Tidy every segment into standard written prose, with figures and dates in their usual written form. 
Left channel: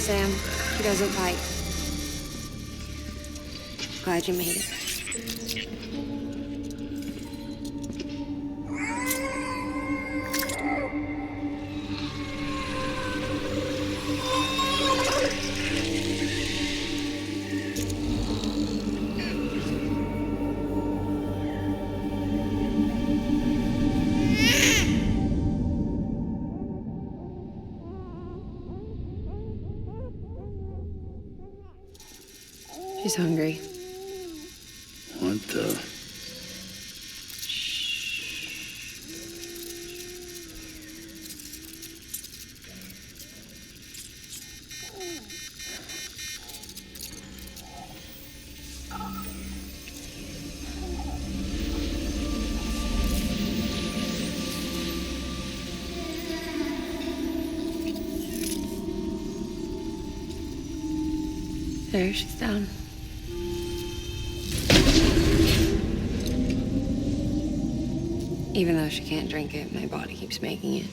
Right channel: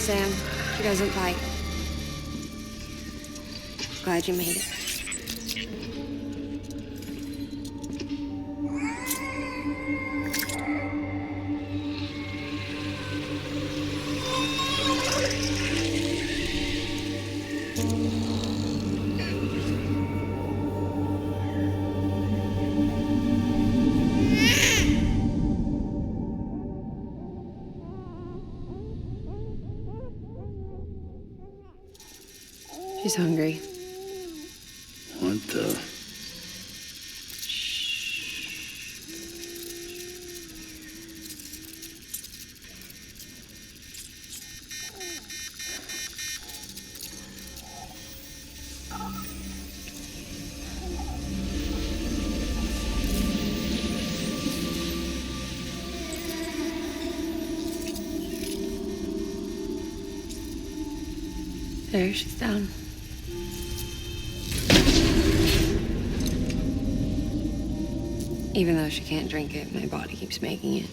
Sam. She doesn't bite. Glad you made it. She's hungry. What the? There, she's down. Even though she can't drink it, my body keeps making it.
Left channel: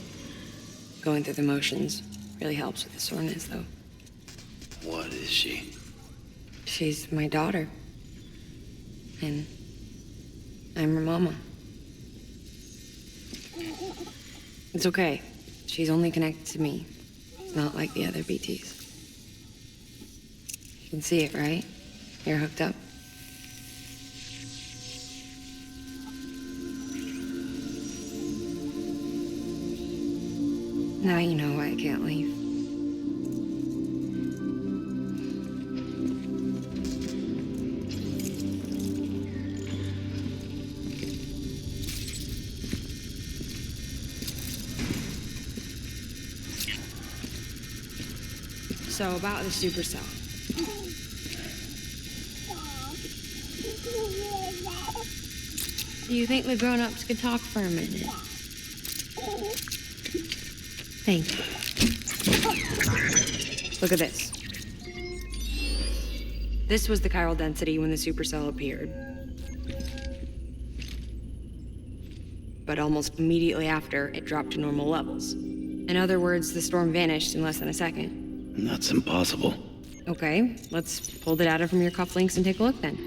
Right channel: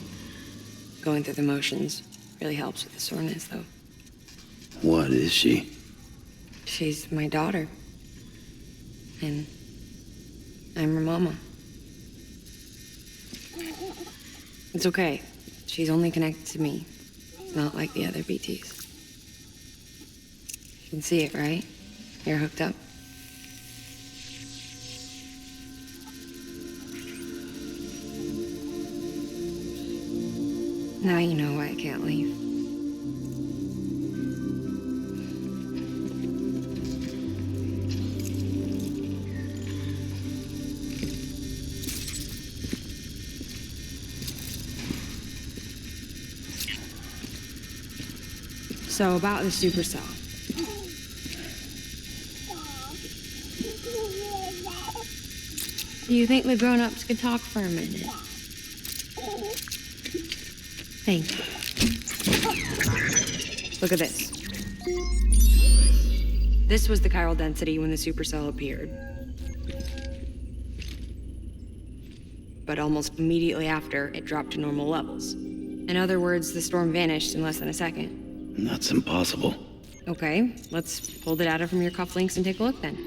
Going through the motions really helps with the soreness, though. What is she? She's my daughter. And I'm her mama. It's okay. She's only connected to me. Not like the other BTs. You can see it, right? You're hooked up. Now you know why I can't leave. So about the supercell. Do you think the grown-ups could talk for a minute? Thank you. Look at this. This was the chiral density when the supercell appeared. But almost immediately after, it dropped to normal levels. In other words, the storm vanished in less than a second. That's impossible. Okay, let's pull the data from your cufflinks and take a look then.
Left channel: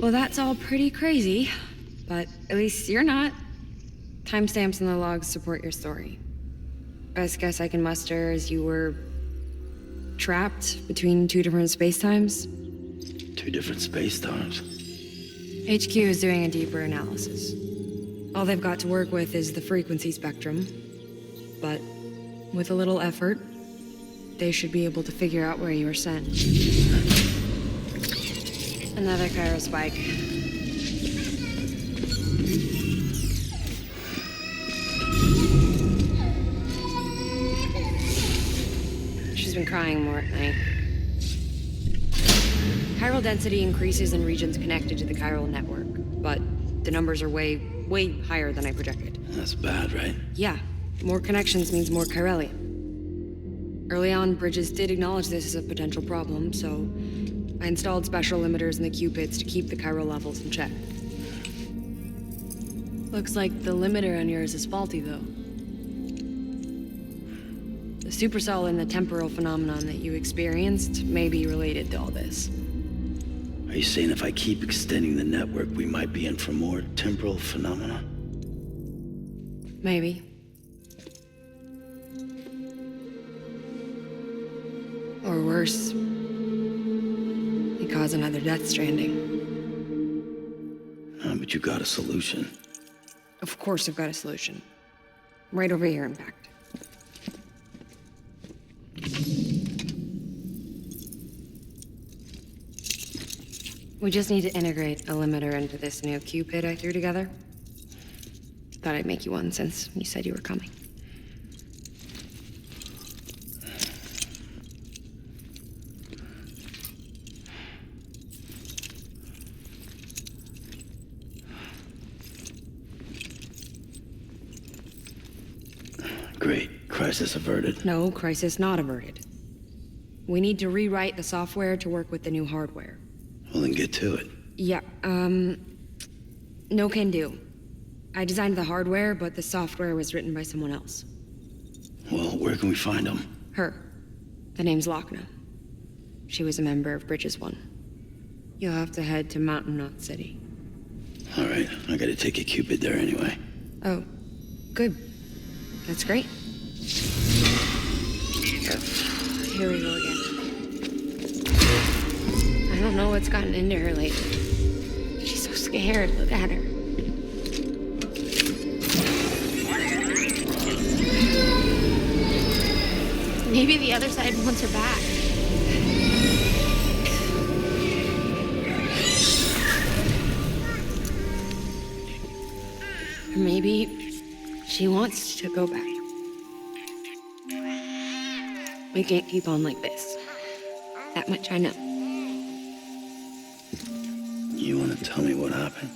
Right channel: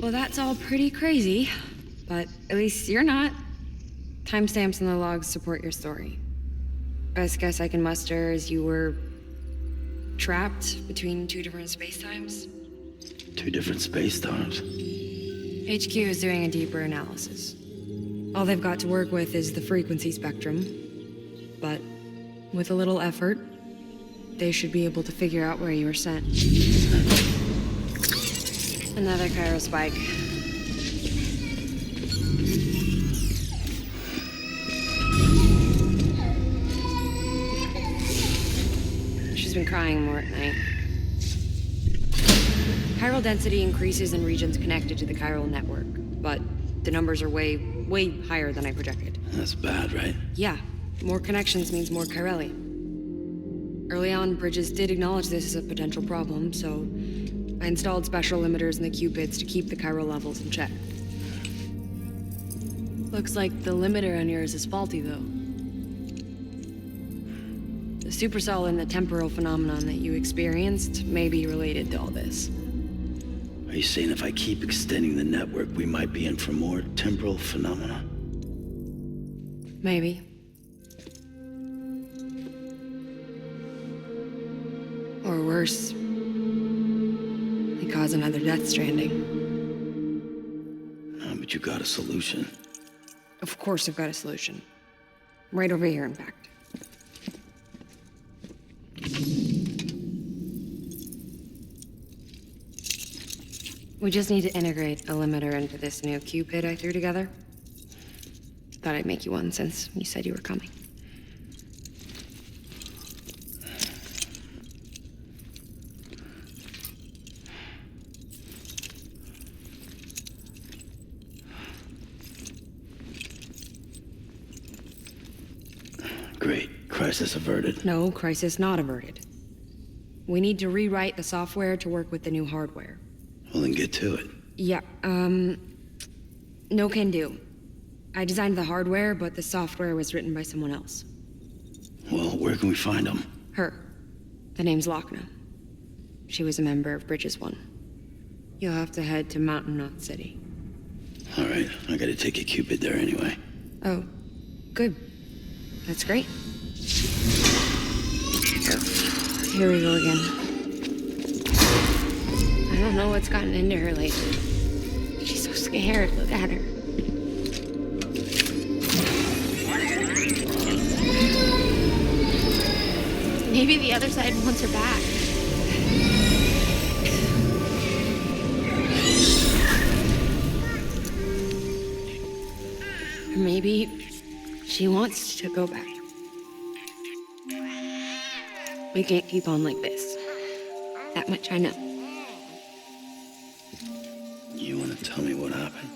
Well, that's all pretty crazy, but at least you're not. Timestamps in the logs support your story. Best guess I can muster is you were trapped between two different spacetimes. Two different space times. HQ is doing a deeper analysis. All they've got to work with is the frequency spectrum, but with a little effort, they should be able to figure out where you were sent. Another chiral spike. She's been crying more at night. Chiral density increases in regions connected to the chiral network, but the numbers are way higher than I projected. That's bad, right? Yeah, more connections means more chiralium. Early on, Bridges did acknowledge this as a potential problem, so I installed special limiters in the Cupids to keep the chiral levels in check. Looks like the limiter on yours is faulty, though. The supercell and the temporal phenomenon that you experienced may be related to all this. Are you saying if I keep extending the network, we might be in for more temporal phenomena? Maybe. Or worse, we cause another Death Stranding. But you got a solution. Of course I've got a solution. Right over here, in fact. We just need to integrate a limiter into this new Cupid I threw together. Thought I'd make you one since you said you were coming. Great. Crisis averted. No, crisis not averted. We need to rewrite the software to work with the new hardware. Well, then get to it. Yeah, no can do. I designed the hardware, but the software was written by someone else. Well, where can we find them? Her. The name's Lochna. She was a member of Bridges 1. You'll have to head to Mountain Knot City. All right, I gotta take a Cupid there anyway. Oh, good. That's great. Here we go again. I don't know what's gotten into her lately. She's so scared. Look at her. Maybe the other side wants her back. Or maybe she wants to go back. We can't keep on like this. That much I know. You wanna tell me what happened?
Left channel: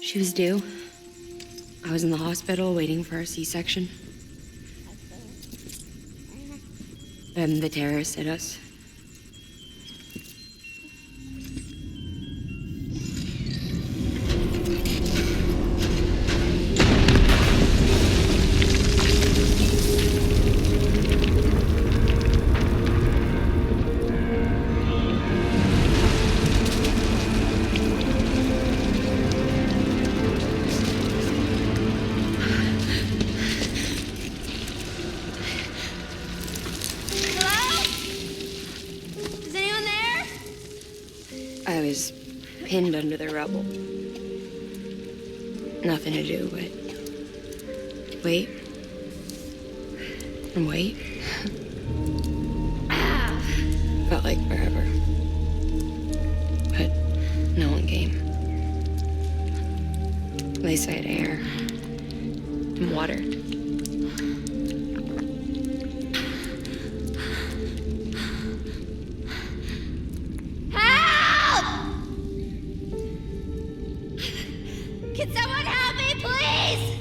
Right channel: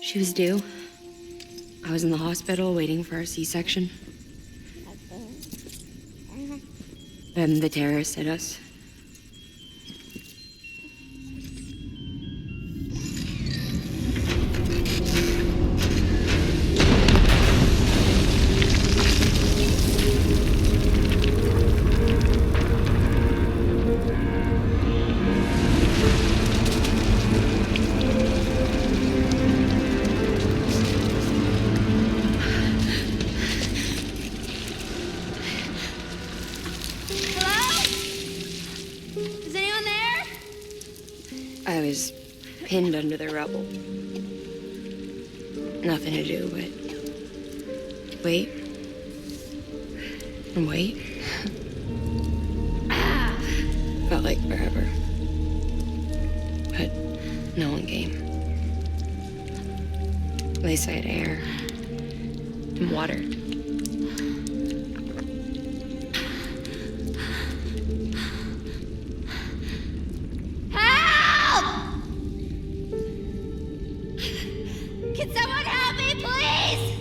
She was due. I was in the hospital waiting for a C-section. Then the terrorists hit us. I was pinned under the rubble. Nothing to do but wait and wait. Felt like forever. But no one came. They said air and water. Can someone help me, please?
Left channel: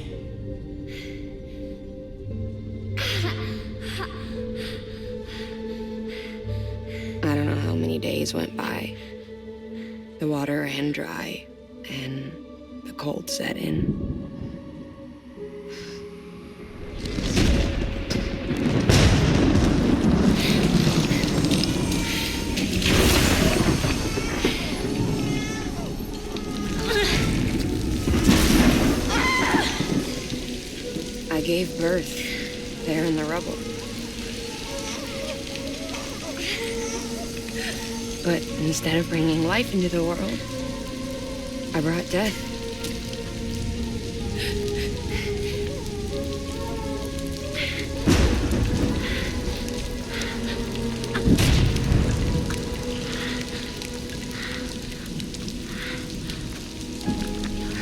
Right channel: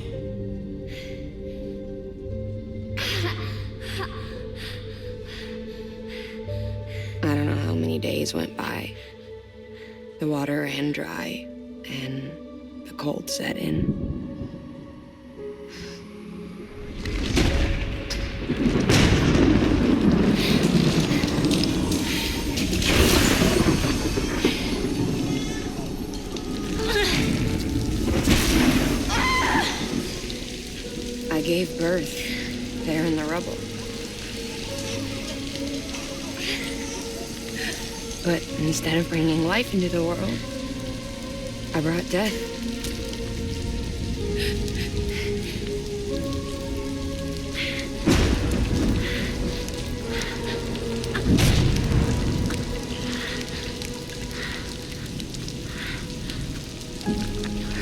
I don't know how many days went by. The water ran dry, and the cold set in. I gave birth there in the rubble. But instead of bringing life into the world, I brought death.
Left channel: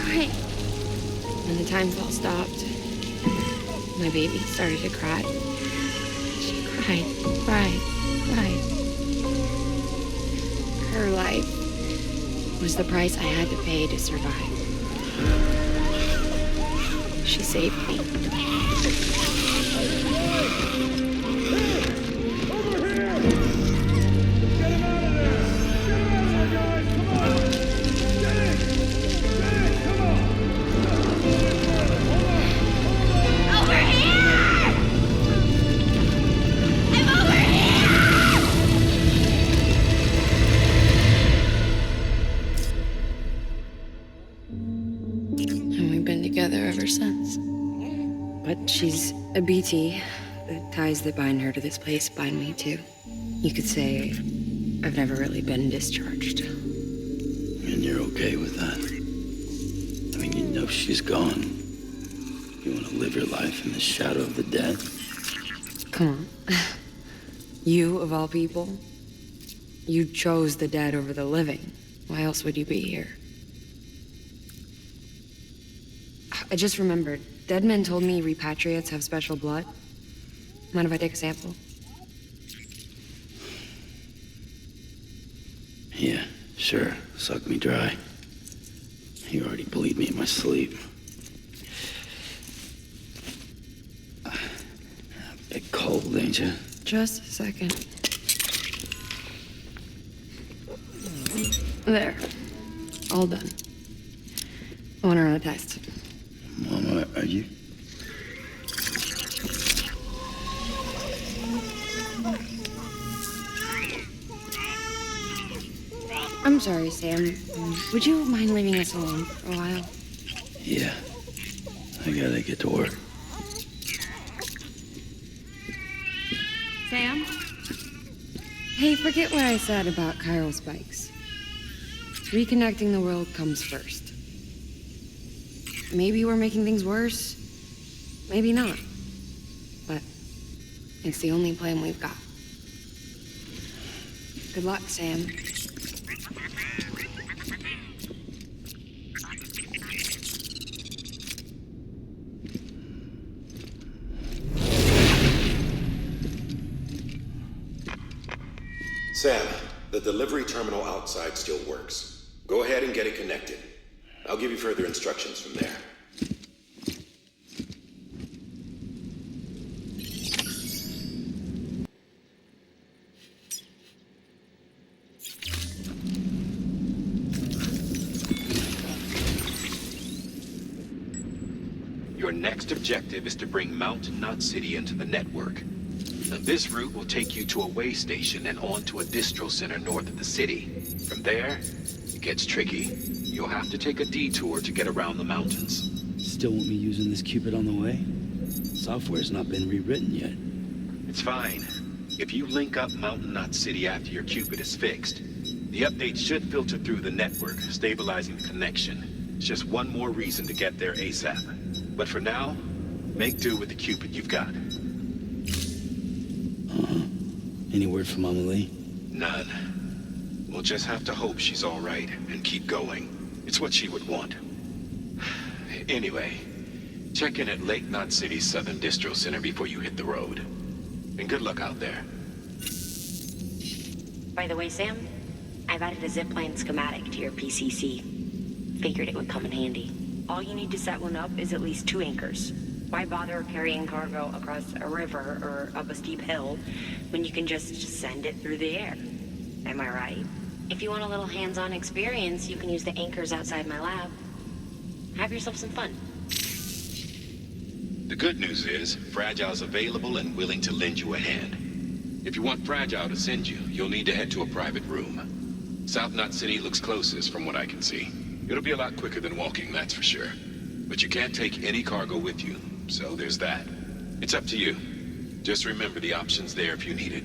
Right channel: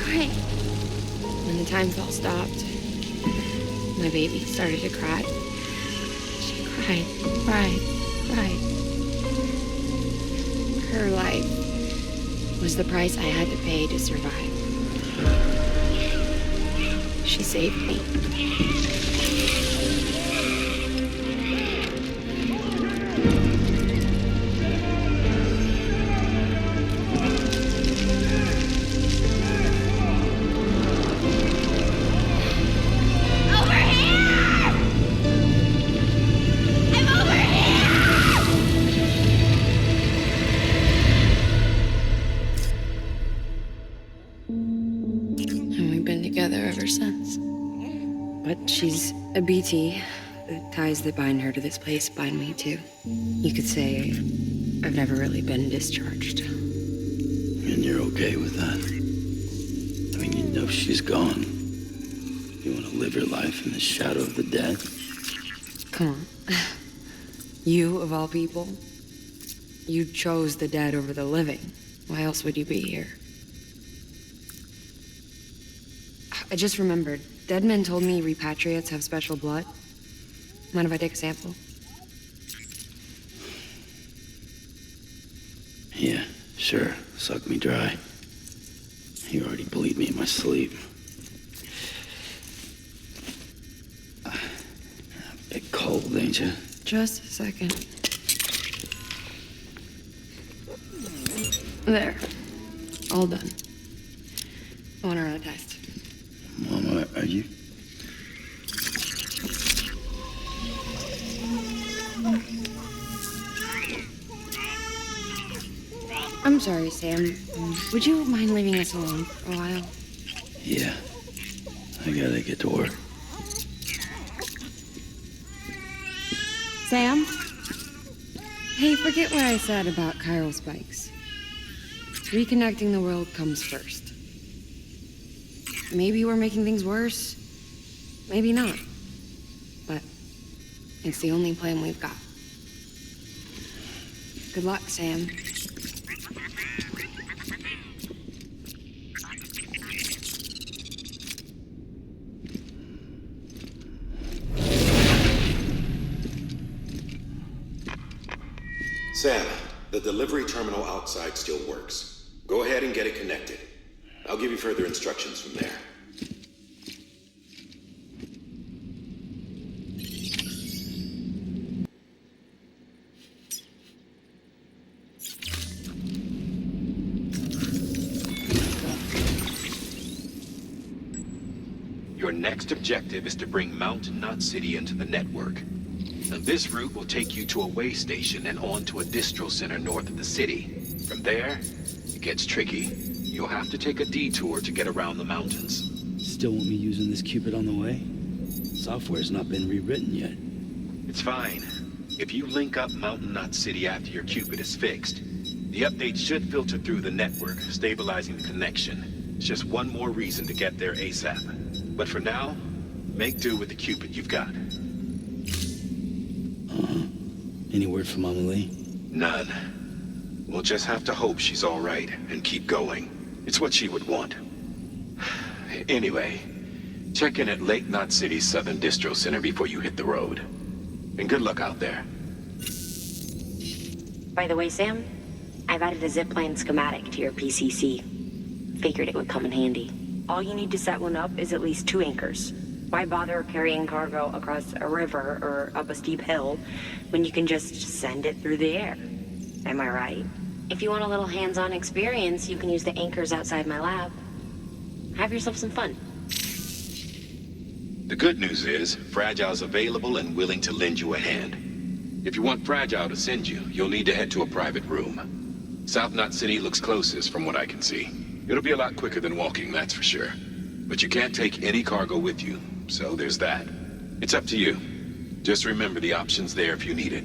Right. When the time fell stopped, my baby started to cry. She cried, cried, cried. Her life was the price I had to pay to survive. She saved me. Over here! Get him out of there! Get him out of there, guys! Come on! Get it! Get it! Come on! Just a little bit further. Hold on! Hold on! Over here! I'm over here! And we've been together ever since. But she's a BT. The ties that bind her to this place bind me too. You could say I've never really been discharged. And you're okay with that? I mean, you know she's gone. You want to live your life in the shadow of the dead? Come on. You, of all people, you chose the dead over the living. Why else would you be here? I just remembered. Dead men told me repatriates have special blood. Mind if I take a sample? Yeah, sure. Suck me dry. You already bleed me in my sleep. Bit cold, ain't you? Just a second. There. All done. I want to run a test. Mama, are you... I'm sorry, Sam. Would you mind leaving us alone for a while? Yeah. I gotta get to work. Sam? Hey, forget what I said about chiral spikes. Reconnecting the world comes first. Maybe we're making things worse. Maybe not. But it's the only plan we've got. Good luck, Sam. Sam, the delivery terminal outside still works. Go ahead and get it connected. I'll give you further instructions from there. Your next objective is to bring Mountain Knot City into the network. And this route will take you to a way station and on to a distro center north of the city. From there, it gets tricky. You'll have to take a detour to get around the mountains. Still want me using this Cupid on the way? Software's not been rewritten yet. It's fine. If you link up Mountain Knot City after your Cupid is fixed, the update should filter through the network, stabilizing the connection. It's just one more reason to get there ASAP. But for now, make do with the Cupid you've got. Any word from Mama Lee? None. We'll just have to hope she's all right and keep going. It's what she would want. Anyway, check in at Lake Knot City's Southern Distro Center before you hit the road. And good luck out there. By the way, Sam, I've added a zipline schematic to your PCC. Figured it would come in handy. All you need to set one up is at least 2 anchors. Why bother carrying cargo across a river or up a steep hill when you can just send it through the air? Am I right? If you want a little hands-on experience, you can use the anchors outside my lab. Have yourself some fun. The good news is, Fragile's available and willing to lend you a hand. If you want Fragile to send you, you'll need to head to a private room. South Knot City looks closest from what I can see. It'll be a lot quicker than walking, that's for sure. But you can't take any cargo with you, so there's that. It's up to you. Just remember the option's there if you need it.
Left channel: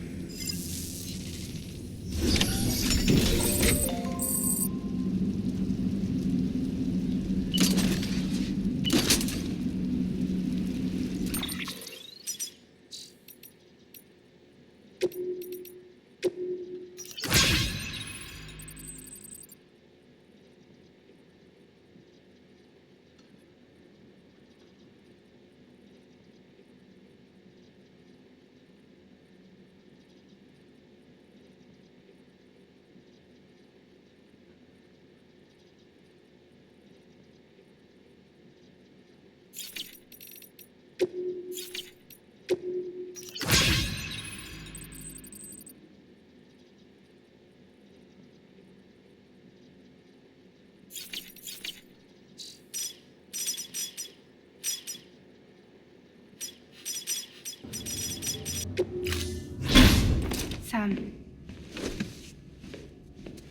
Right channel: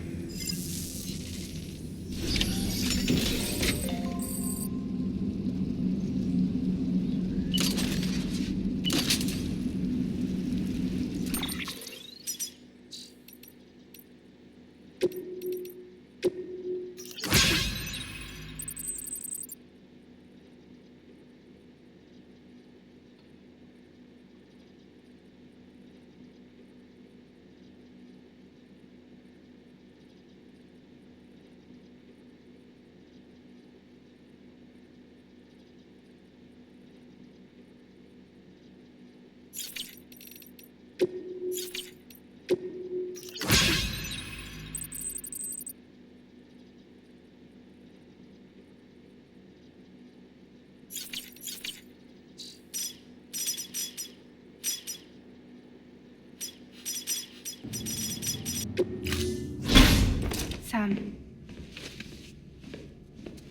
Sam,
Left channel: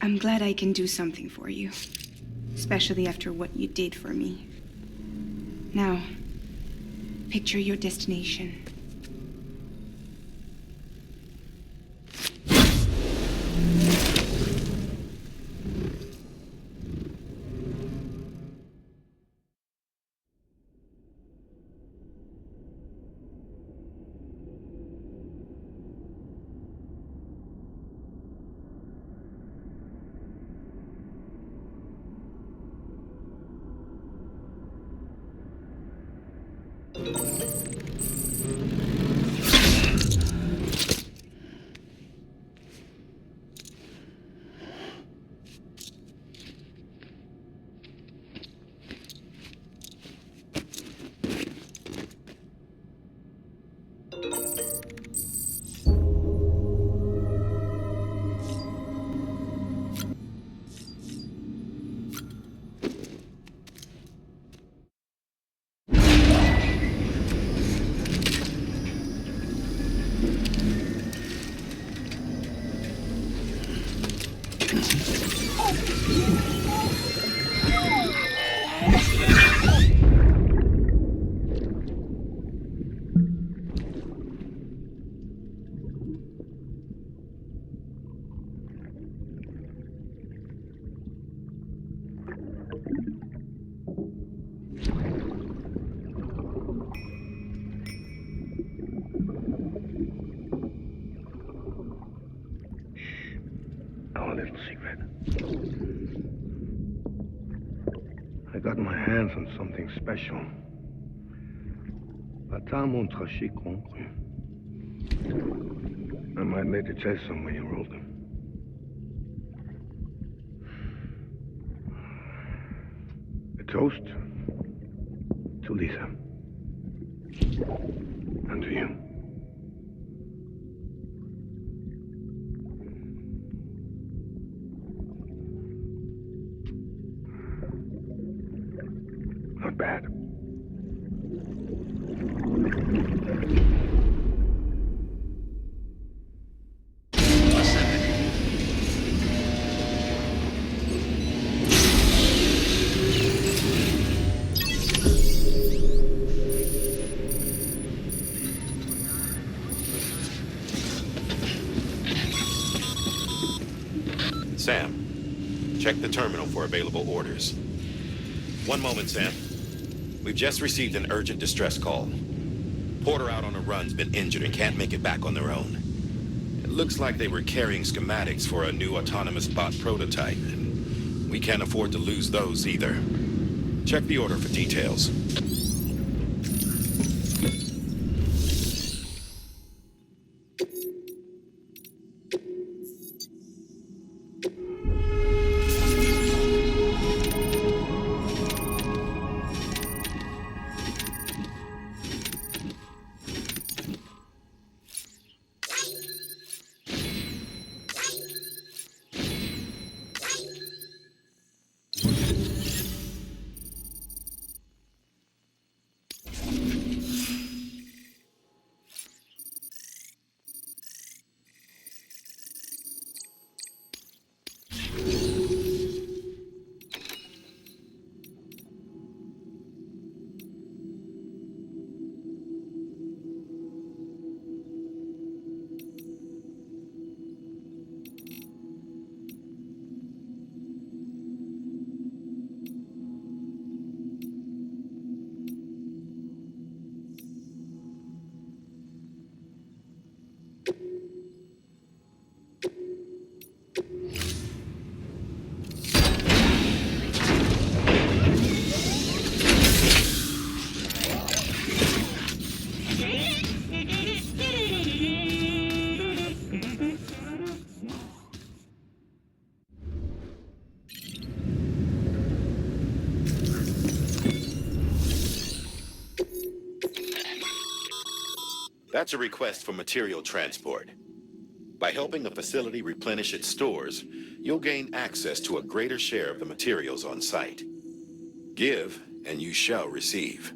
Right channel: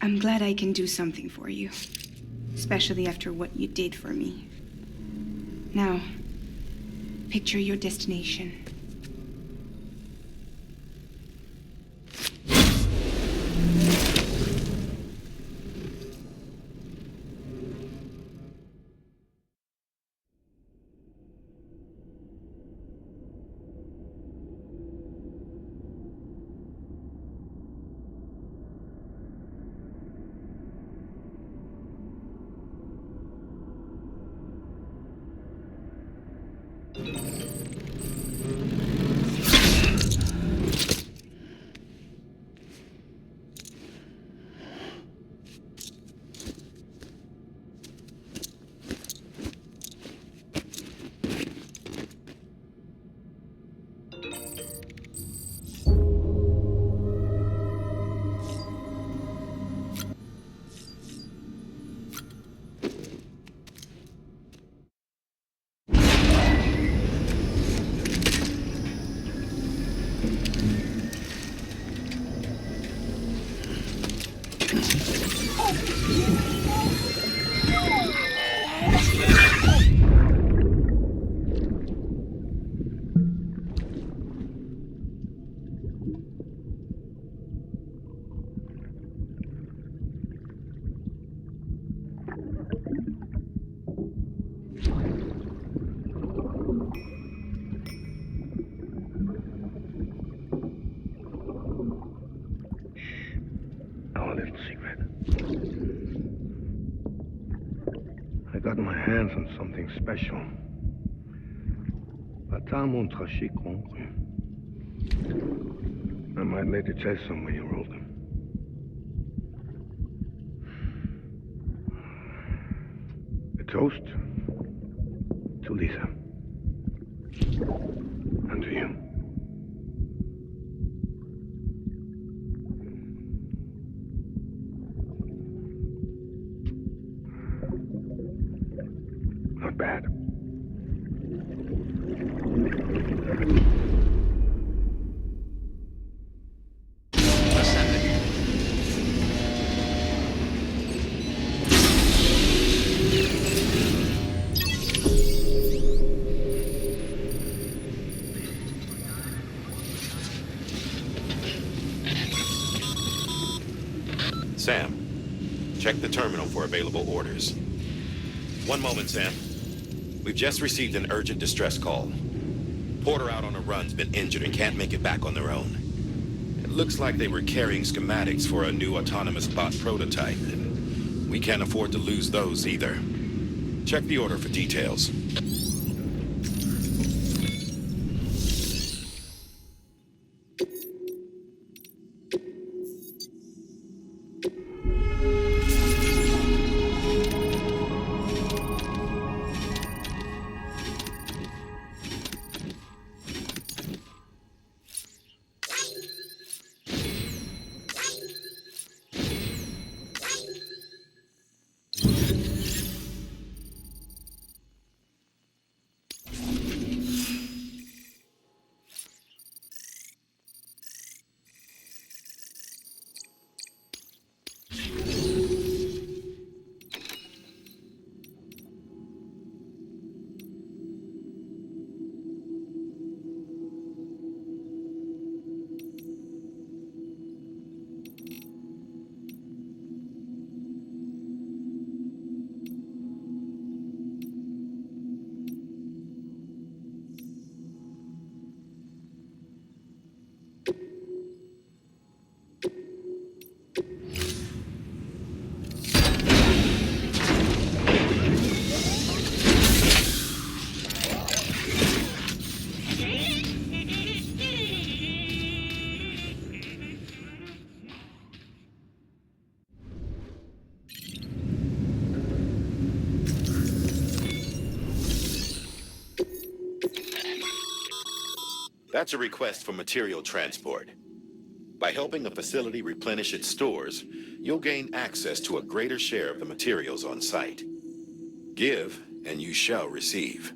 I'm glad I can do something for you, especially after what you did for me. Now, picture your destination. chance on something special. Pas mon trachy conclu. I might later test some when you roll them. A toast to Lisa. And to you. Not bad. Sam, check the terminal for available orders. One moment, Sam. We've just received an urgent distress call. Porter out on a run's been injured and can't make it back on their own. It looks like they were carrying schematics for a new autonomous bot prototype, and we can't afford to lose those either. Check the order for details. That's a request for material transport. By helping the facility replenish its stores, you'll gain access to a greater share of the materials on site. Give, and you shall receive.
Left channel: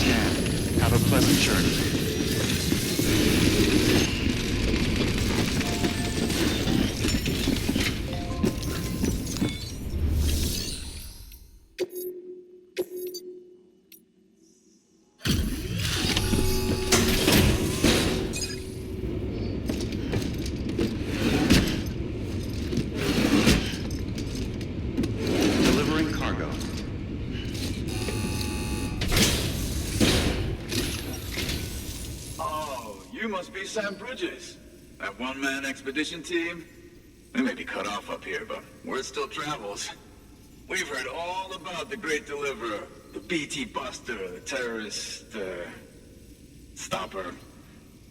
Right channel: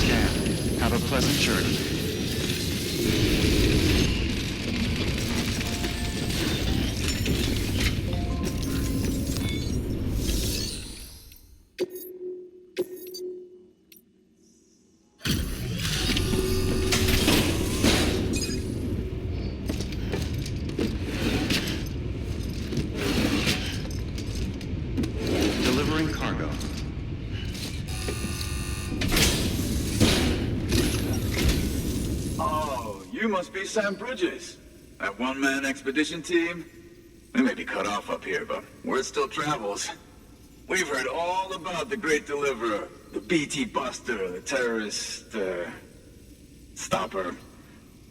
scan. Have a pleasant journey. Delivering cargo. Oh, you must be Sam Bridges. That one-man expedition team? We may be cut off up here, but word still travels. We've heard all about the Great Deliverer, the BT Buster, the terrorist, stopper.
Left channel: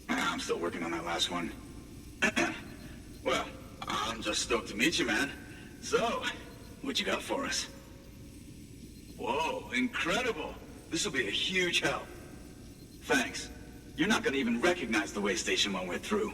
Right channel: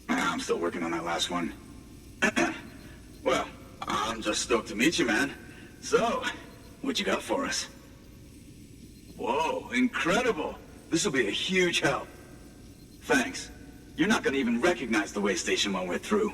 I'm still working on that last one. Well, I'm just stoked to meet you, man. So, what you got for us? Whoa, incredible! This will be a huge help. Thanks. You're not gonna even recognize the way station when we're through.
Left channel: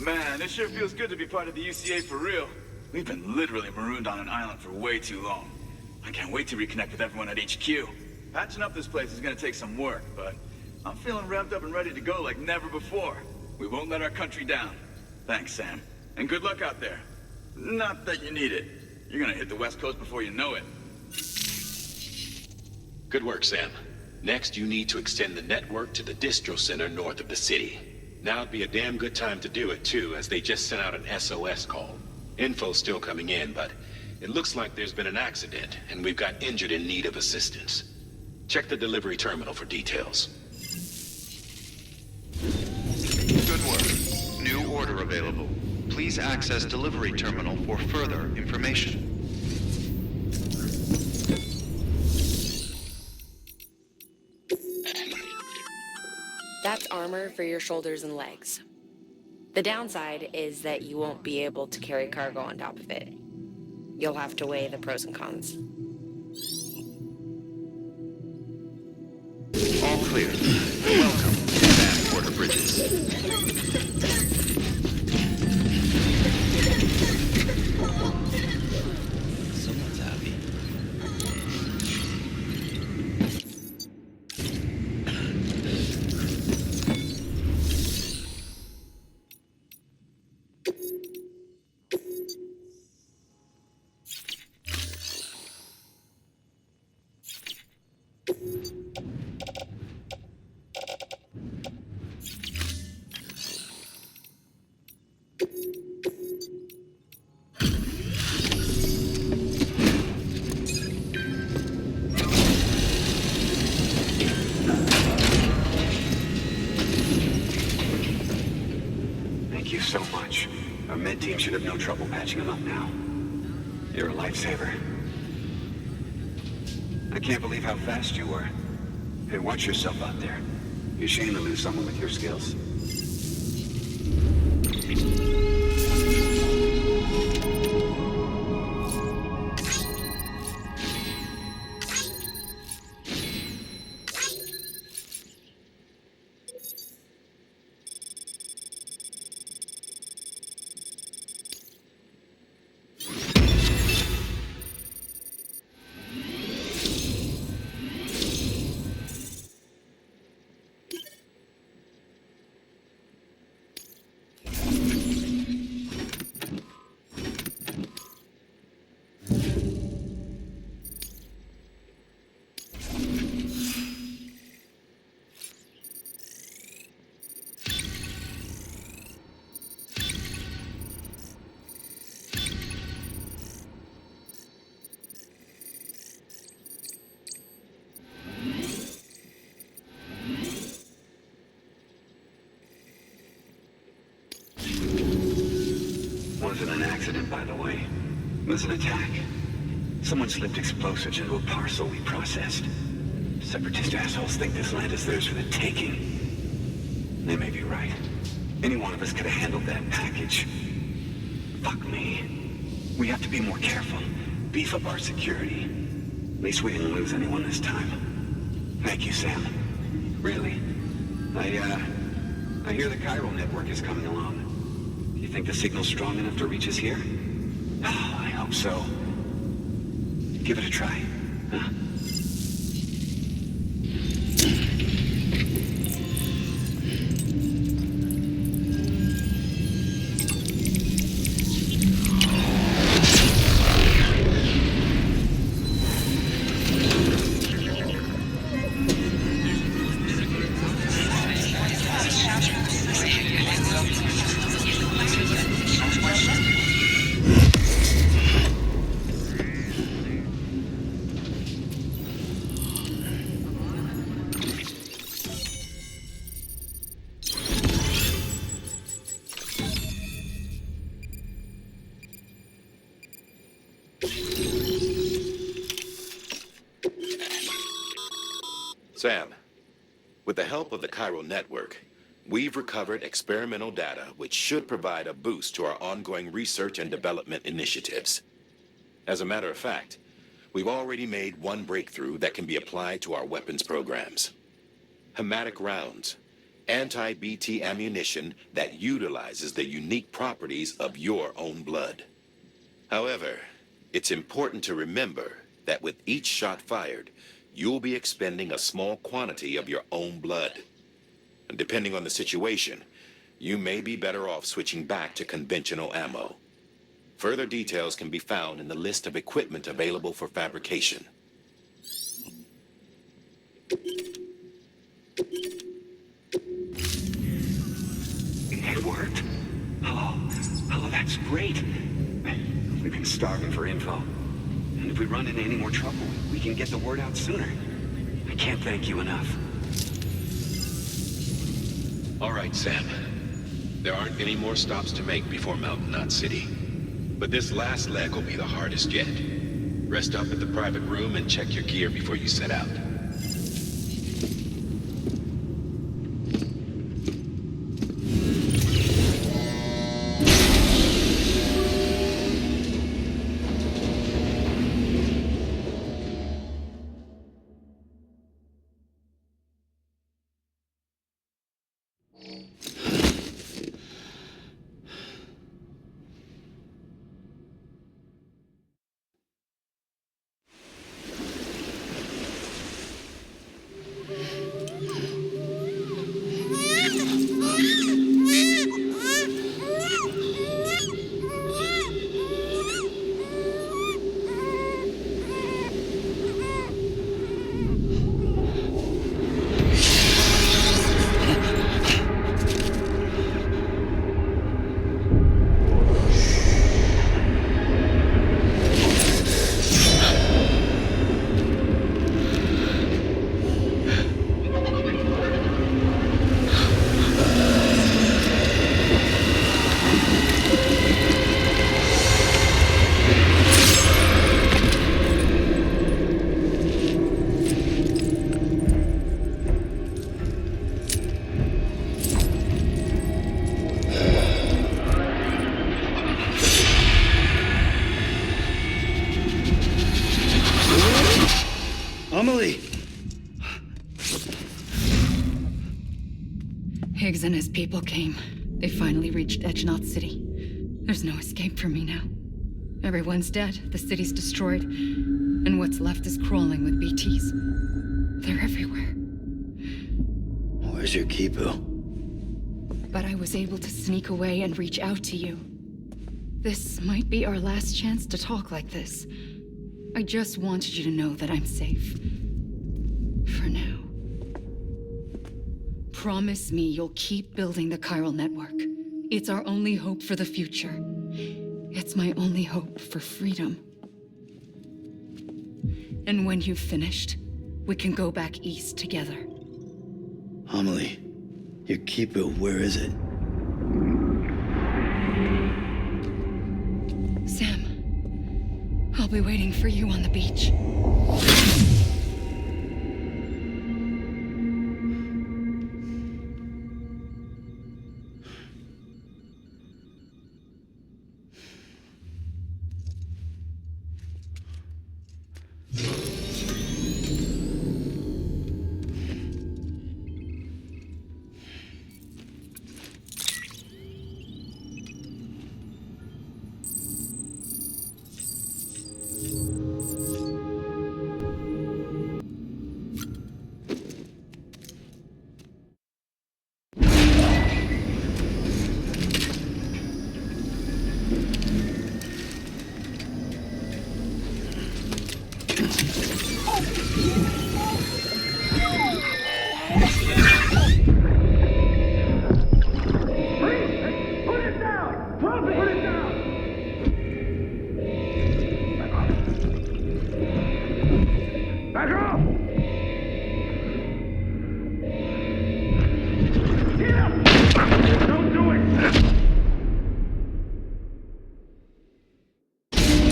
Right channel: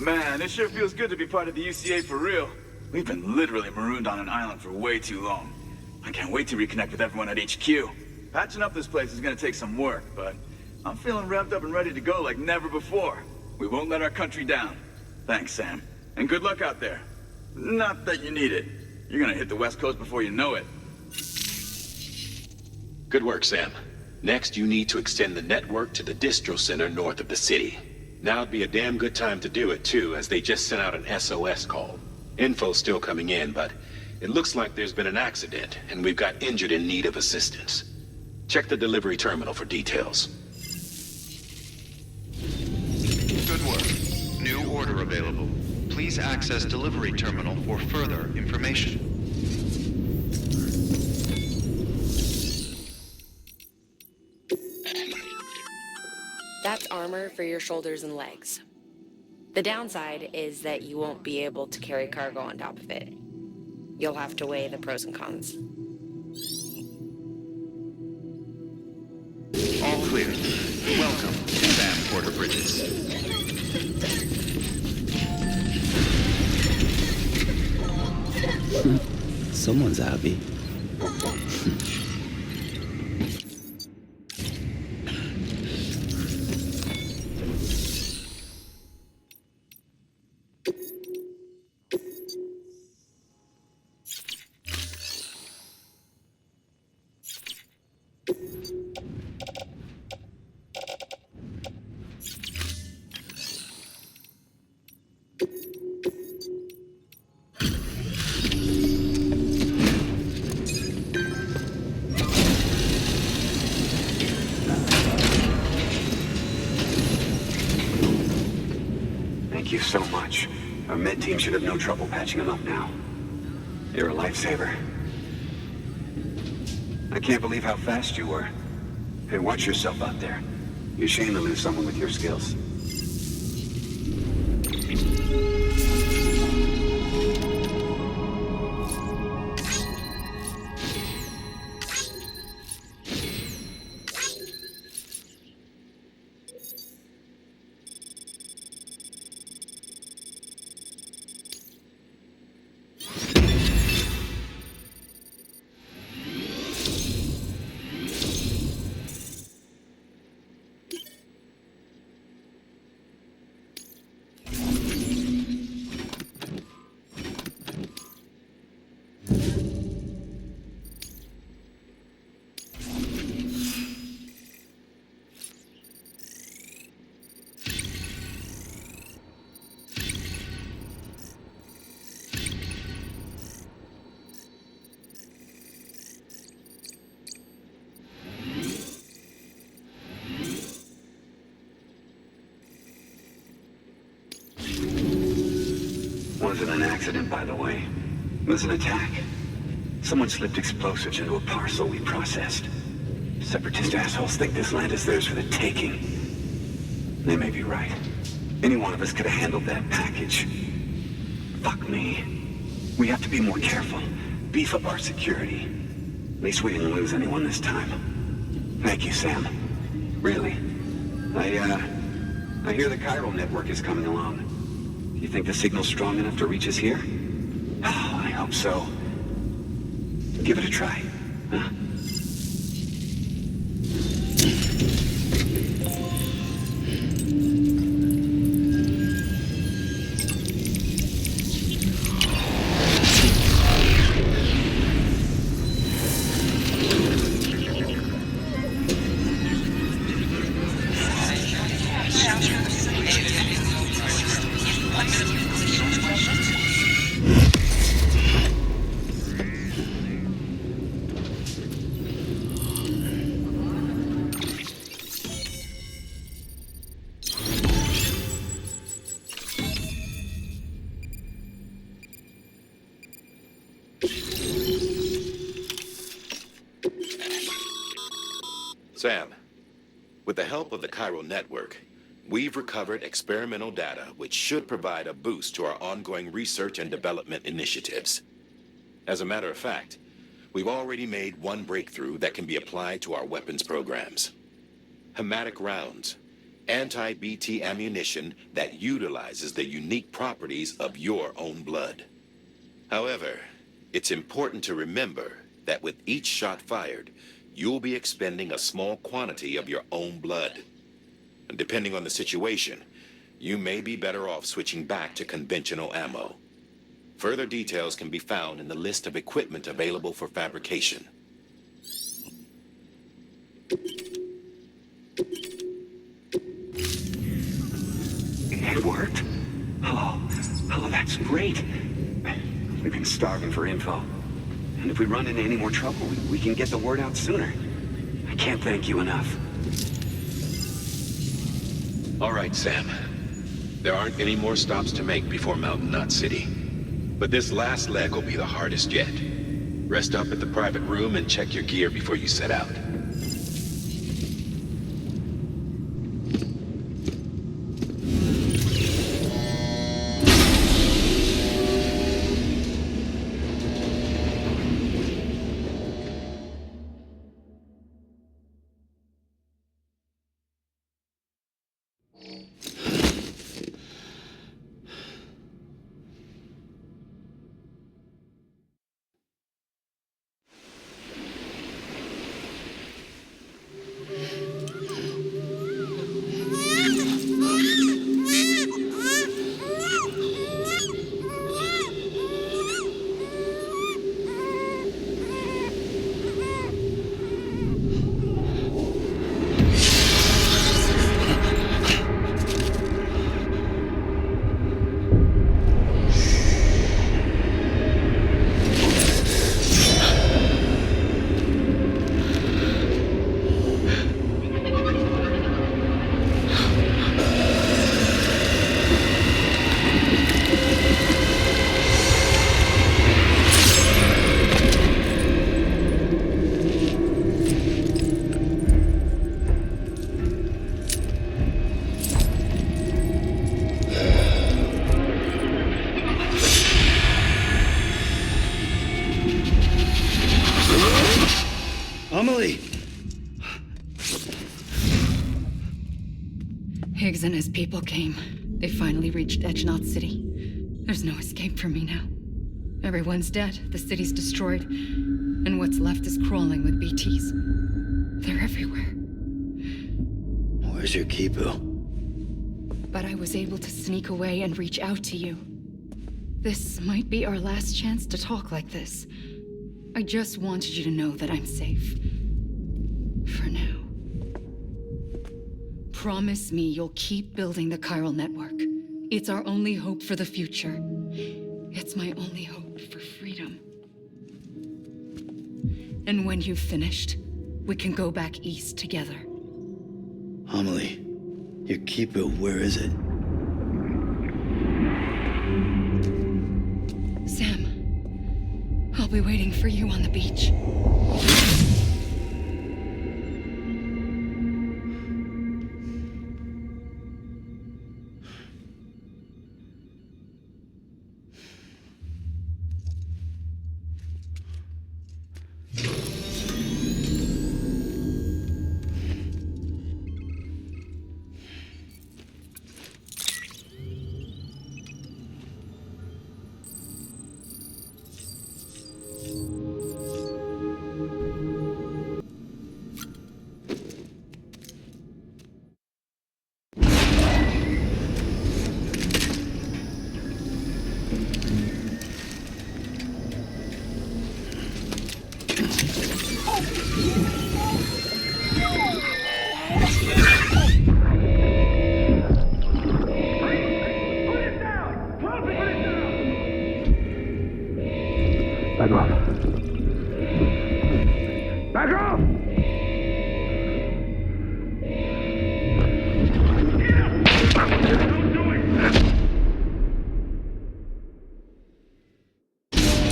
Man, it sure feels good to be part of the UCA for real. We've been literally marooned on an island for way too long. I can't wait to reconnect with everyone at HQ. Patching up this place is gonna take some work, but I'm feeling revved up and ready to go like never before. We won't let our country down. Thanks, Sam. And good luck out there. Not that you need it. You're gonna hit the West Coast before you know it. Good work, Sam. Next, you need to extend the network to the distro center north of the city. Now'd be a damn good time to do it, too, as they just sent out an SOS call. Info's still coming in, but it looks like there's been an accident, and we've got injured in need of assistance. Check the delivery terminal for details. Good work. New order available. Please access delivery terminal for further information. That's armor for your shoulders and legs. The downside is that you won't be able to carry cargo on top of it. You'll have to weigh the pros and cons. All clear. Welcome, Sam Porter Bridges. Someone's happy. Thank you so much. Our med team should have no trouble patching him up now. You're a lifesaver. I can't believe how fast you were. Hey, watch yourself out there. You're ashamed to lose someone with your skills. Wasn't an accident, by the way. It was an attack. Someone slipped explosives into a parcel we processed. Separatist assholes think this land is theirs for the taking. They may be right. Any one of us could have handled that package. Fuck me. We have to be more careful. Beef up our security. At least we didn't lose anyone this time. Thank you, Sam. Really. I hear the chiral network is coming along. Do you think the signal's strong enough to reach us here? Oh, I hope so. Give it a try, huh? Sam, with the help of the chiral network, we've recovered experimental data which should provide a boost to our ongoing research and development initiatives. As a matter of fact, we've already made one breakthrough that can be applied to our weapons programs. Hematic rounds, anti-BT ammunition that utilizes the unique properties of your own blood. However, it's important to remember that with each shot fired, you'll be expending a small quantity of your own blood. And depending on the situation, you may be better off switching back to conventional ammo. Further details can be found in the list of equipment available for fabrication. It worked? Oh, that's great. We've been starving for info. And if we run into any more trouble, we can get the word out sooner. I can't thank you enough. All right, Sam. There aren't any more stops to make before Mountain Knot City. But this last leg will be the hardest yet. Rest up at the private room and check your gear before you set out. Amelie! Higgs and his people came. They finally reached Knot City. There's no escape for me now. Everyone's dead, the city's destroyed, and what's left is crawling with BTs. They're everywhere. Where's your Kipu? But I was able to sneak away and reach out to you. This might be our last chance to talk like this. I just wanted you to know that I'm safe. For now. Promise me you'll keep building the chiral network. It's our only hope for the future. It's my only hope for freedom. And when you've finished, we can go back east together. Amelie, your Kipu, where is it? Sam, I'll be waiting for you on the beach. Back off. Back off!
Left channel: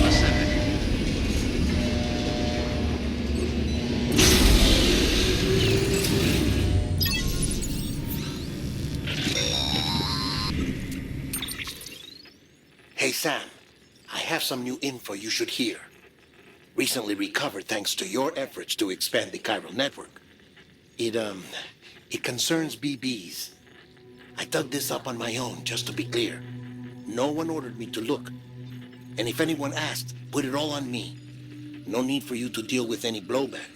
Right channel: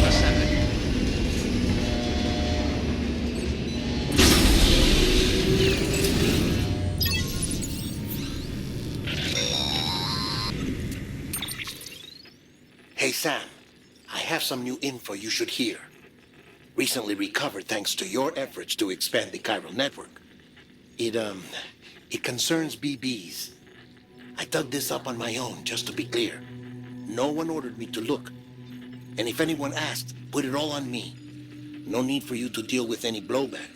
Ascending. Hey, Sam. I have some new info you should hear. Recently recovered thanks to your efforts to expand the chiral network. It concerns BBs. I dug this up on my own, just to be clear. No one ordered me to look. And if anyone asked, put it all on me. No need for you to deal with any blowback.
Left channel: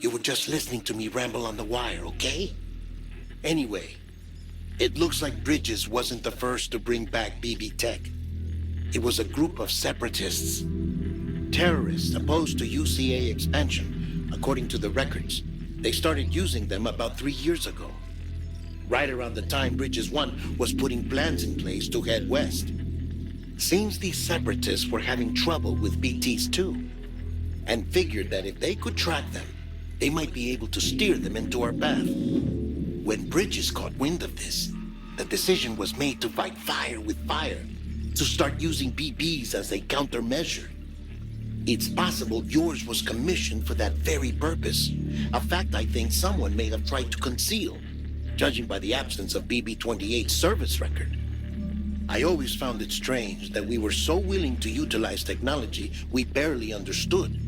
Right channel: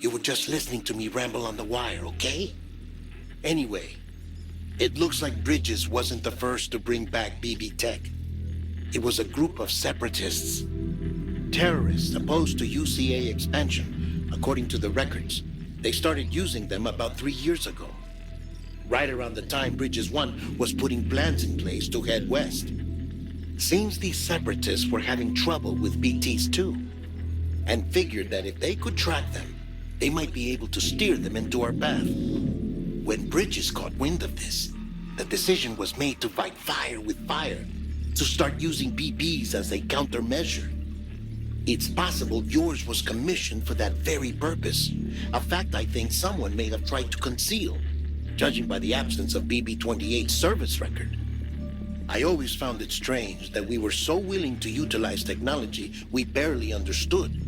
You were just listening to me ramble on the wire, okay? Anyway, it looks like Bridges wasn't the first to bring back BB tech. It was a group of separatists. Terrorists opposed to UCA expansion, according to the records. They started using them about 3 years ago. Right around the time Bridges 1 was putting plans in place to head west. Seems these separatists were having trouble with BTs too, and figured that if they could track them, they might be able to steer them into our path. When Bridges caught wind of this, the decision was made to fight fire with fire, to start using BBs as a countermeasure. It's possible yours was commissioned for that very purpose, a fact I think someone may have tried to conceal, judging by the absence of BB-28's service record. I always found it strange that we were so willing to utilize technology we barely understood.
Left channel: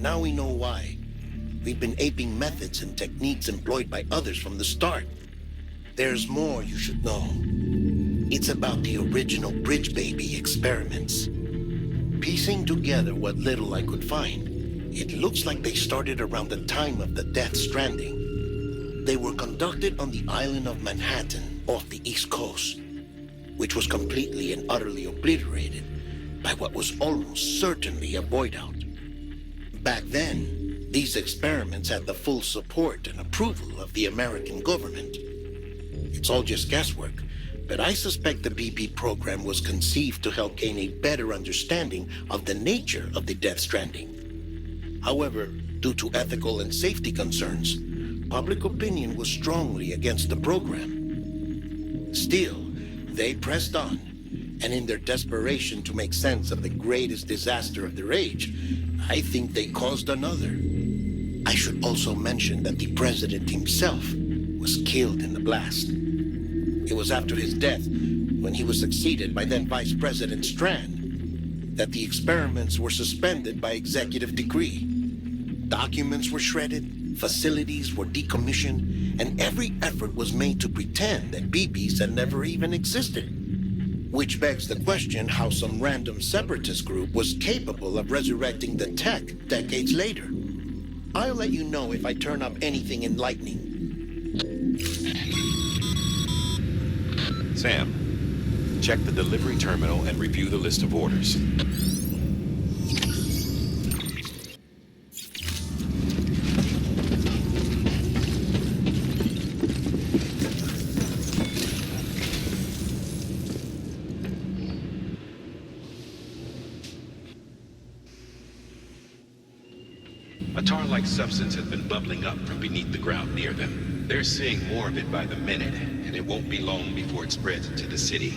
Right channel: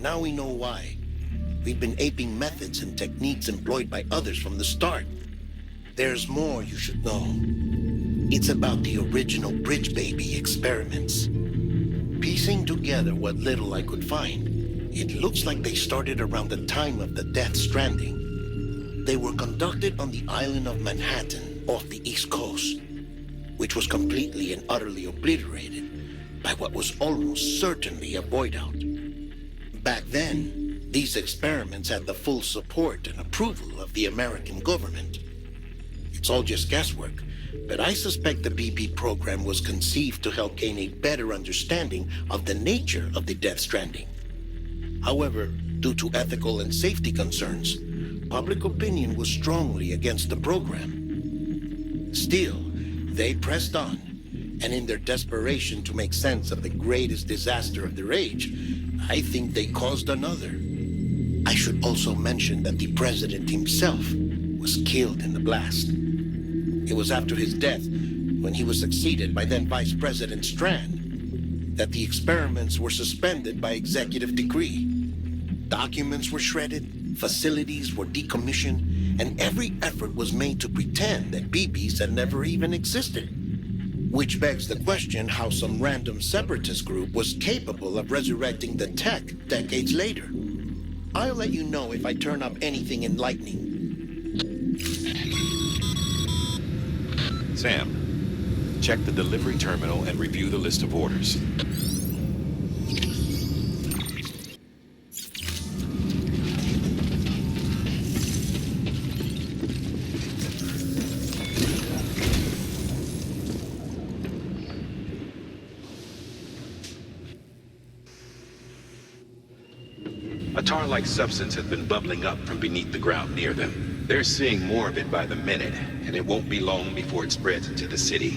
Now we know why. We've been aping methods and techniques employed by others from the start. There's more you should know. It's about the original Bridge Baby experiments. Piecing together what little I could find, it looks like they started around the time of the Death Stranding. They were conducted on the island of Manhattan off the East Coast, which was completely and utterly obliterated by what was almost certainly a void out. Back then, these experiments had the full support and approval of the American government. It's all just guesswork, but I suspect the BB program was conceived to help gain a better understanding of the nature of the Death Stranding. However, due to ethical and safety concerns, public opinion was strongly against the program. Still, they pressed on, and in their desperation to make sense of the greatest disaster of their age, I think they caused another. I should also mention that the president himself was killed in the blast. It was after his death, when he was succeeded by then Vice President Strand, that the experiments were suspended by executive decree. Documents were shredded, facilities were decommissioned, and every effort was made to pretend that BBs had never even existed. Which begs the question how some random separatist group was capable of resurrecting the tech decades later. I'll let you know if I turn up anything enlightening. Sam, check the delivery terminal and review the list of orders. A tar-like substance has been bubbling up from beneath the ground near them. They're seeing more of it by the minute, and it won't be long before it spreads into the city.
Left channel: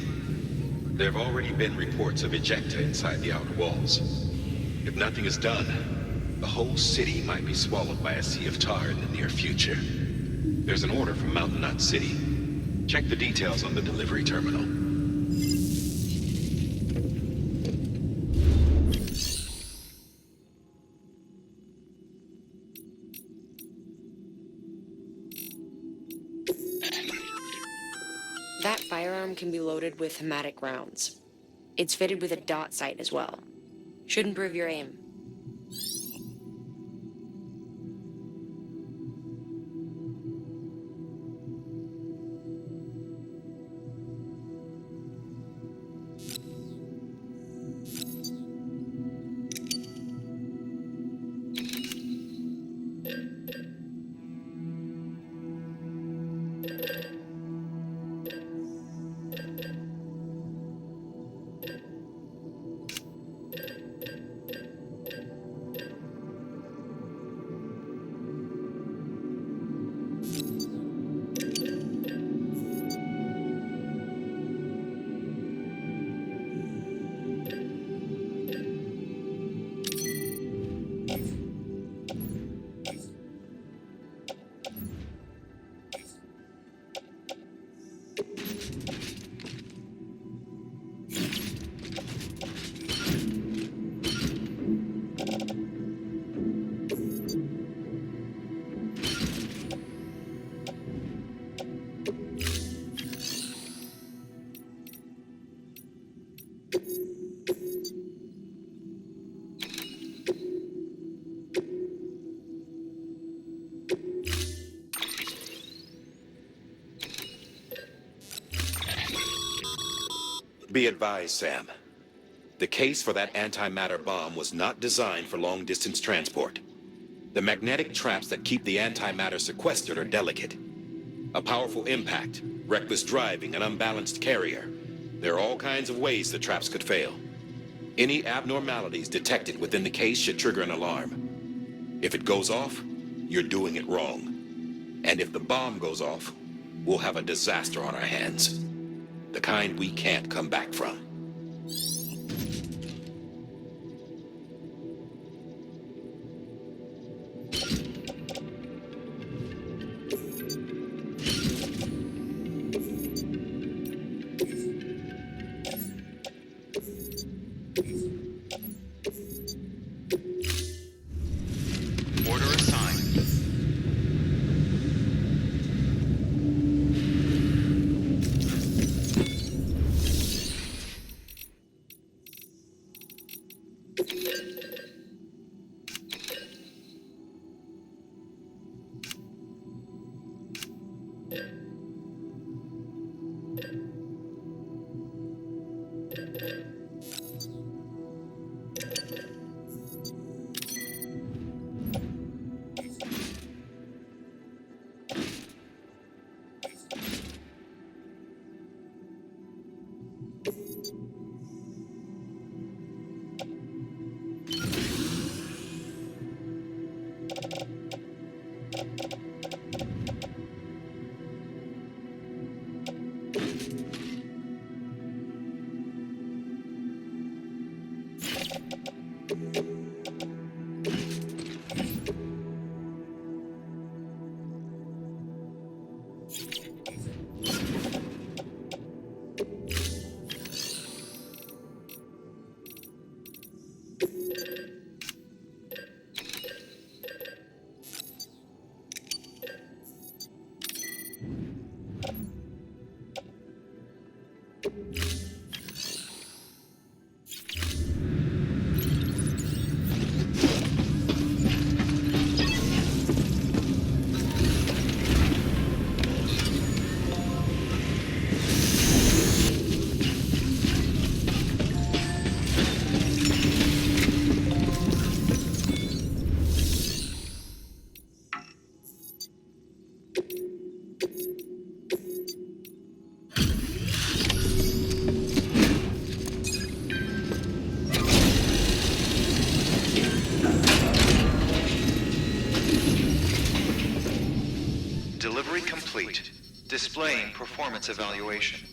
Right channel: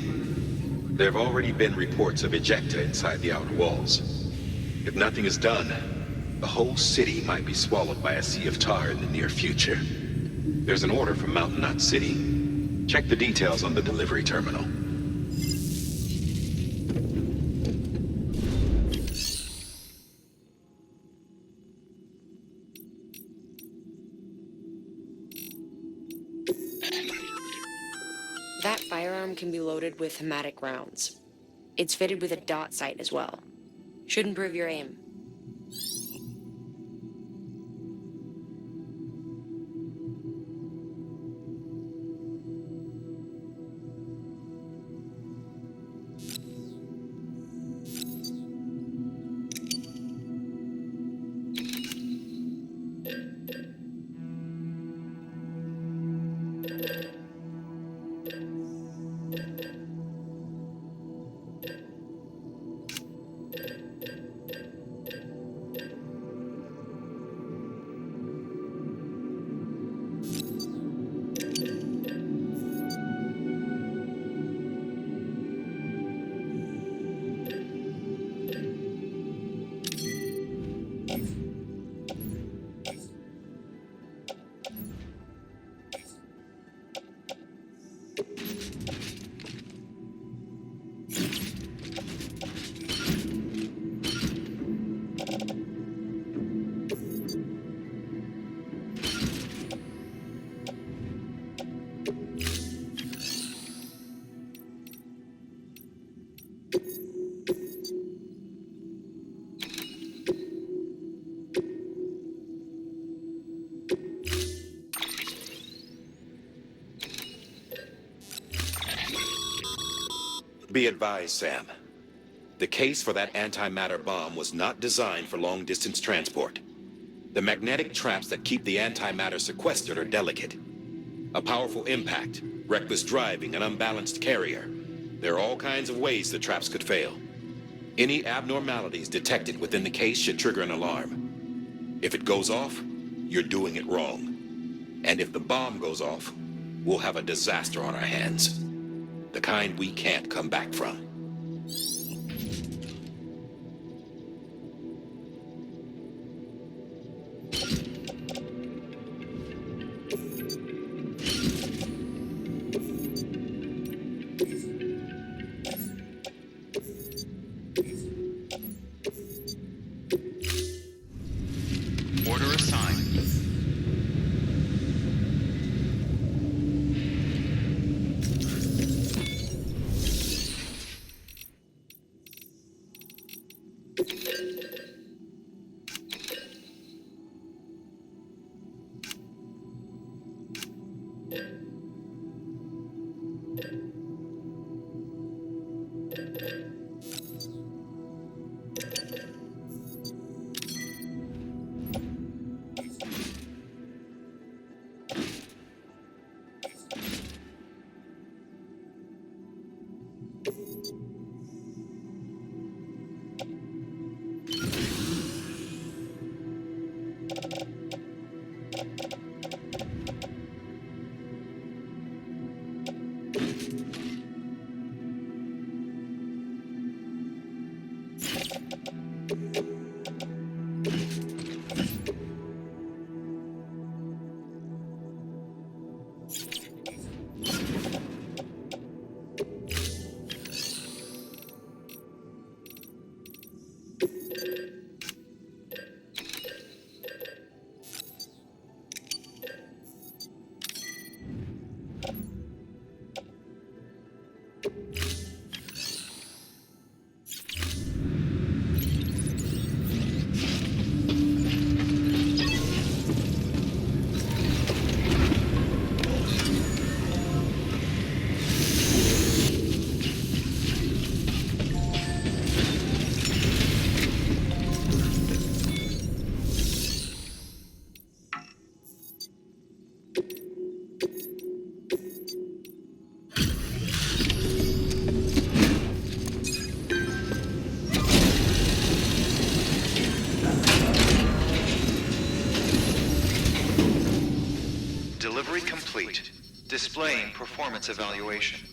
There have already been reports of ejecta inside the outer walls. If nothing is done, the whole city might be swallowed by a sea of tar in the near future. There's an order from Mountain Knot City. Check the details on the delivery terminal. That firearm can be loaded with hematic rounds. It's fitted with a dot sight as well. Should improve your aim. Be advised, Sam. The case for that antimatter bomb was not designed for long-distance transport. The magnetic traps that keep the antimatter sequestered are delicate. A powerful impact, reckless driving, an unbalanced carrier. There are all kinds of ways the traps could fail. Any abnormalities detected within the case should trigger an alarm. If it goes off, you're doing it wrong. And if the bomb goes off, we'll have a disaster on our hands. The kind we can't come back from. Order assigned. Delivery complete. Displaying performance evaluation.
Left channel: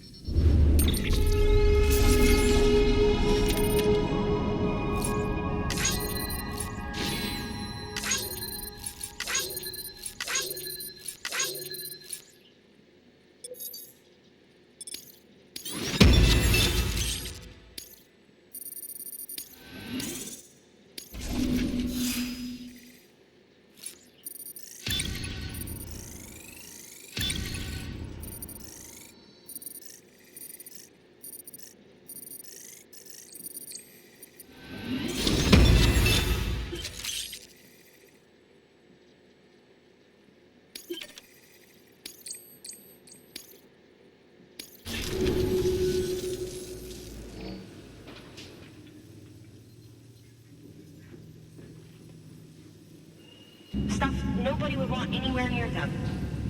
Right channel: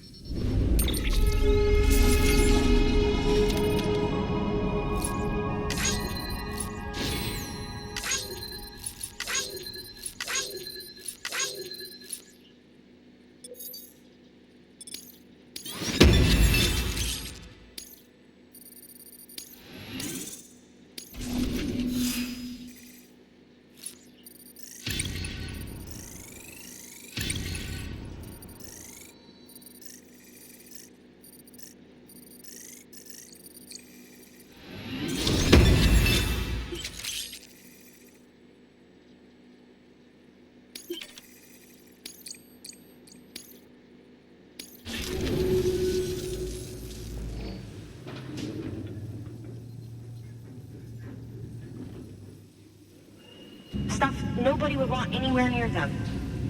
nobody would want anywhere near them.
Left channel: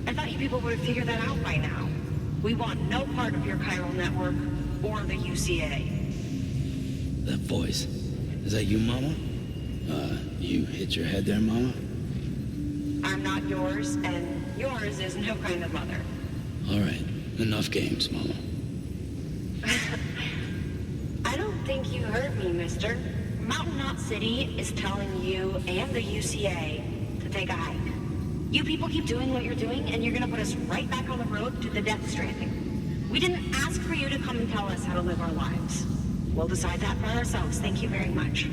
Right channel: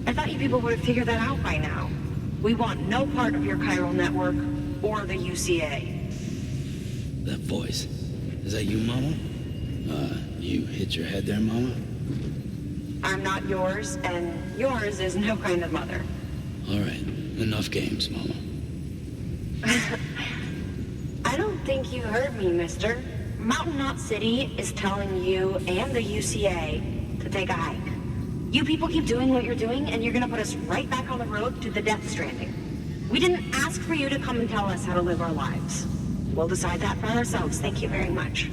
I thought you people would have figured that out by now. We want no part of your chiral network or the UCA. That voice. Is that you, Mama? You hit your head there, Mama? I'm not yours, and yours is no kind of mother. All right. Enough games, Mama. I don't think you heard me, mister. Mountain Knot City is telling you and the UCA to take a hike. You people keep doing what you're doing, and you're gonna put us right back on the road to the Death Stranding. We didn't ask for you to come and tell us how to live our lives. We'll decide that for ourselves, thank you very much.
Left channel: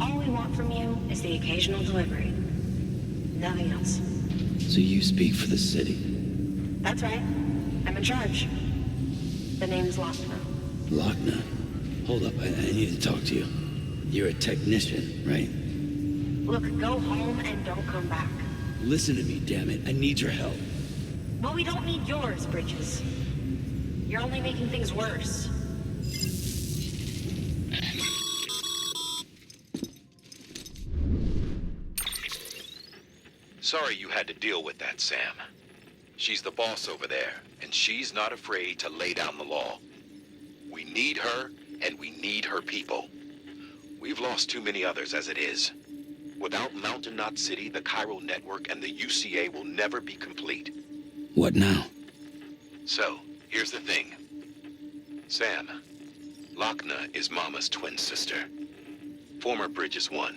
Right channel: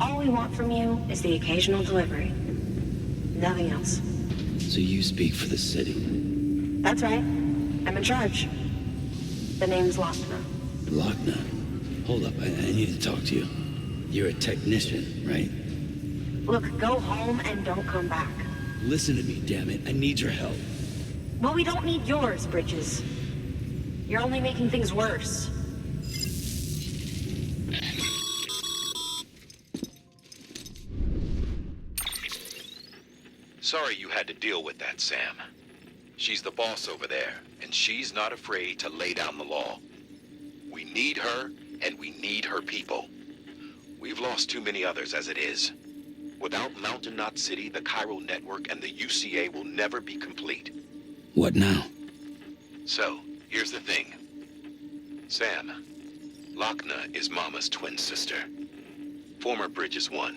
All we want from you is the occasional delivery. Nothing else. So you speak for the city? That's right. I'm in charge. The name's Lochner. Lochner? Hold up, I need to talk to you. You're a technician, right? Look, go home and don't come back. Listen to me, damn it. I need your help. Well, we don't need yours, Bridges. You're only making things worse. Sorry you had to deal with that, Sam. She's the boss over there, and she's not afraid to lay down the law. We need her, and we need her people. We've lost too many others as it is. Without Mountain Knot City, the chiral network, and the UCA will never be complete. What now? So, here's the thing. Sam, Lochner is Mama's twin sister. Former Bridges 1.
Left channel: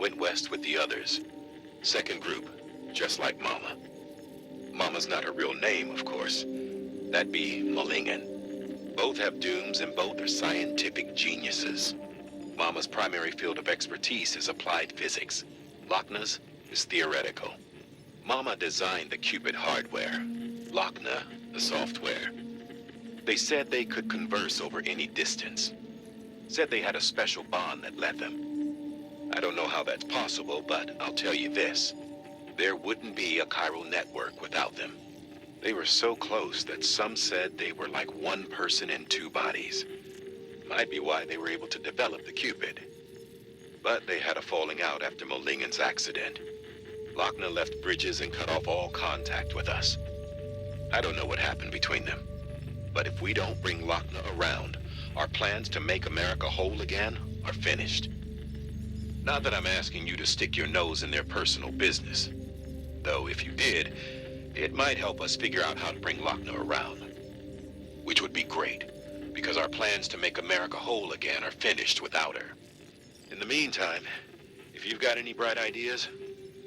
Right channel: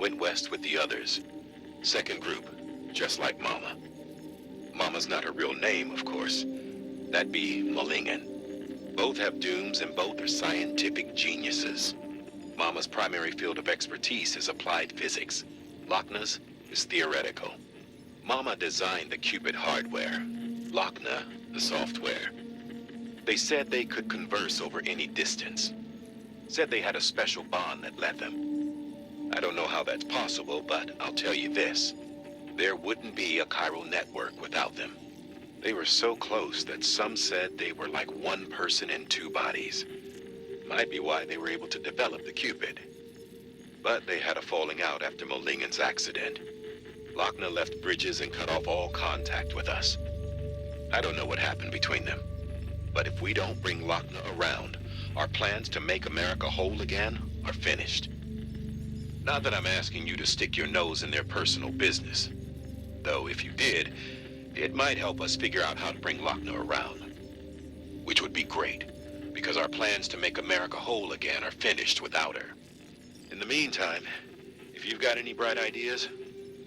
Went west with the others. Second group, just like Mama. Mama's not her real name, of course. That'd be Malingen. Both have dooms and both are scientific geniuses. Mama's primary field of expertise is applied physics. Lochner's is theoretical. Mama designed the Cupid hardware. Lochner, the software. They said they could converse over any distance. Said they had a special bond that led them. I don't know how that's possible, but I'll tell you this. There wouldn't be a chiral network without them. They were so close that some said they were like one person in two bodies. Might be why they were able to develop the Cupid. But they had a falling out after Molingen's accident. Lochner left Bridges and cut off all contact with us. I don't know what happened between them. But if we don't bring Lochner around, our plans to make America whole again are finished. Not that I'm asking you to stick your nose in their personal business. Though if you did, it might help us figure out how to bring Lochner around. Which would be great, because our plans to make America whole again are finished without her. In the meantime, if you've got any bright ideas,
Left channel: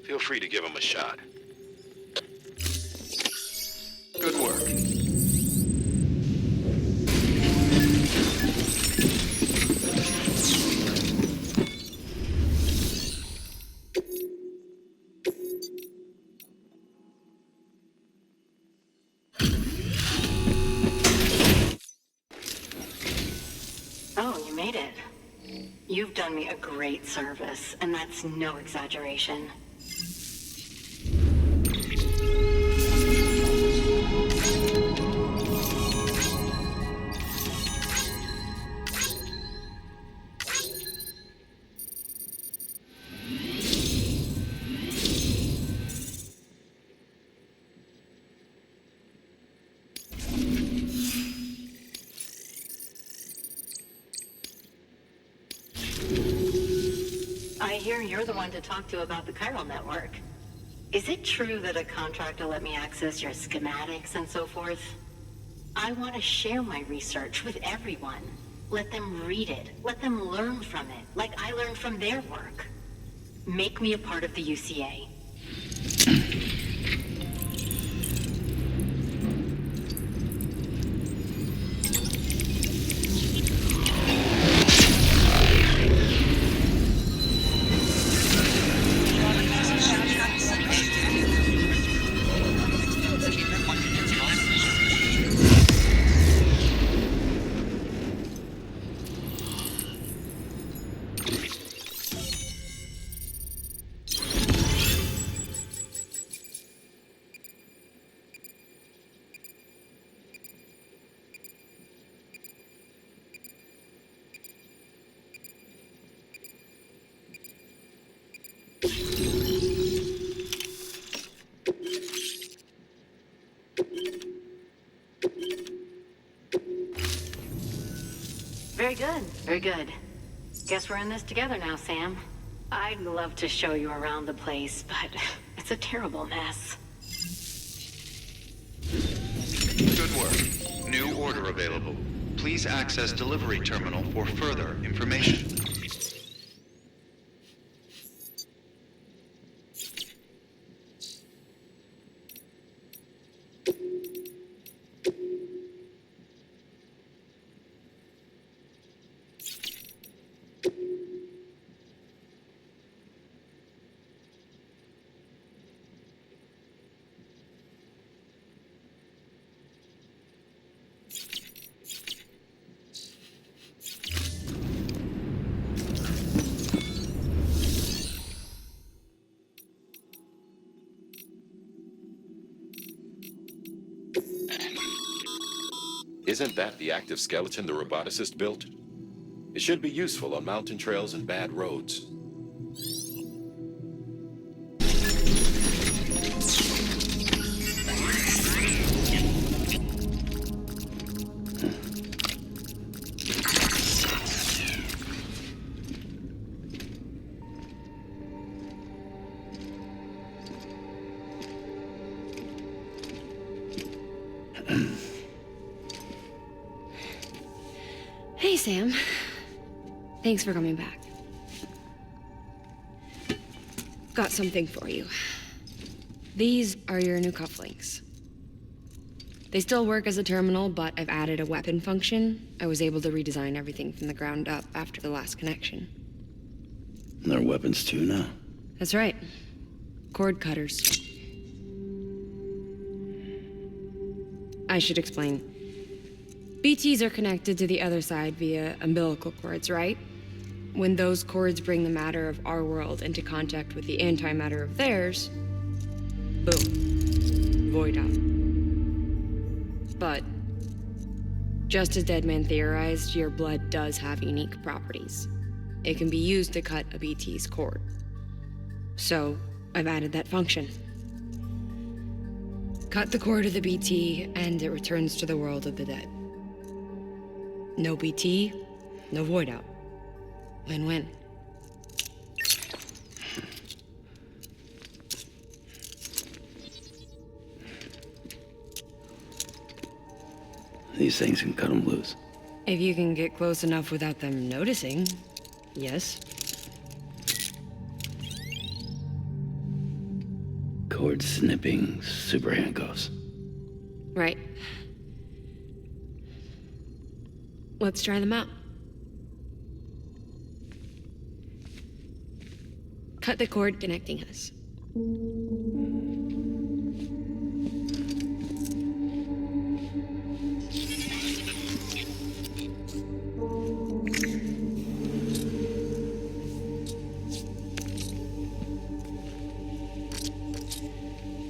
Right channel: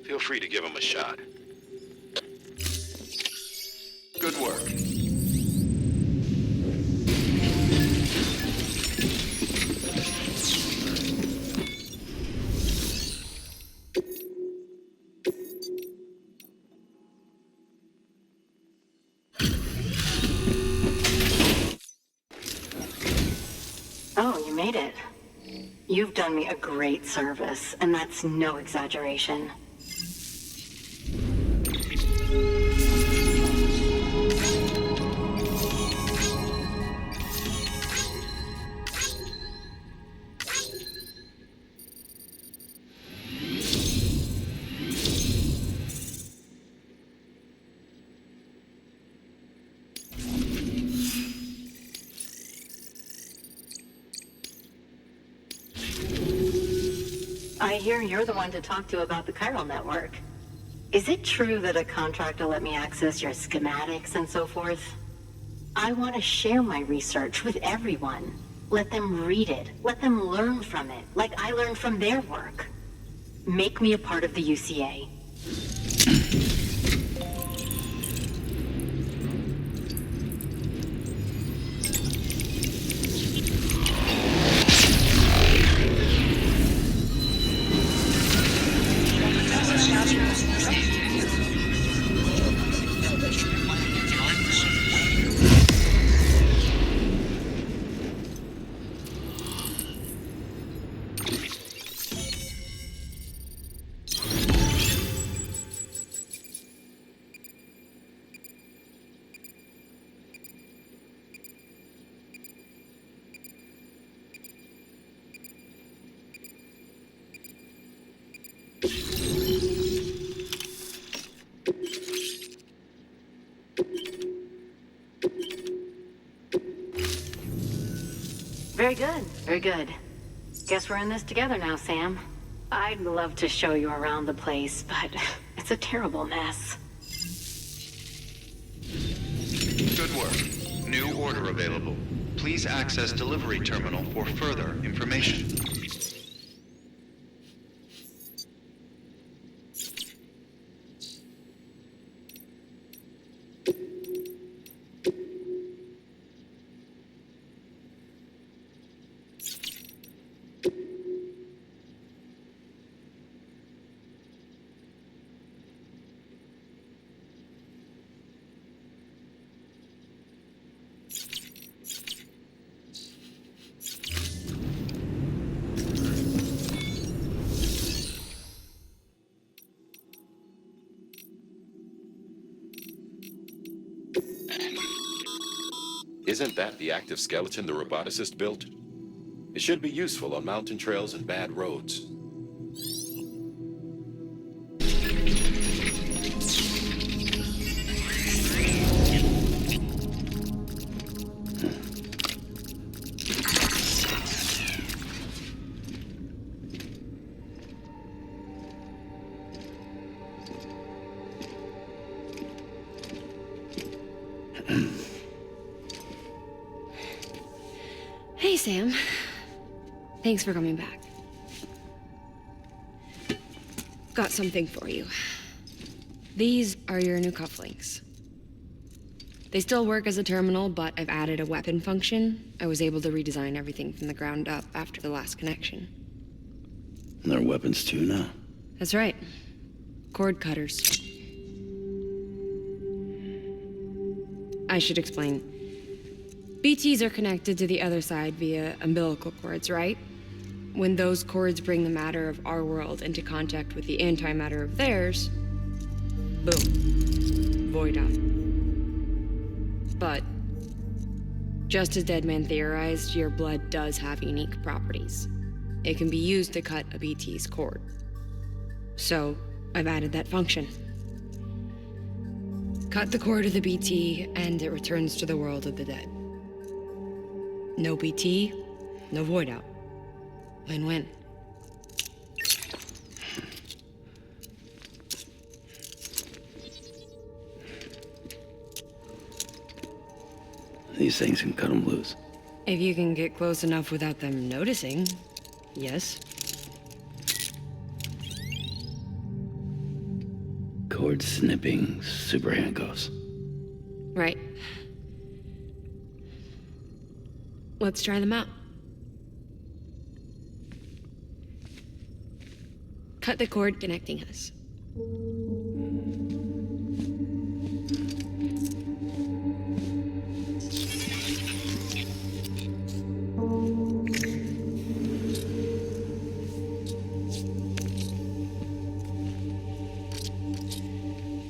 feel free to give them a shot. Good work. Oh, you made it. You've done me a great service, and that's no exaggeration. I hear you're the one to talk to about the chiral network. Is it true that a contract will let me access your schematics and so forth? I want to share my research with everyone. Let them read it. Let them learn from it, like I learned from their work. Make me a part of the UCA. Very good, very good. Guess we're in this together now, Sam. I'd love to show you around the place, but it's a terrible mess. Good work. New order available. Please access delivery terminal for further information. Isn't that the active skeleton the roboticist built? It should be useful on mountain trails and bad roads. Hey, Sam. Thanks for coming back. Got something for you. These are your new cufflinks. They still work as a terminal, but I've added a weapon function. I was able to redesign everything from the ground up after the last connection. And they're weapons too now. That's right. Cord cutters. I should explain. BTs are connected to the other side via umbilical cords, right? When those cords bring the matter of our world into contact with the antimatter of theirs, boom, void out. But, just as Deadman theorized, your blood does have unique properties. It can be used to cut a BT's cord. So, I've added that function. Cut the cord of the BT, and it returns to the world of the dead. No BT, no void out. Win-win. These things can cut them loose. If you can get close enough without them noticing, yes. Cord snipping super handcuffs. Right. Let's try them out. Cut the cord connecting us.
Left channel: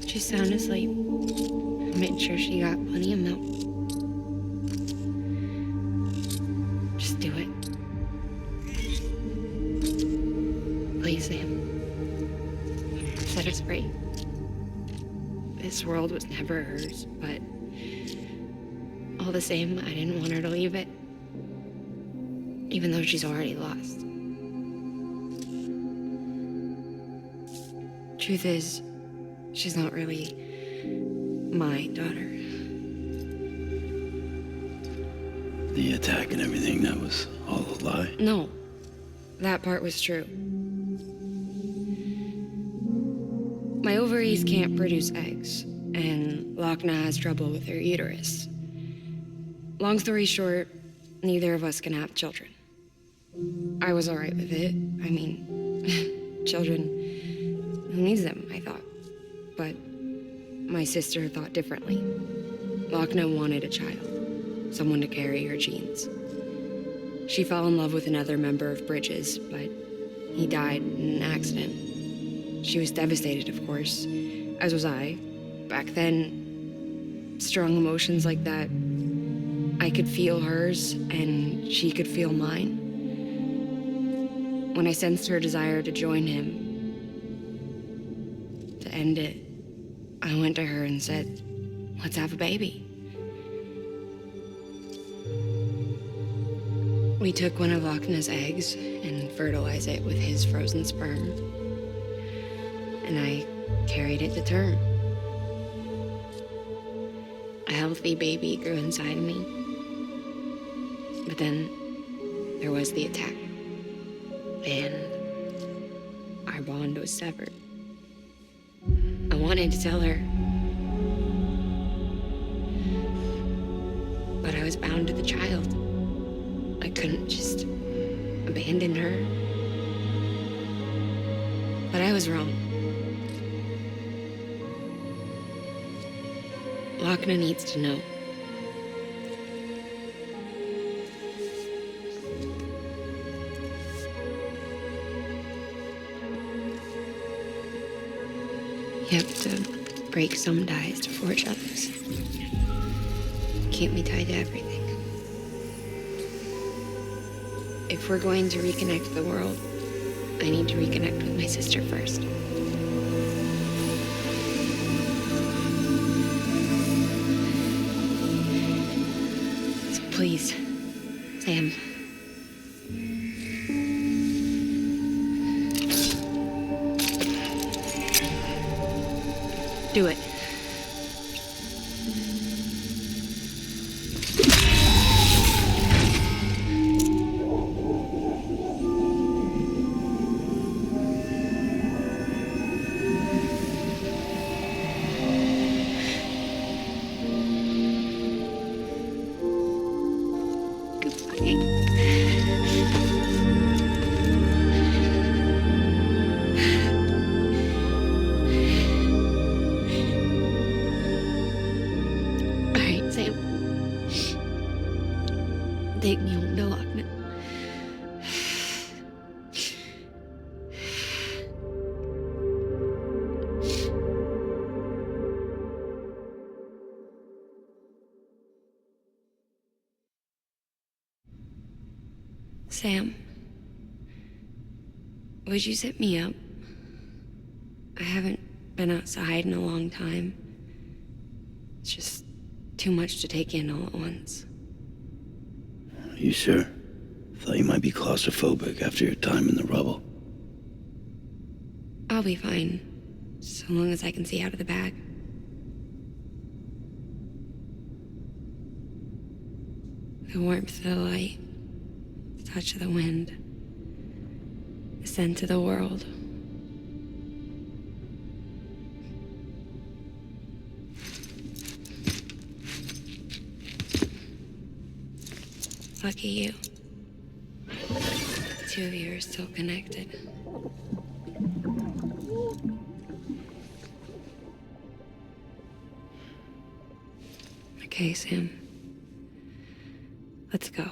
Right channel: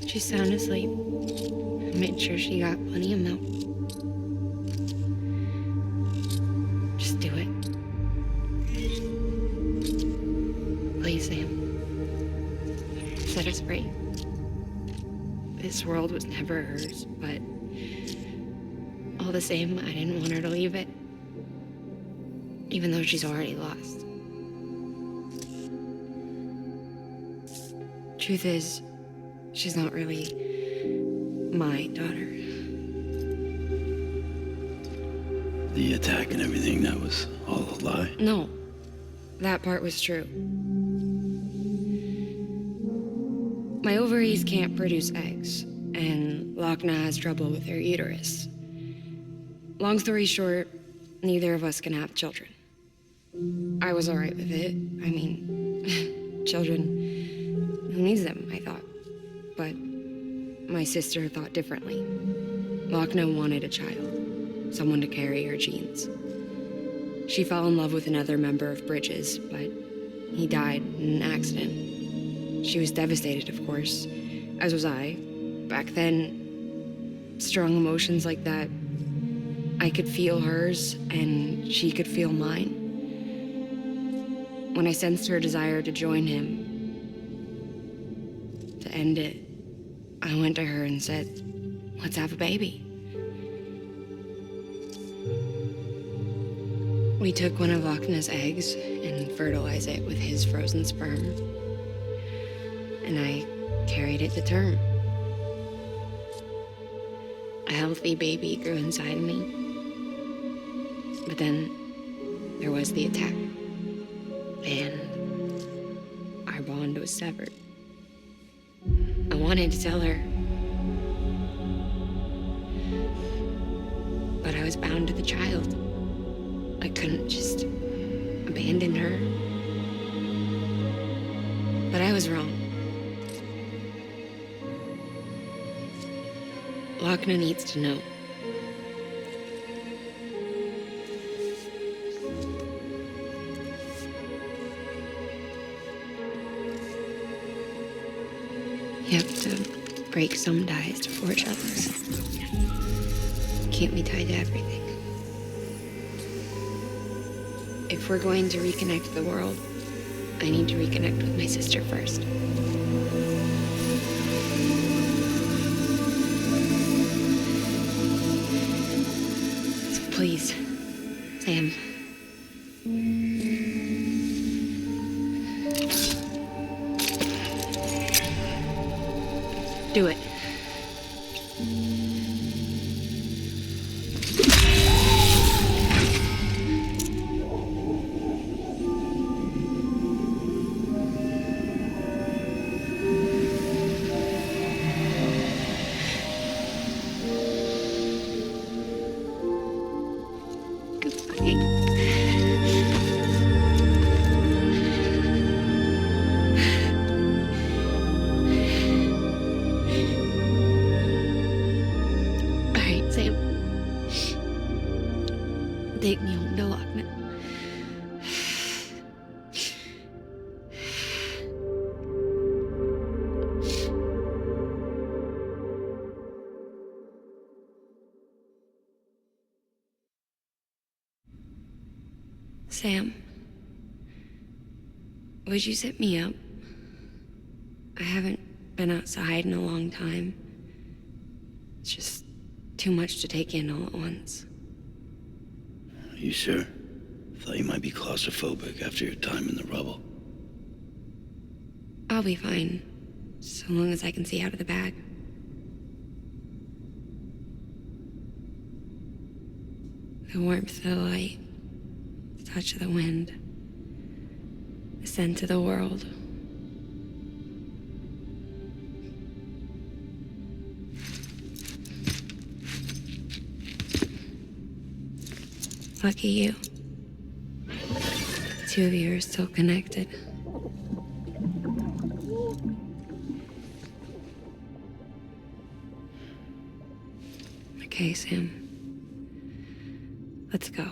She's sound asleep. I made sure she got plenty of milk. Just do it. Please, Sam. Set us free. This world was never hers, but all the same, I didn't want her to leave it. Even though she's already lost. Truth is, she's not really my daughter. The attack and everything, that was all a lie? No, that part was true. My ovaries can't produce eggs, and Lochna has trouble with her uterus. Long story short, neither of us can have children. I was alright with it. I mean, children, who needs them, I thought. But my sister thought differently. Lochna wanted a child, someone to carry her genes. She fell in love with another member of Bridges, but he died in an accident. She was devastated, of course, as was I. Back then, strong emotions like that, I could feel hers, and she could feel mine. When I sensed her desire to join him, to end it, I went to her and said, let's have a baby. We took one of Lochna's eggs and fertilized it with his frozen sperm. And I carried it to term. A healthy baby grew inside of me. But then there was the attack. And our bond was severed. I wanted to tell her. But I was bound to the child. I couldn't just abandon her. But I was wrong. Lochna needs to know. You have to break some ties to forge others. Can't be tied to everything. If we're going to reconnect the world, I need to reconnect with my sister first. So please, Sam. Do it. All right, Sam. Take me home to Lochna. Sam, would you set me up? I haven't been outside in a long time. It's just too much to take in all at once. You sure? Thought you might be claustrophobic after your time in the rubble. I'll be fine, so long as I can see out of the bag. The warmth of the light, the touch of the wind, the scent of the world. Lucky you. The two of you are still connected. Okay, Sam. Let's go.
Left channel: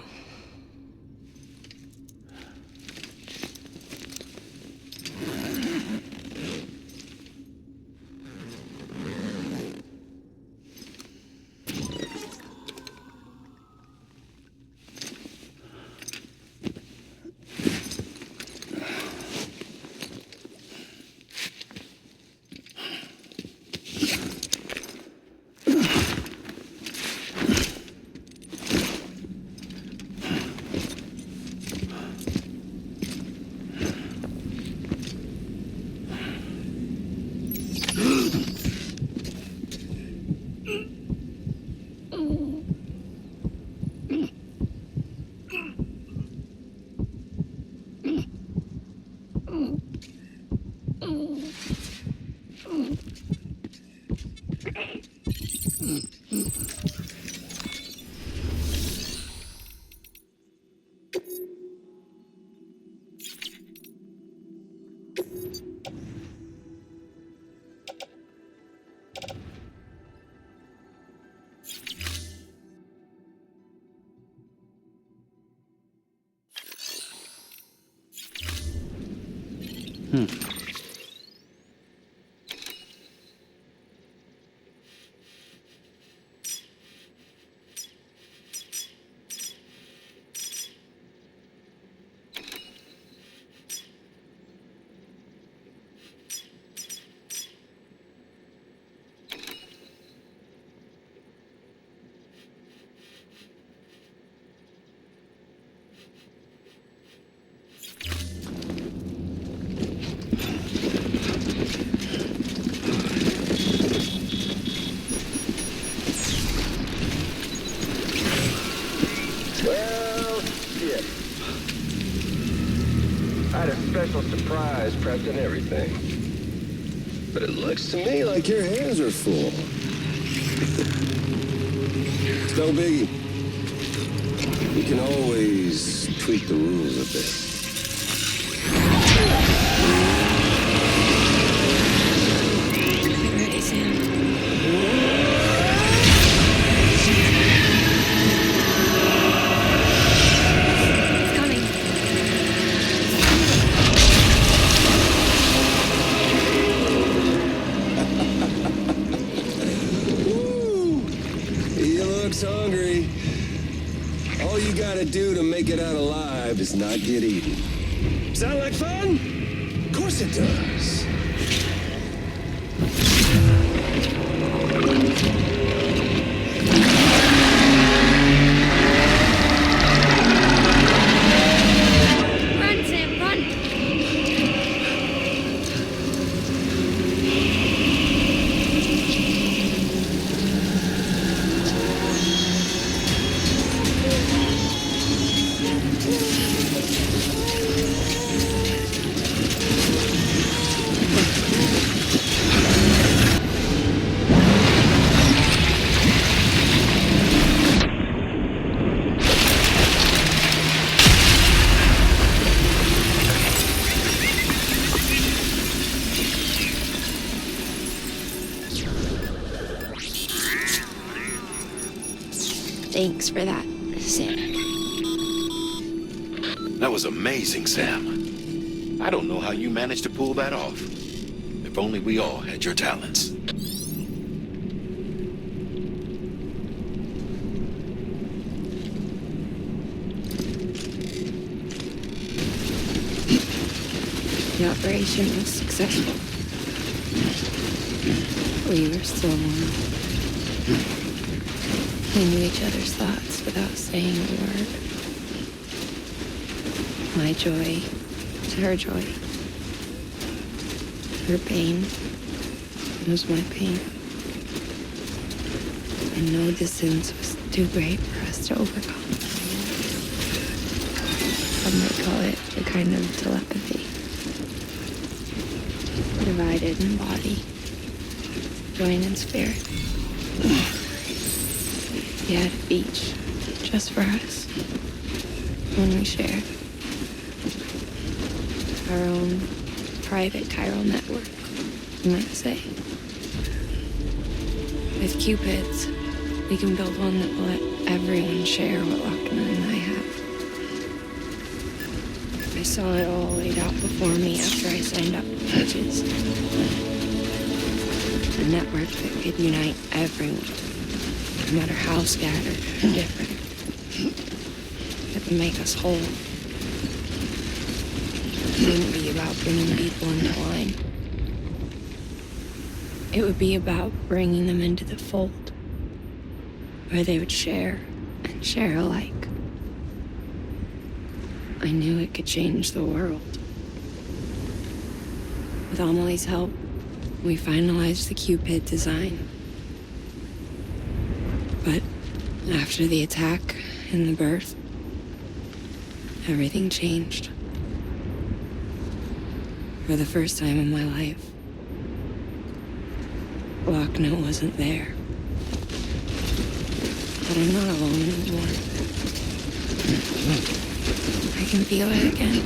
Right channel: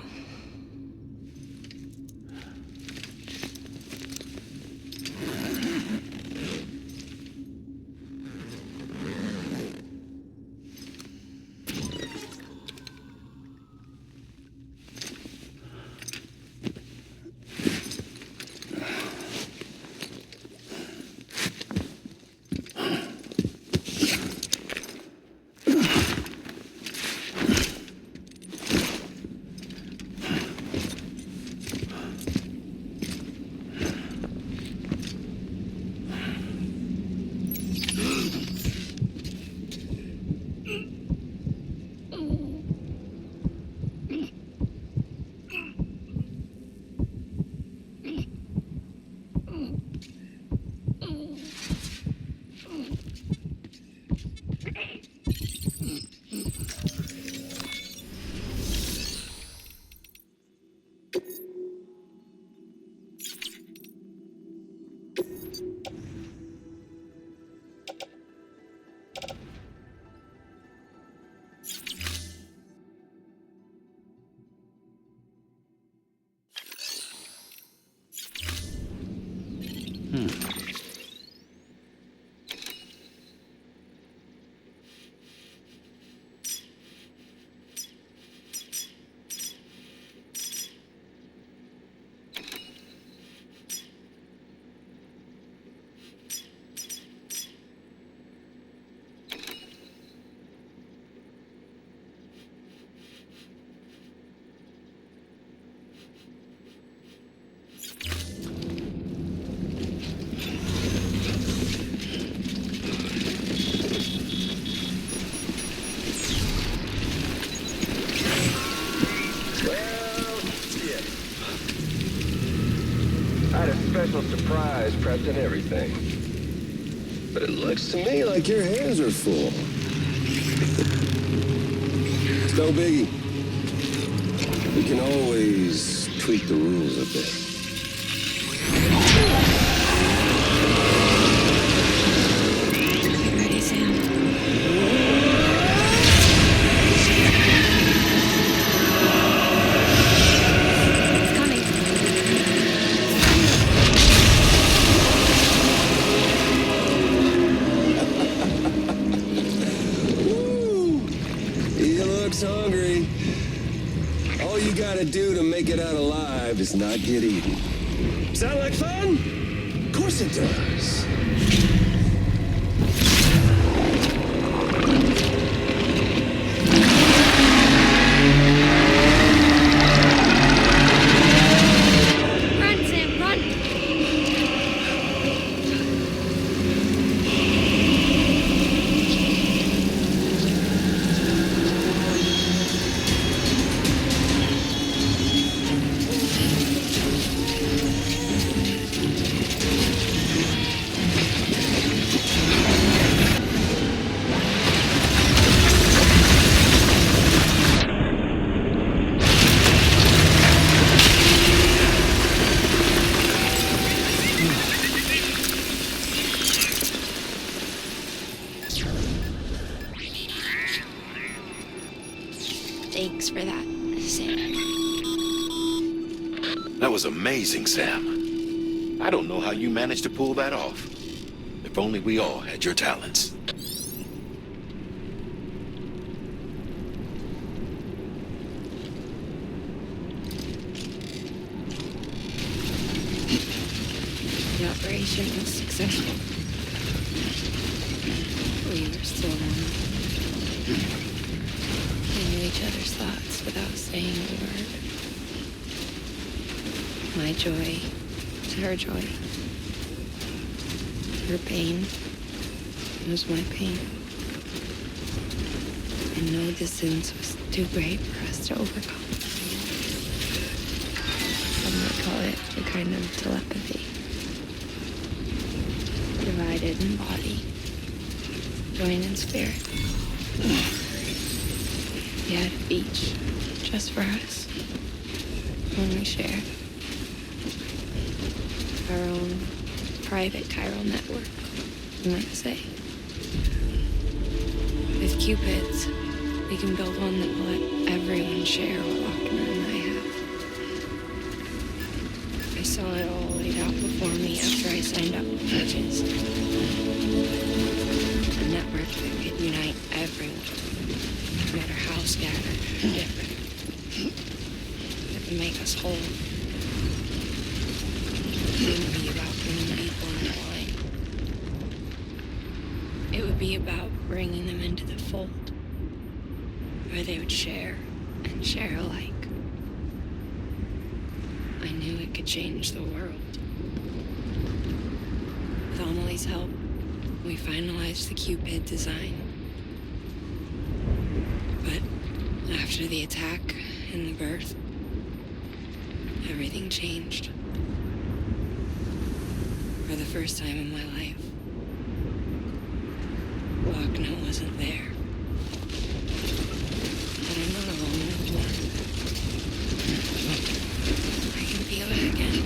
a special surprise prepped and everything. But it looks to me like your hands are full. It's no biggie. We can always tweak the rules a bit. Get ready, Sam. It's coming. Woo! He looks hungry. All you gotta do to make it out alive is not get eaten. Sound like fun? Of course it does. Run, Sam, run! Thanks for that, Sam. That was amazing, Sam. I don't know how you managed to pull that off. If only we all had your talents. The operation was successful. We were still one. We knew each other's thoughts without saying a word. My joy was her joy. Her pain was my pain. And no distance was too great for us to overcome. Some might call it a kind of telepathy. Divided in body, joined in spirit. Yet each, just for us, when we shared our own private chiral network, you might say. With Cupids, we can build one that will let everyone share what Lochner and I have. I saw it all laid out before me after I signed up for Bridges. A network that could unite everyone, no matter how scattered or different. That would make us whole. It wouldn't be about bringing people into line. It would be about bringing them into the fold, where they would share and share alike. I knew it could change the world. With Amelie's help, we finalized the Cupid design. But after the attack and the birth, everything changed. For the first time in my life, Lochner wasn't there. But I'm not alone anymore. I can feel it again.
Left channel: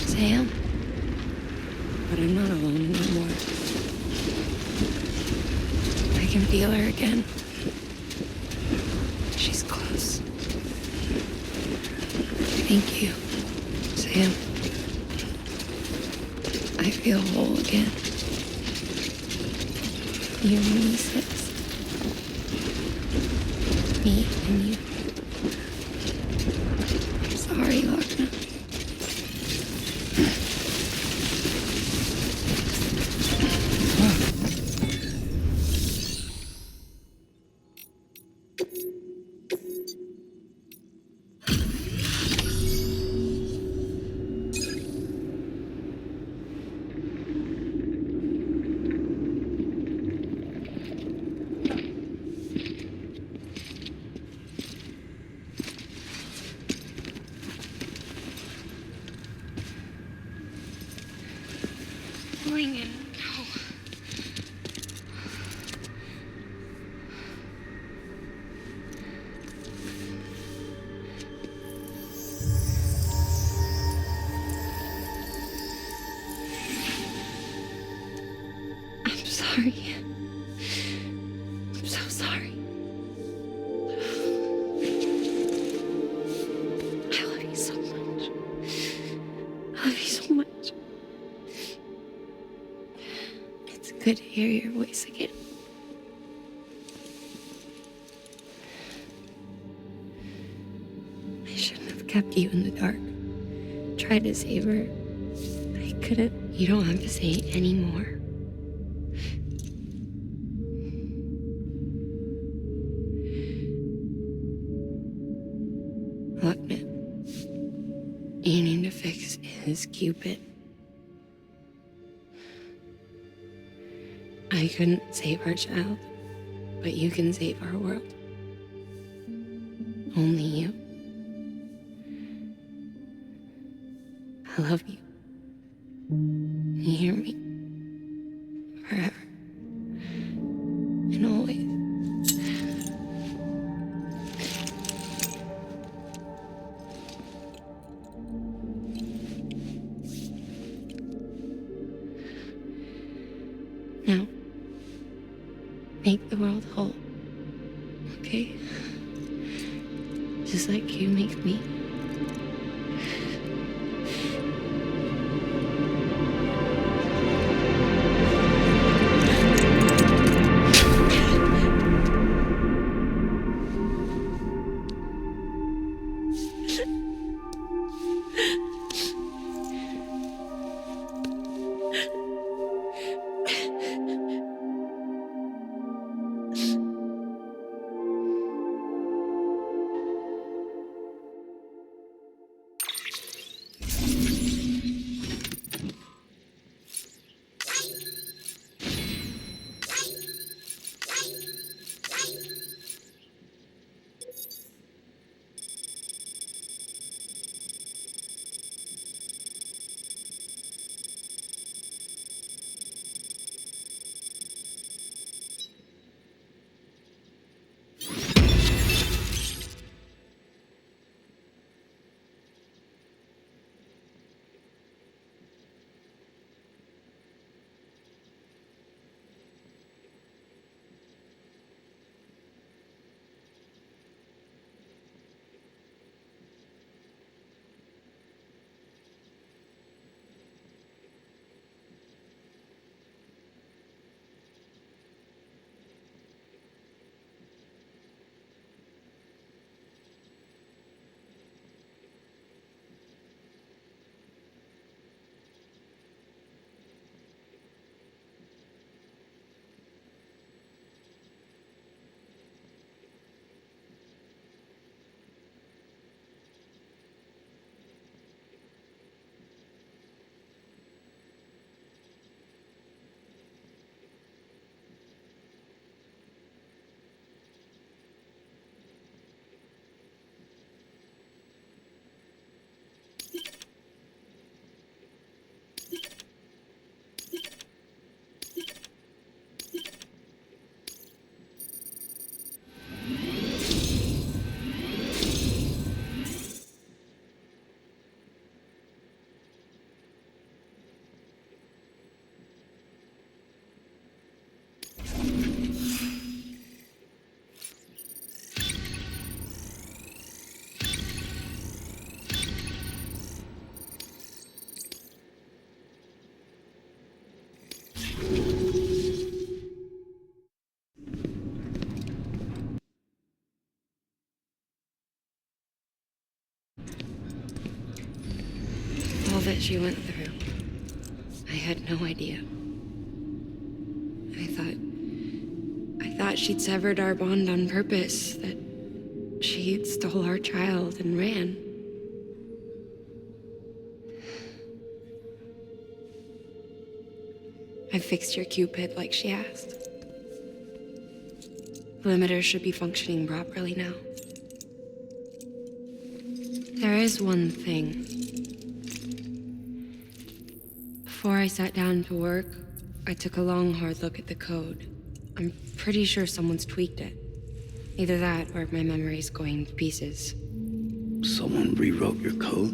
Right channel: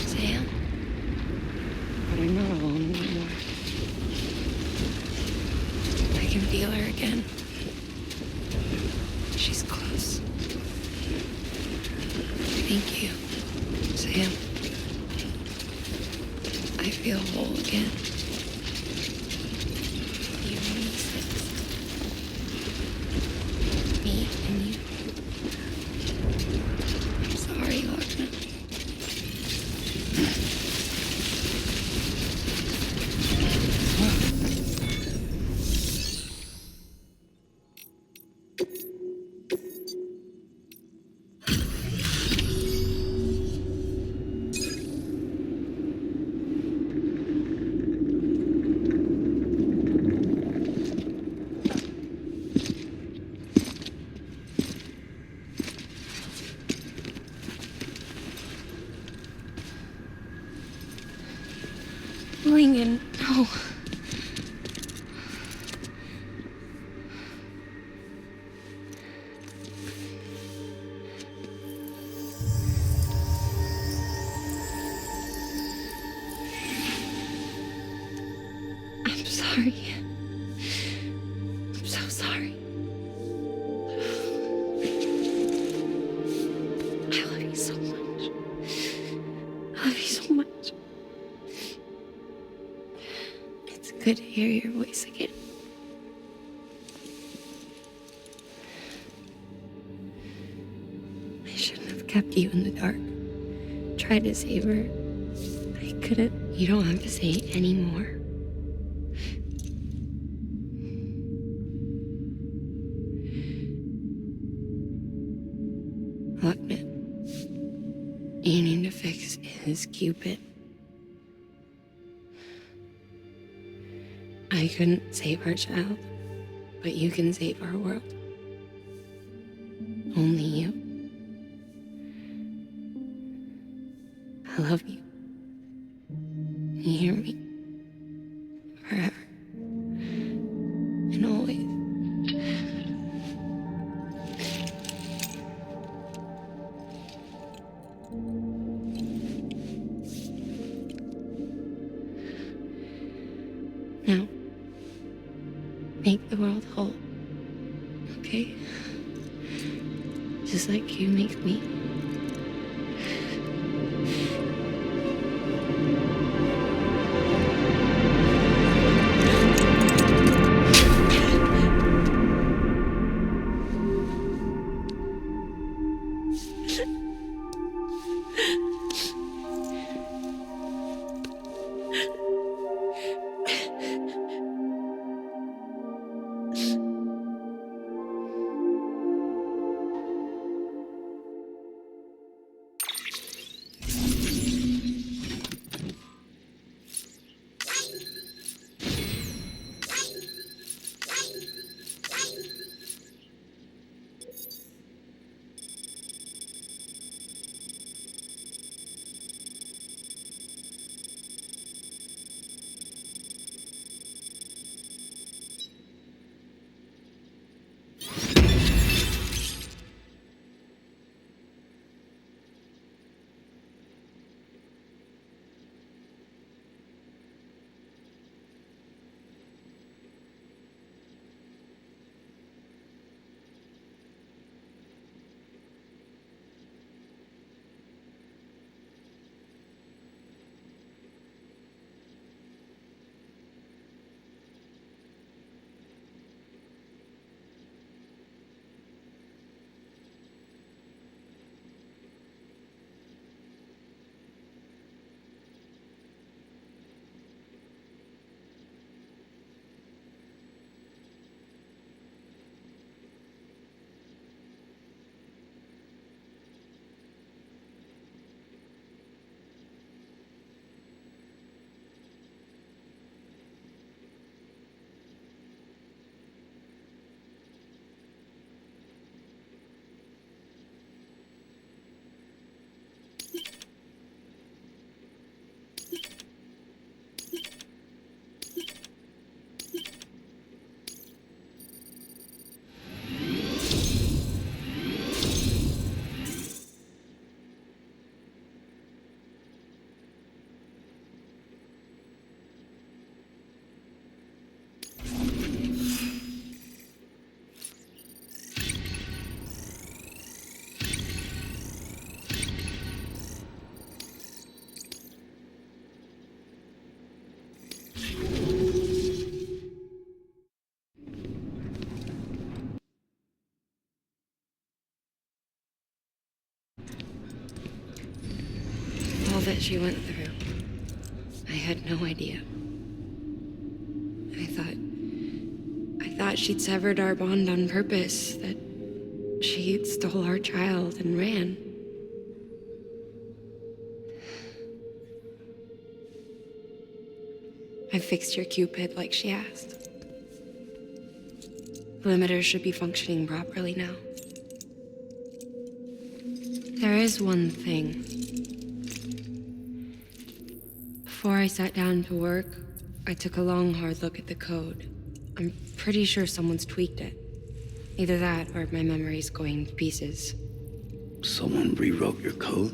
Sam? I can feel her again. She's close. Thank you, Sam. I feel whole again. You and me, sis. Me and you. I'm sorry, Lochner. Settling in. No. I'm sorry. I'm so sorry. I love you so much. I love you so much. It's good to hear your voice again. I shouldn't have kept you in the dark. Tried to save her. I couldn't. You don't have to say it anymore. Look, man. You need to fix his Cupid. I couldn't save our child, but you can save our world. Only you. I love you. You hear me? Forever. And always. Now, make the world whole, okay? Just like you make me. All that she went through, I had no idea. I thought she'd severed our bond on purpose, that she stole our child and ran. I fixed your Cupid like she asked. The limiter should be functioning properly now. There is one thing. Before I sat down to work, I took a long, hard look at the code. I'm pretty sure someone's tweaked it. Either that, or my memory's going to pieces. Someone rewrote your code?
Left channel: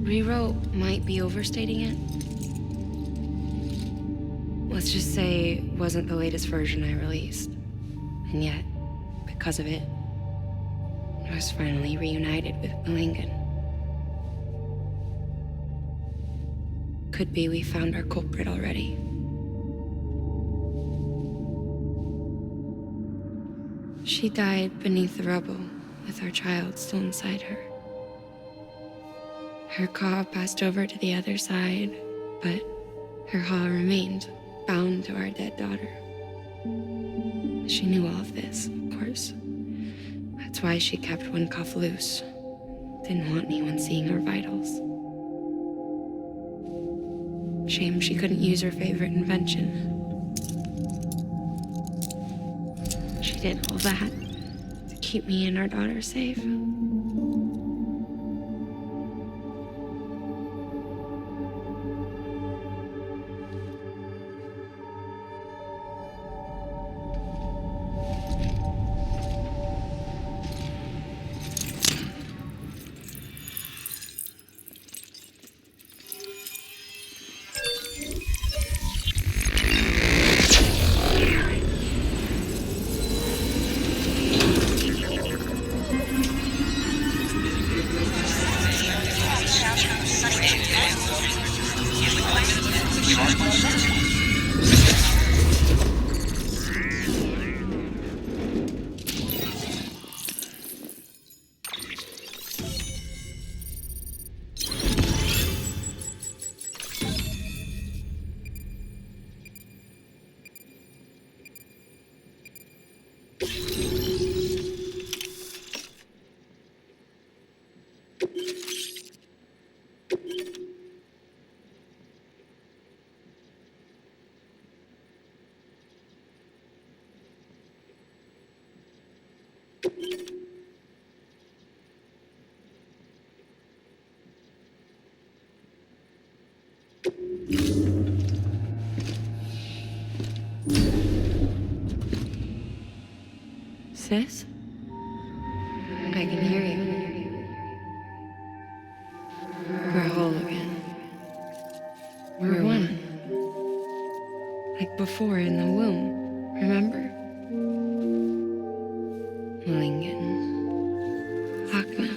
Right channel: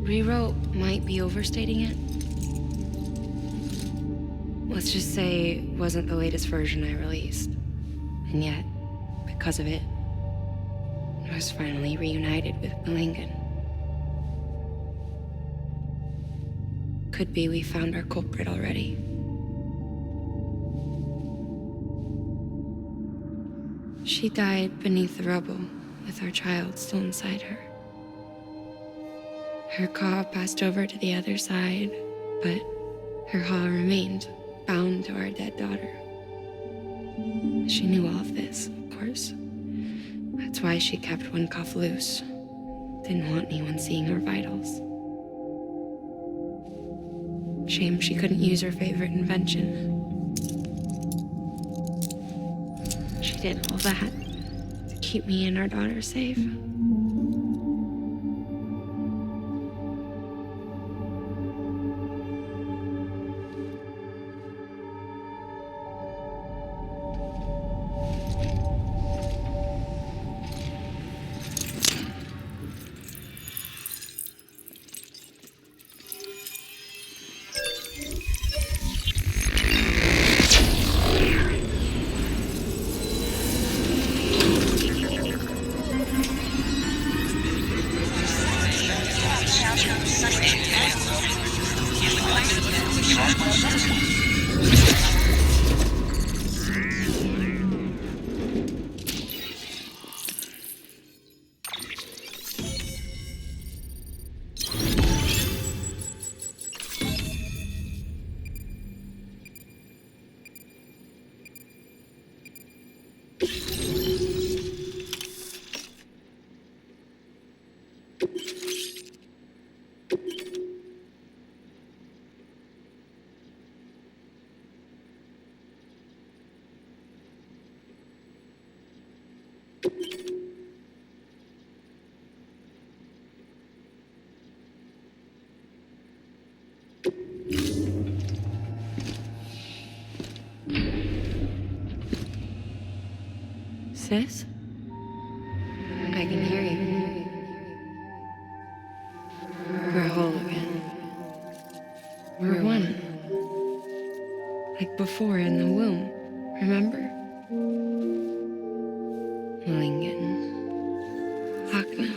Rewrote might be overstating it. Let's just say it wasn't the latest version I released. And yet, because of it, I was finally reunited with Malingen. Could be we found our culprit already. She died beneath the rubble, with our child still inside her. Her Ka passed over to the other side, but her Ha remained, bound to our dead daughter. She knew all of this, of course. That's why she kept one cuff loose. Didn't want anyone seeing her vitals. Shame she couldn't use her favorite invention. She did all that to keep me and our daughter safe. Sis? I can hear you. We're whole again. We're one. Like before in the womb, remember? Malingen. Akna.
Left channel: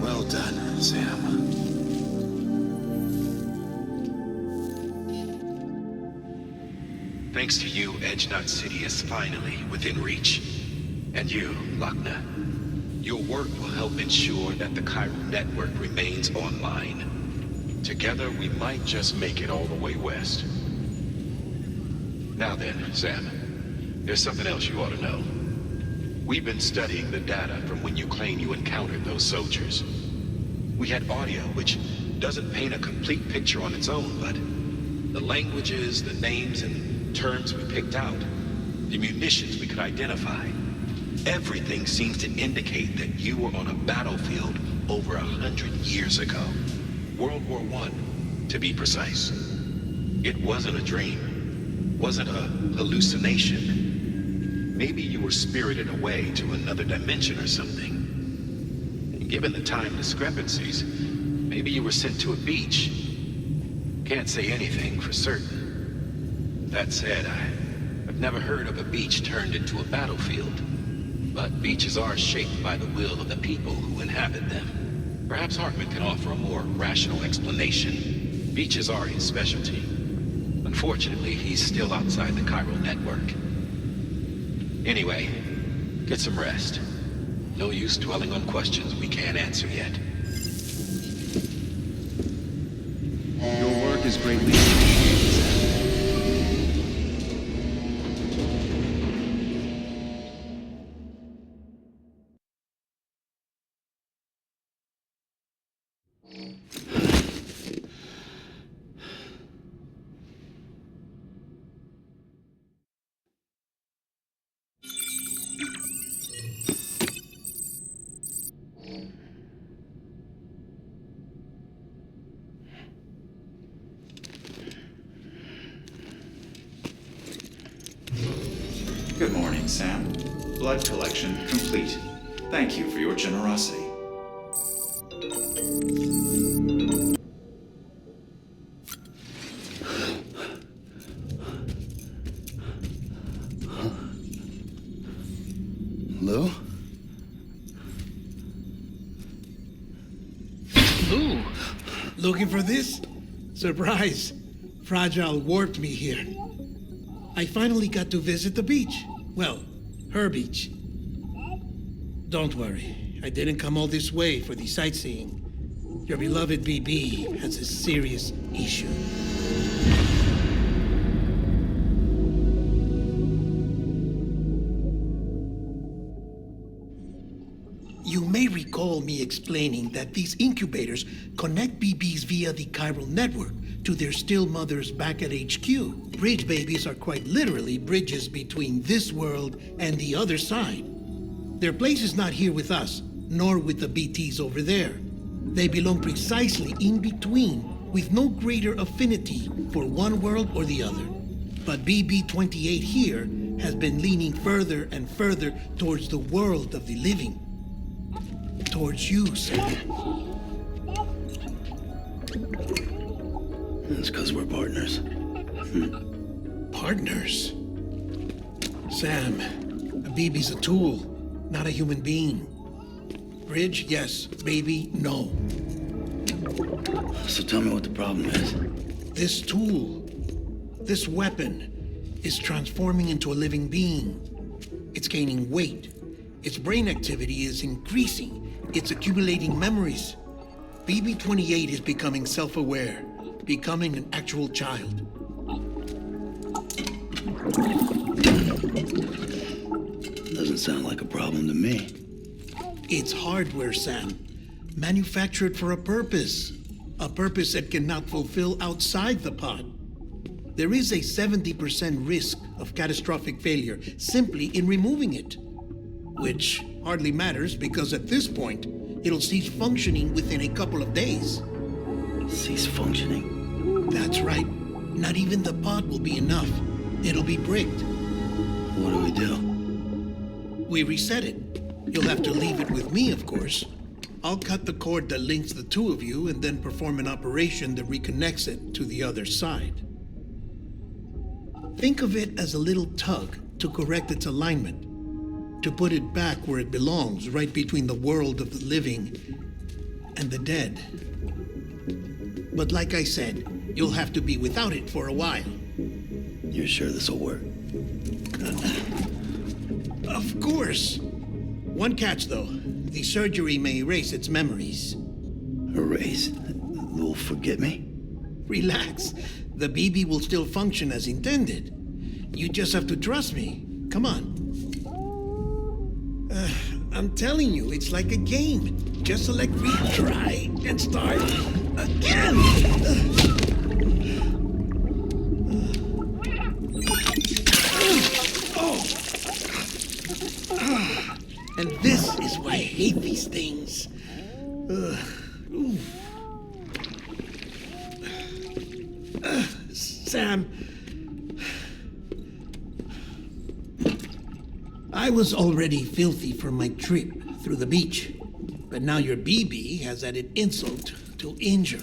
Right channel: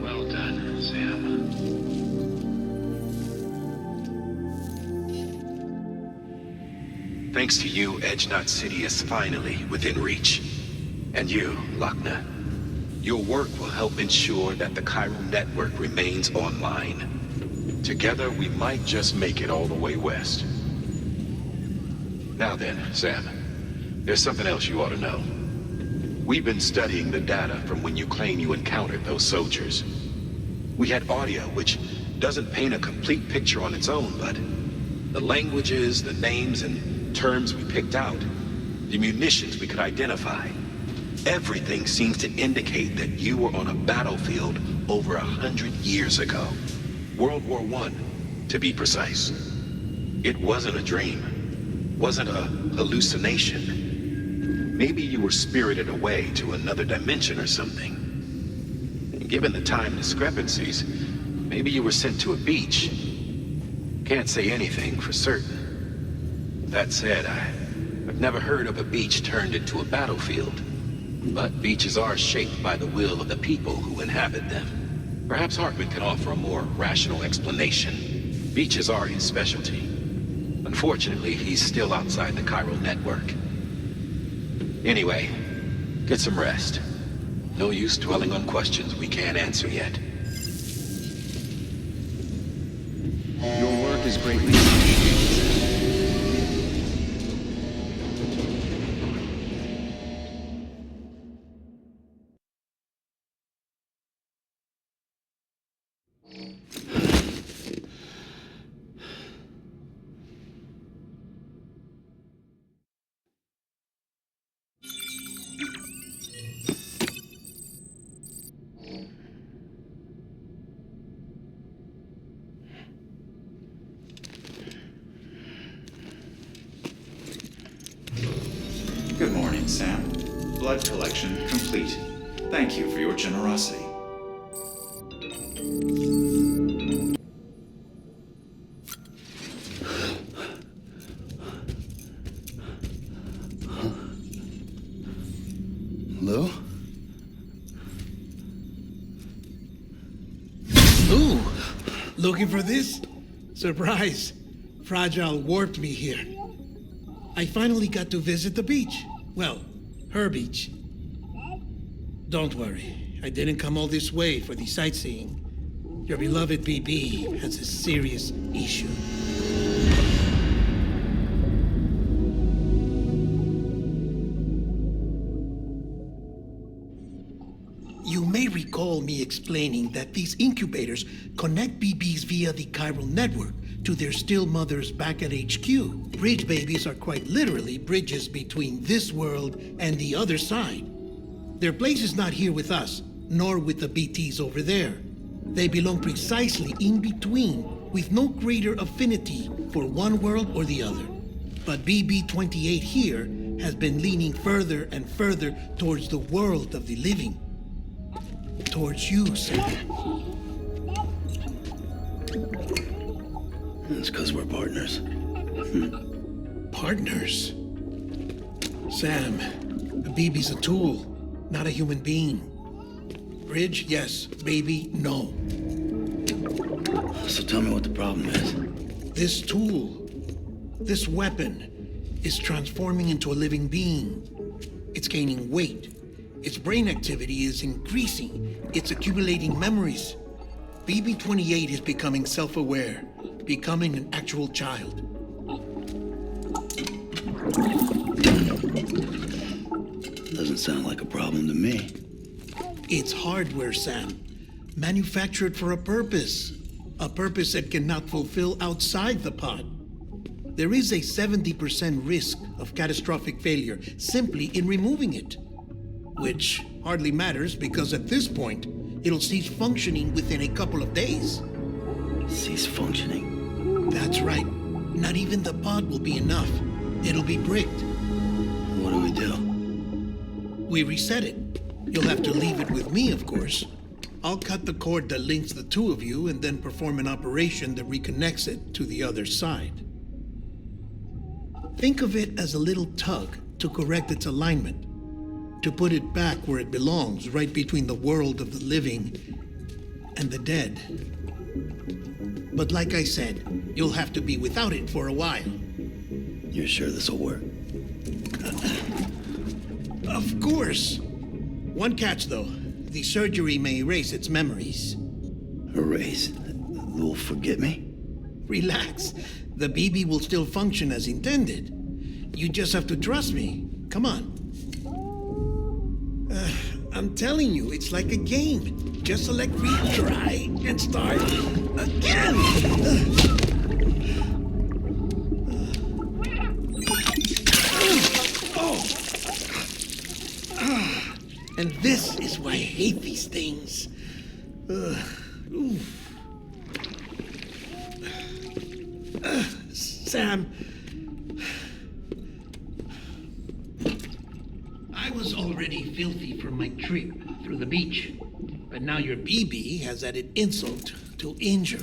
Well done, Sam. Thanks to you, Edgenot City is finally within reach. And you, Lochner. Your work will help ensure that the chiral network remains online. Together, we might just make it all the way west. Now then, Sam, there's something else you ought to know. We've been studying the data from when you claim you encountered those soldiers. We had audio which doesn't paint a complete picture on its own, but the languages, the names, and terms we picked out, the munitions we could identify, everything seems to indicate that you were on a battlefield over 100 years ago. World War I, to be precise. It wasn't a dream. Wasn't a hallucination. Maybe you were spirited away to another dimension or something. And given the time discrepancies, maybe you were sent to a beach. Can't say anything for certain. That said, I've never heard of a beach turned into a battlefield. But beaches are shaped by the will of the people who inhabit them. Perhaps Hartman can offer a more rational explanation. Beaches are his specialty. Unfortunately, he's still outside the chiral network. Anyway, get some rest. No use dwelling on questions we can't answer yet. Your work is greatly appreciated, Sam. Good morning, Sam. Blood collection complete. Thank you for your generosity. Lou? Looking for this? Surprise. Fragile warped me here. I finally got to visit the beach. Well, her beach. Don't worry. I didn't come all this way for the sightseeing. Your beloved BB has a serious issue. You may recall me explaining that these incubators connect BBs via the chiral network to their still mothers back at HQ. Bridge babies are quite literally bridges between this world and the other side. Their place is not here with us, nor with the BTs over there. They belong precisely in between, with no greater affinity for one world or the other. But BB-28 here has been leaning further and further towards the world of the living. Towards you, Sam. It's because we're partners. Partners? Sam, a BB's a tool, not a human being. Bridge, yes. Baby, no. So tell me what the problem is. This tool, this weapon, is transforming into a living being. It's gaining weight. Its brain activity is increasing. It's accumulating memories. BB-28 is becoming self-aware, becoming an actual child. Doesn't sound like a problem to me. It's hardware, Sam. Manufactured for a purpose. A purpose it cannot fulfill outside the pod. There is a 70% risk of catastrophic failure simply in removing it. Which hardly matters because at this point, it'll cease functioning within a couple of days. Cease functioning? That's right. Not even the pod will be enough. It'll be bricked. What do we do? We reset it. You'll have to leave it with me, of course. I'll cut the cord that links the two of you and then perform an operation that reconnects it to the other side. Think of it as a little tug to correct its alignment, to put it back where it belongs, right between the world of the living and the dead. But like I said, you'll have to be without it for a while. You're sure this'll work? Of course. One catch, though. The surgery may erase its memories. Erase? You'll forget me? Relax. The BB will still function as intended. You just have to trust me. Come on. I'm telling you, it's like a game. Just select retry and start again. And this is why I hate these things. Sam, I was already filthy from my trip through the beach, but now your BB has added insult to injury.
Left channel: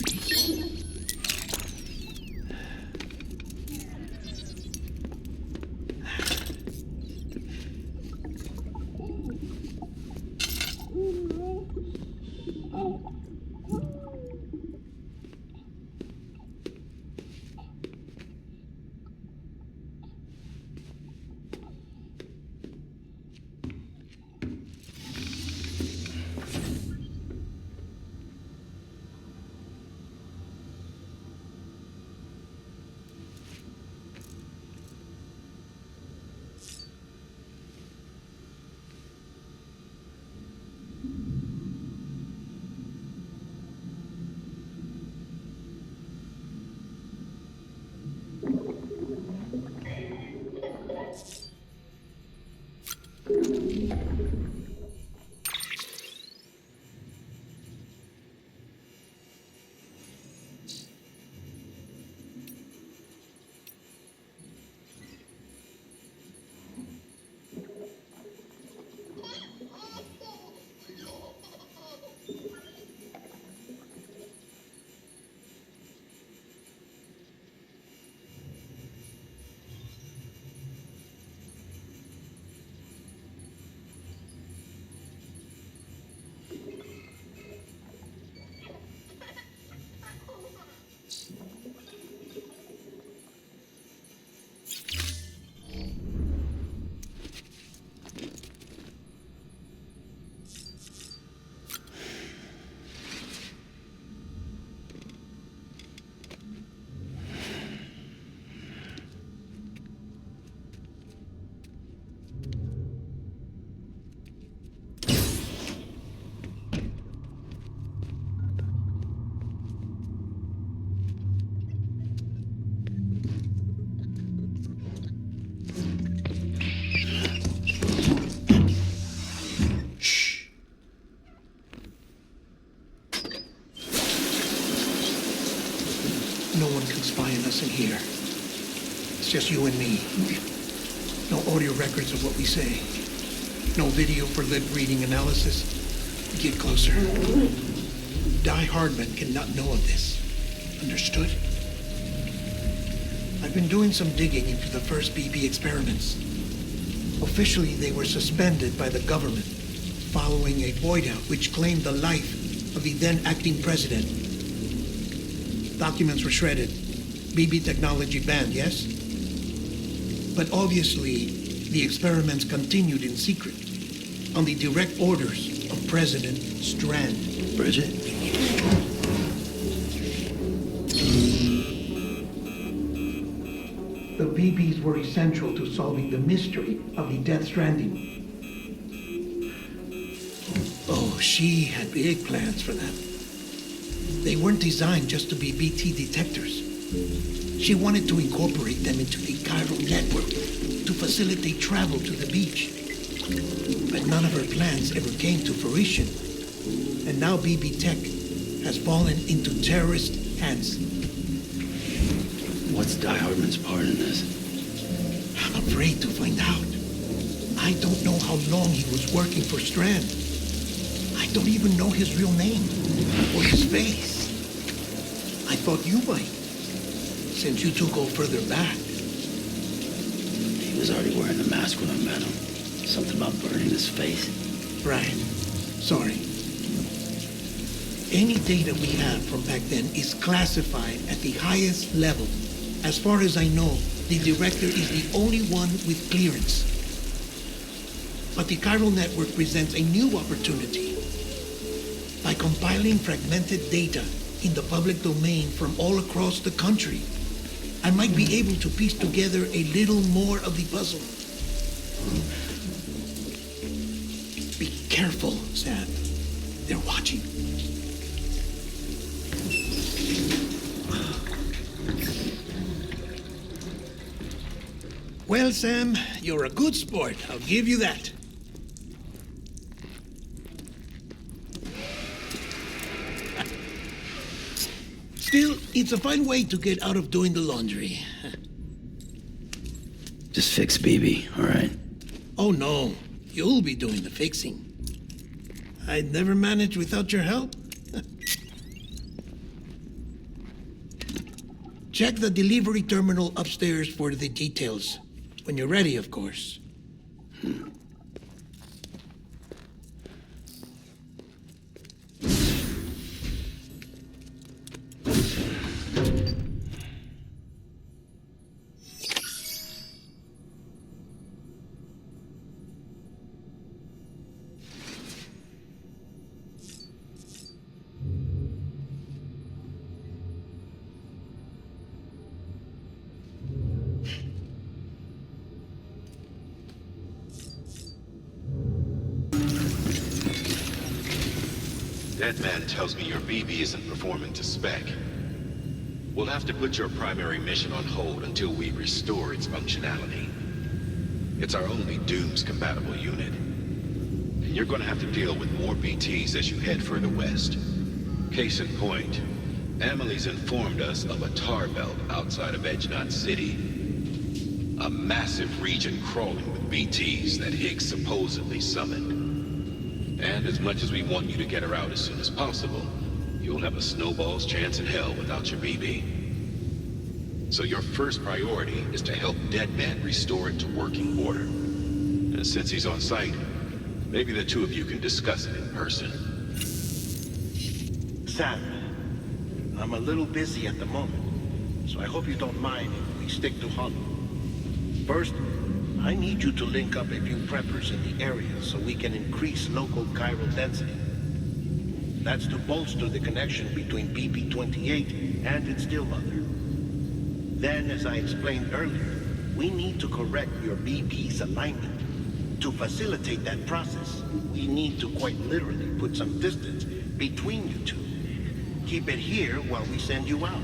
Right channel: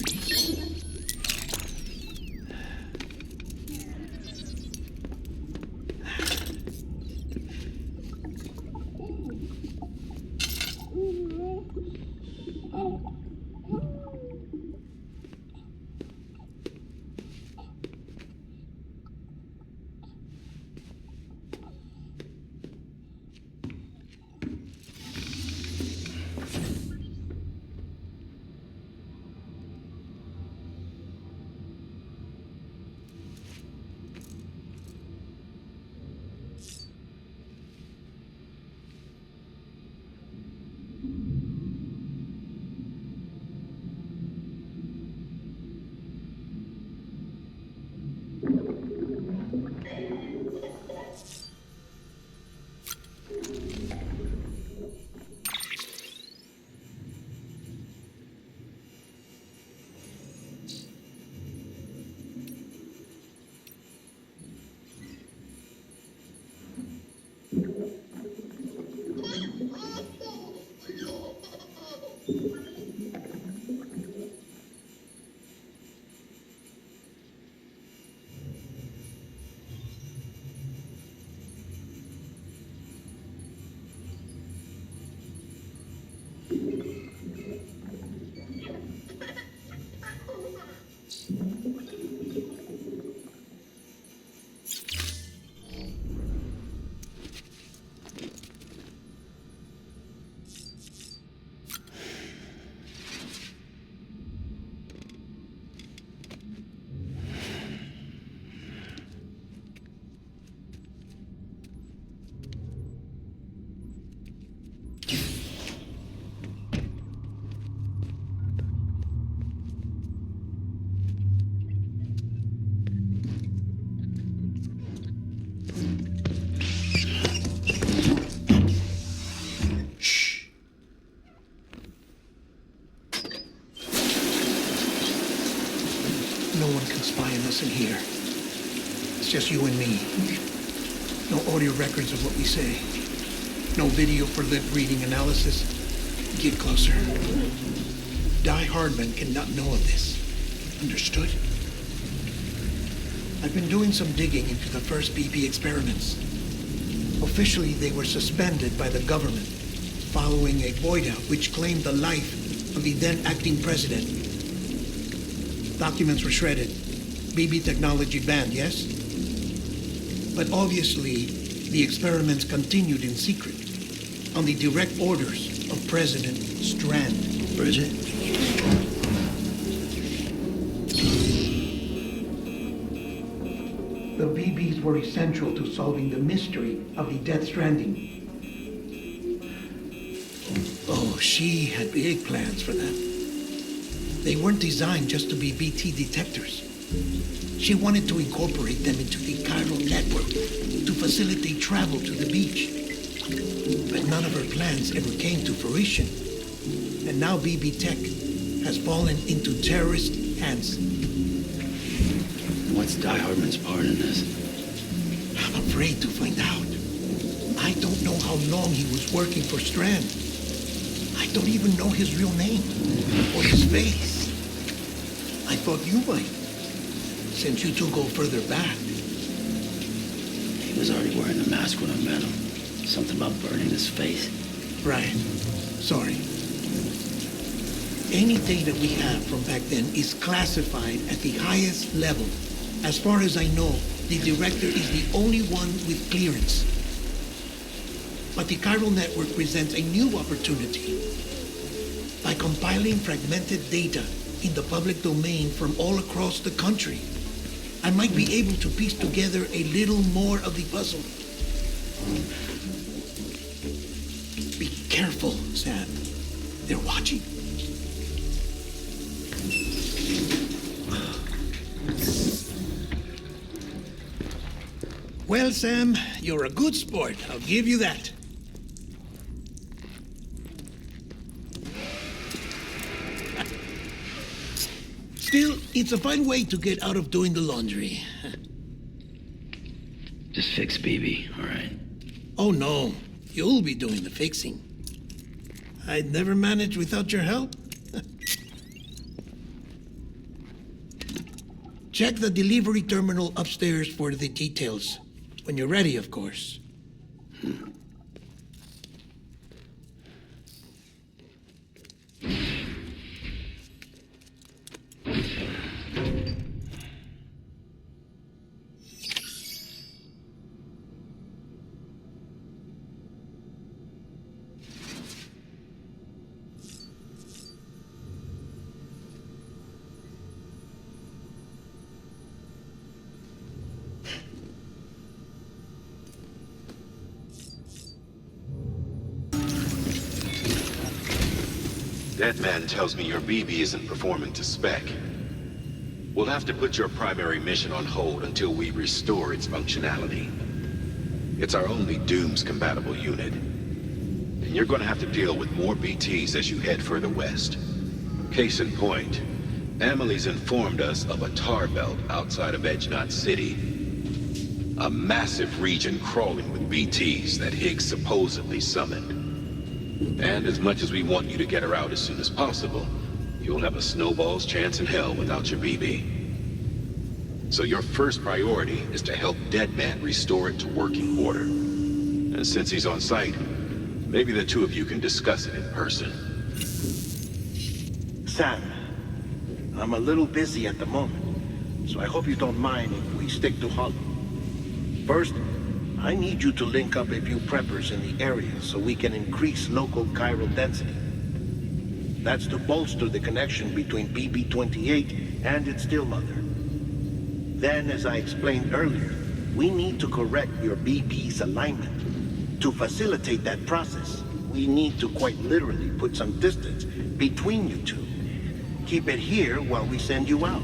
No one can spy on us in here. It's just you and me. No audio records of what we say. No video for lip-reading analysis. Get closer. Die Hardman cannot know of this. Understood? I've been doing some digging into the first BB experiments. Officially, they were suspended by the government following a void-out which claimed the life of the then acting president. Documents were shredded. BB technology banned, yes? But obviously, the experiments continued in secret, on the direct orders of President Strand. Bridget? The BBs were essential to solving the mystery of the Death Stranding. Oh, she had big plans for them. They weren't designed just to be BT detectors. She wanted to incorporate them into the chiral network to facilitate travel to the beach. But none of her plans ever came to fruition. And now BB Tech has fallen into terrorist hands. What's Die Hardman's part in this? I'm afraid to find out. I don't know how long he was working for Strand. I don't even know his real name or his face. I thought you might, since you two go further back. He was already wearing the mask when I met him. Something about burning his face. Right. Sorry. Any data we have from back then is classified at the highest level. As far as I know, the director is the only one with clearance. But the chiral network presents a new opportunity. By compiling fragmented data in the public domain from all across the country, I might be able to piece together a little more of the puzzle. Be careful, Sam. They're watching. Well, Sam, you're a good sport. I'll give you that. Still, it's a fine way to get out of doing the laundry. Just fix BB, all right? Oh, no. You'll be doing the fixing. I'd never manage without your help. Check the delivery terminal upstairs for the details. When you're ready, of course. That man tells me your BB isn't performing to spec. We'll have to put your primary mission on hold until we restore its functionality. It's our only Dooms-compatible unit. And you're gonna have to deal with more BTs as you head further west. Case in point, Amelie's informed us of a tar belt outside of Edgenot City. A massive region crawling with BTs that Higgs supposedly summoned. And as much as we want you to get her out as soon as possible, you'll have a snowball's chance in hell without your BB. So your first priority is to help Deadman restore it to working order. And since he's on site, maybe the two of you can discuss it in person. Sam, I'm a little busy at the moment, so I hope you don't mind if we stick to Hollow. First, I need you to link up a few preppers in the area so we can increase local chiral density. That's to bolster the connection between BB-28 and its still mother. Then, as I explained earlier, we need to correct your BB's alignment. To facilitate that process, we need to quite literally put some distance between you two. Keep it here while we send you out.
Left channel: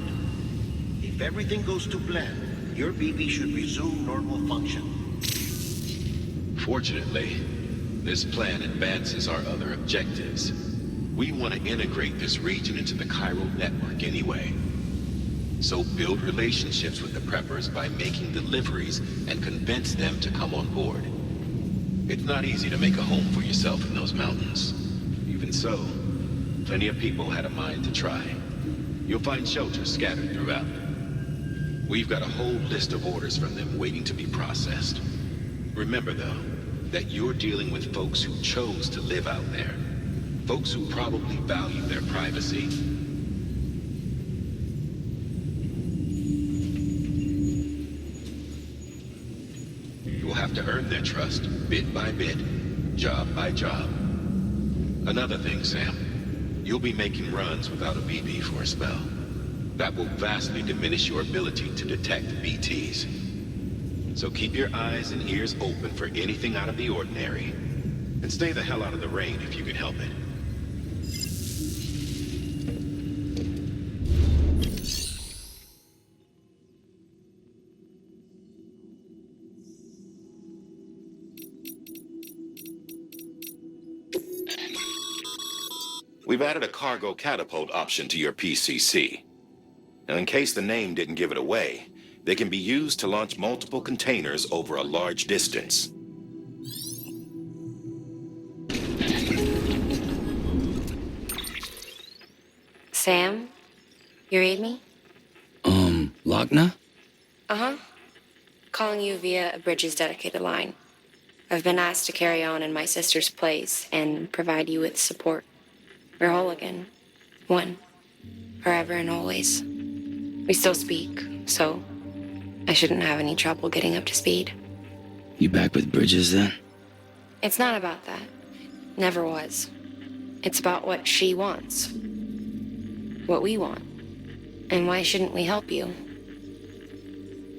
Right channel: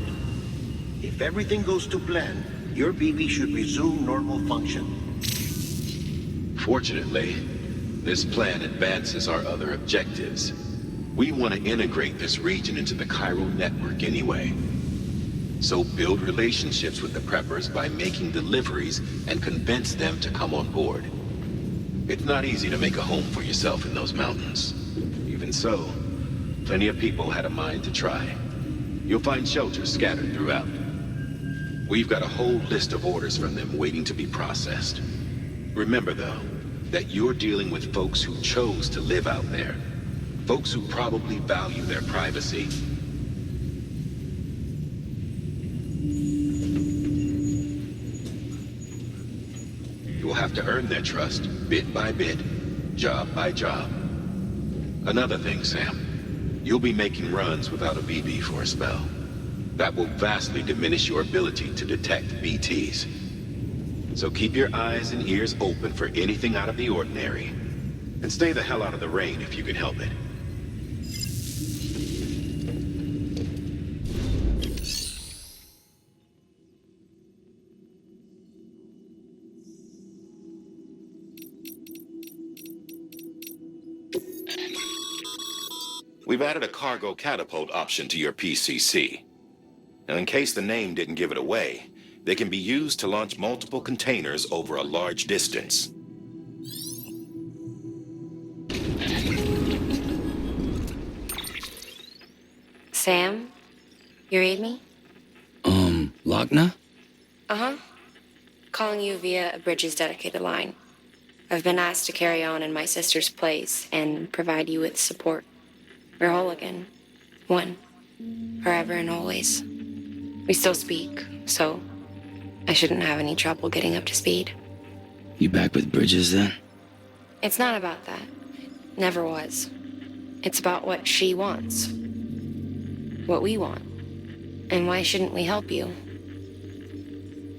If everything goes to plan, your BB should resume normal function. Fortunately, this plan advances our other objectives. We want to integrate this region into the chiral network anyway. So build relationships with the preppers by making deliveries and convince them to come on board. It's not easy to make a home for yourself in those mountains. Even so, plenty of people had a mind to try. You'll find shelters scattered throughout. We've got a whole list of orders from them waiting to be processed. Remember, though, that you're dealing with folks who chose to live out there. Folks who probably value their privacy. You'll have to earn their trust, bit by bit, job by job. Another thing, Sam. You'll be making runs without a BB for a spell. That will vastly diminish your ability to detect BTs. So keep your eyes and ears open for anything out of the ordinary. And stay the hell out of the rain if you can help it. We've added a cargo catapult option to your PCC. Now, in case the name didn't give it away, they can be used to launch multiple containers over a large distance. Sam? You read me? Lochna? Uh-huh. Calling you via a Bridges dedicated line. I've been asked to carry on in my sister's place and provide you with support. We're whole again. One. Forever and always. We still speak, so I shouldn't have any trouble getting up to speed. You back with Bridges then? It's not about that. Never was. It's about what she wants. What we want. And why shouldn't we help you?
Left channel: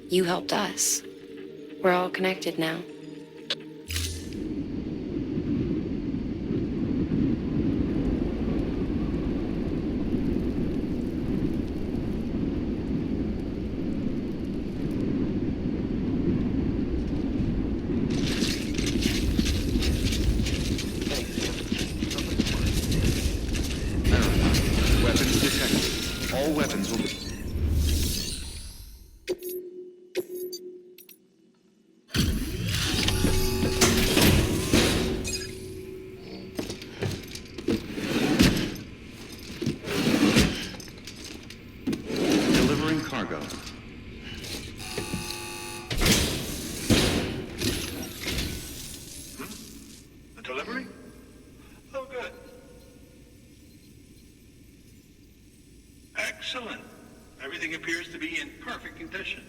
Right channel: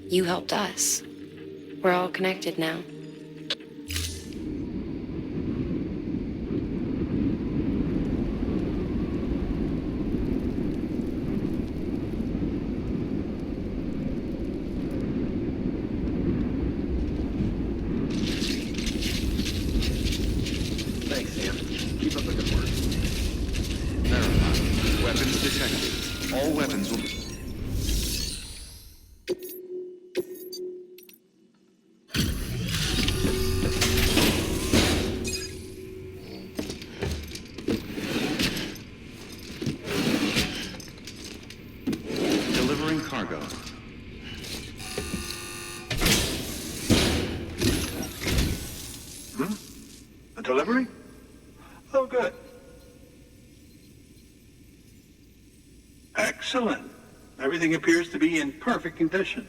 You helped us. We're all connected now. Weapons detected. All weapons will be... Delivering cargo. A delivery? Oh, good. Excellent. Everything appears to be in perfect condition.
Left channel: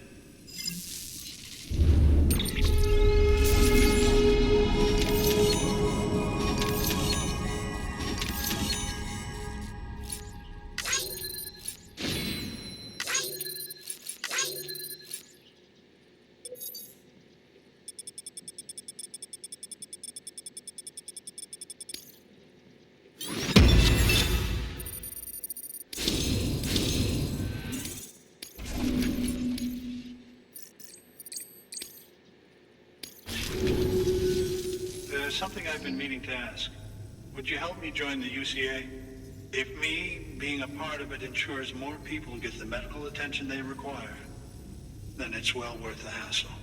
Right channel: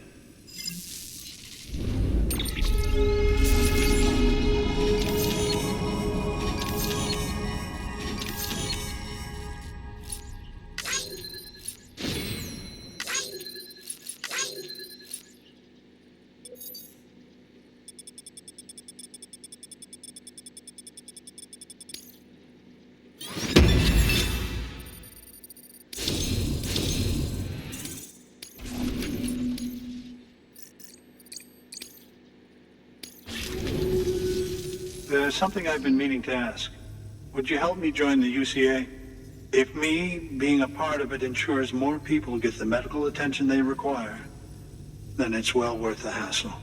There's something I've been meaning to ask. Would you help me join the UCA? If me being a part of it ensures more people get the medical attention they require, then it's well worth the hassle.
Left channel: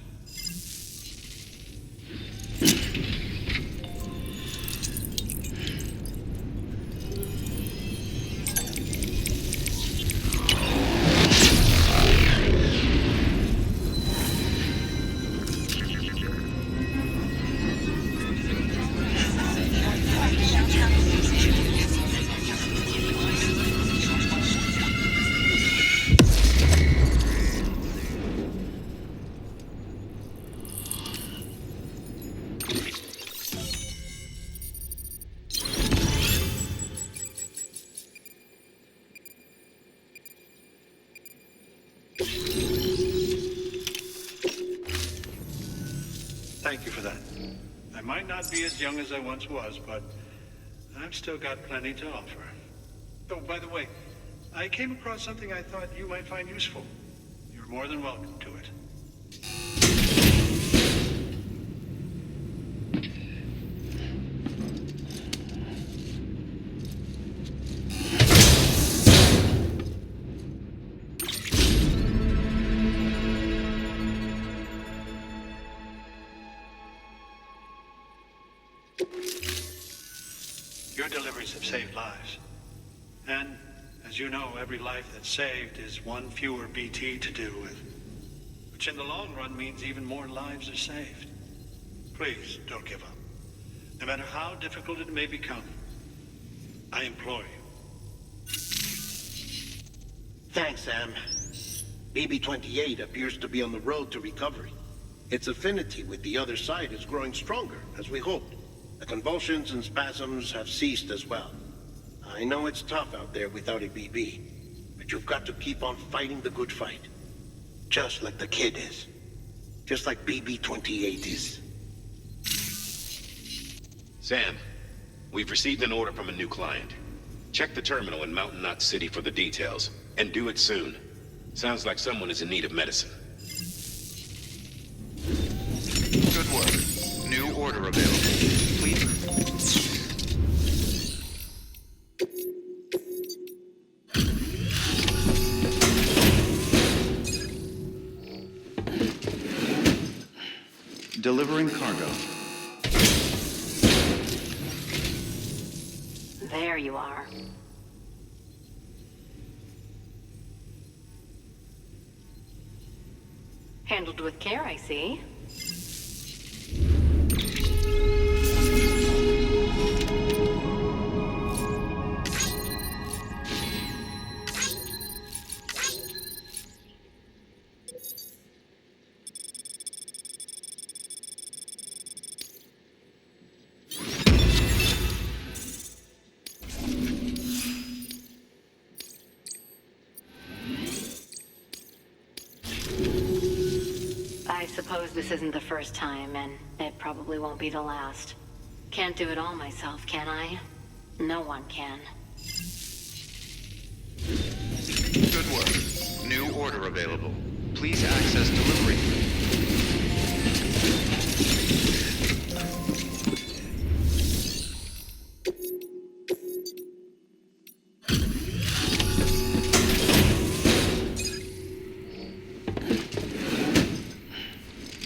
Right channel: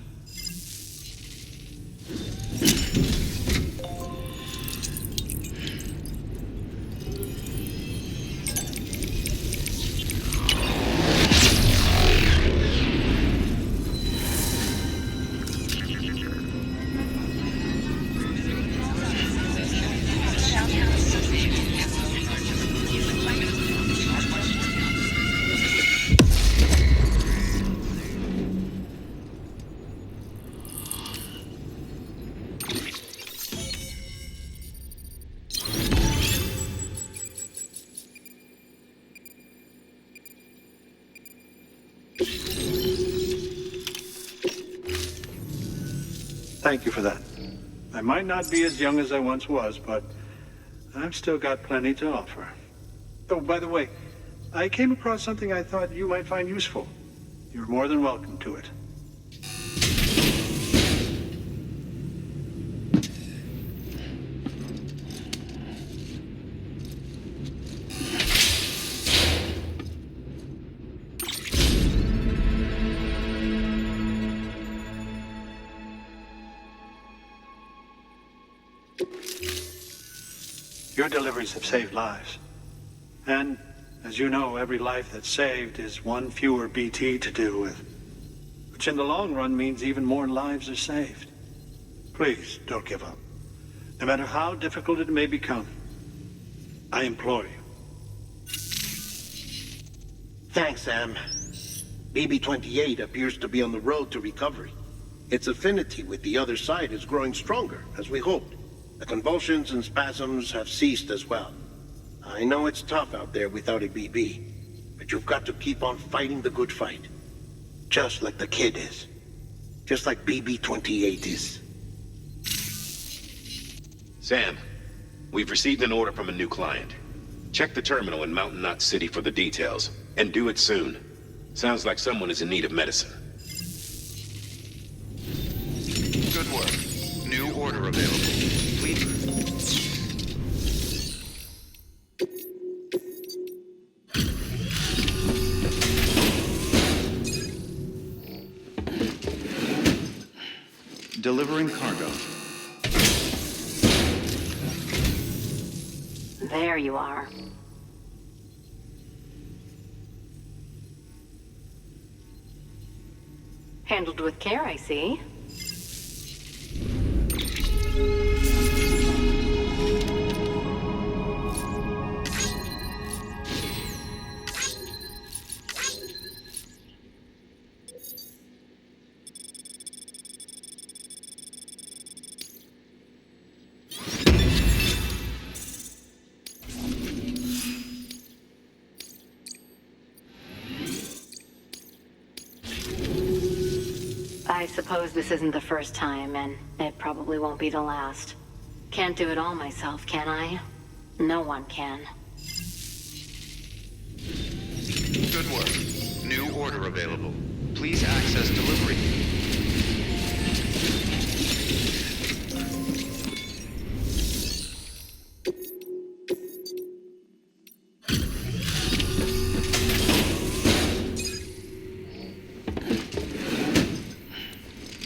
Thank you for that. I might not be as young as I once was, but I've still got plenty to offer. Oh, by the way, I came across something I thought you might find useful. you're more than welcome to it. Your deliveries have saved lives. And, as you know, every life that's saved is one fewer BT to deal with. Which in the long run means even more lives are saved. Please, don't give up. No matter how difficult it may become. I implore you. Thanks, Sam. BB-28 appears to be on the road to recovery. Its affinity with the other side is growing stronger, as we hoped. The convulsions and spasms have ceased as well. I know it's tough out there without a BB, but you've got to keep on fighting the good fight. Just like the kid is. Just like BB-28 is. Sam, we've received an order from a new client. Check the terminal in Mountain Knot City for the details, and do it soon. Sounds like someone is in need of medicine. Good work. New order available. Please. Delivering cargo. There you are. Handled with care, I see. I suppose this isn't the first time, and it probably won't be the last. Can't do it all myself, can I? No one can. Good work. New order available. Please access delivery.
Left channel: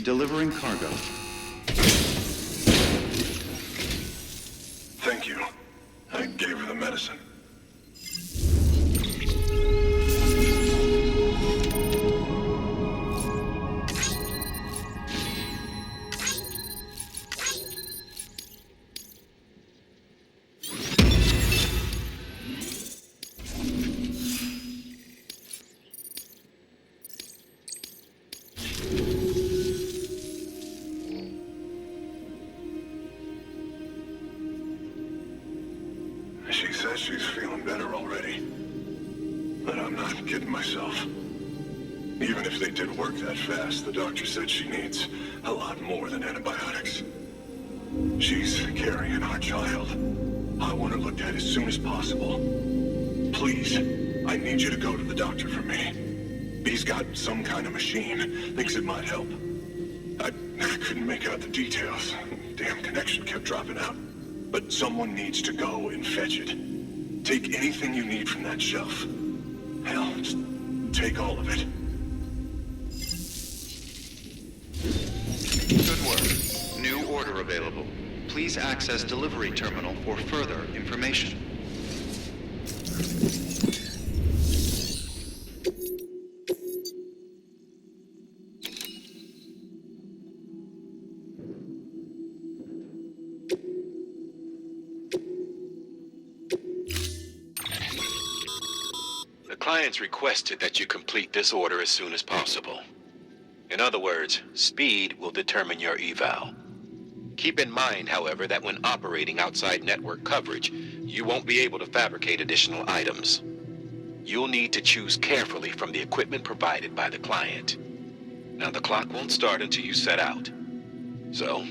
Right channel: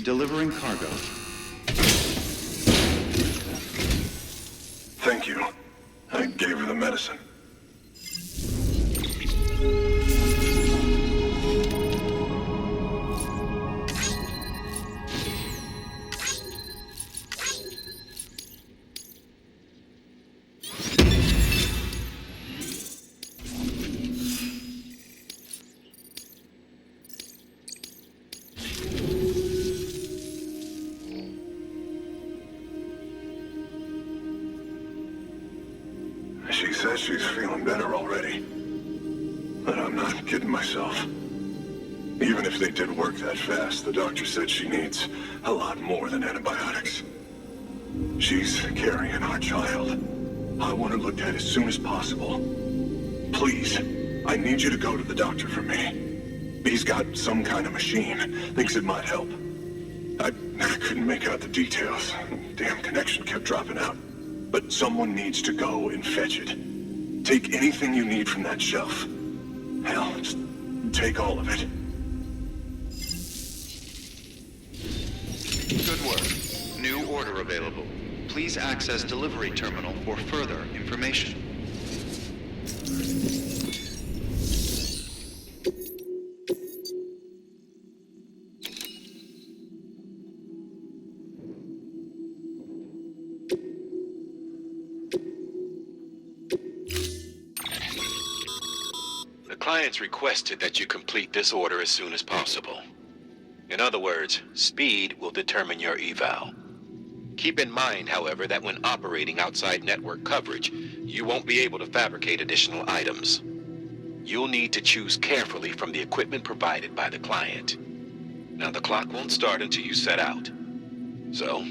Delivering cargo. Thank you. I gave her the medicine. She says she's feeling better already. But I'm not kidding myself. Even if they did work that fast, the doctor said she needs a lot more than antibiotics. She's carrying our child. I want her looked at as soon as possible. Please, I need you to go to the doctor for me. He's got some kind of machine. Thinks it might help. I couldn't make out the details. Damn connection kept dropping out. But someone needs to go and fetch it. Take anything you need from that shelf. Hell, just take all of it. Good work. New order available. Please access delivery terminal for further information. The client's requested that you complete this order as soon as possible. In other words, speed will determine your eval. Keep in mind, however, that when operating outside network coverage, you won't be able to fabricate additional items. You'll need to choose carefully from the equipment provided by the client. Now, the clock won't start until you set out. So,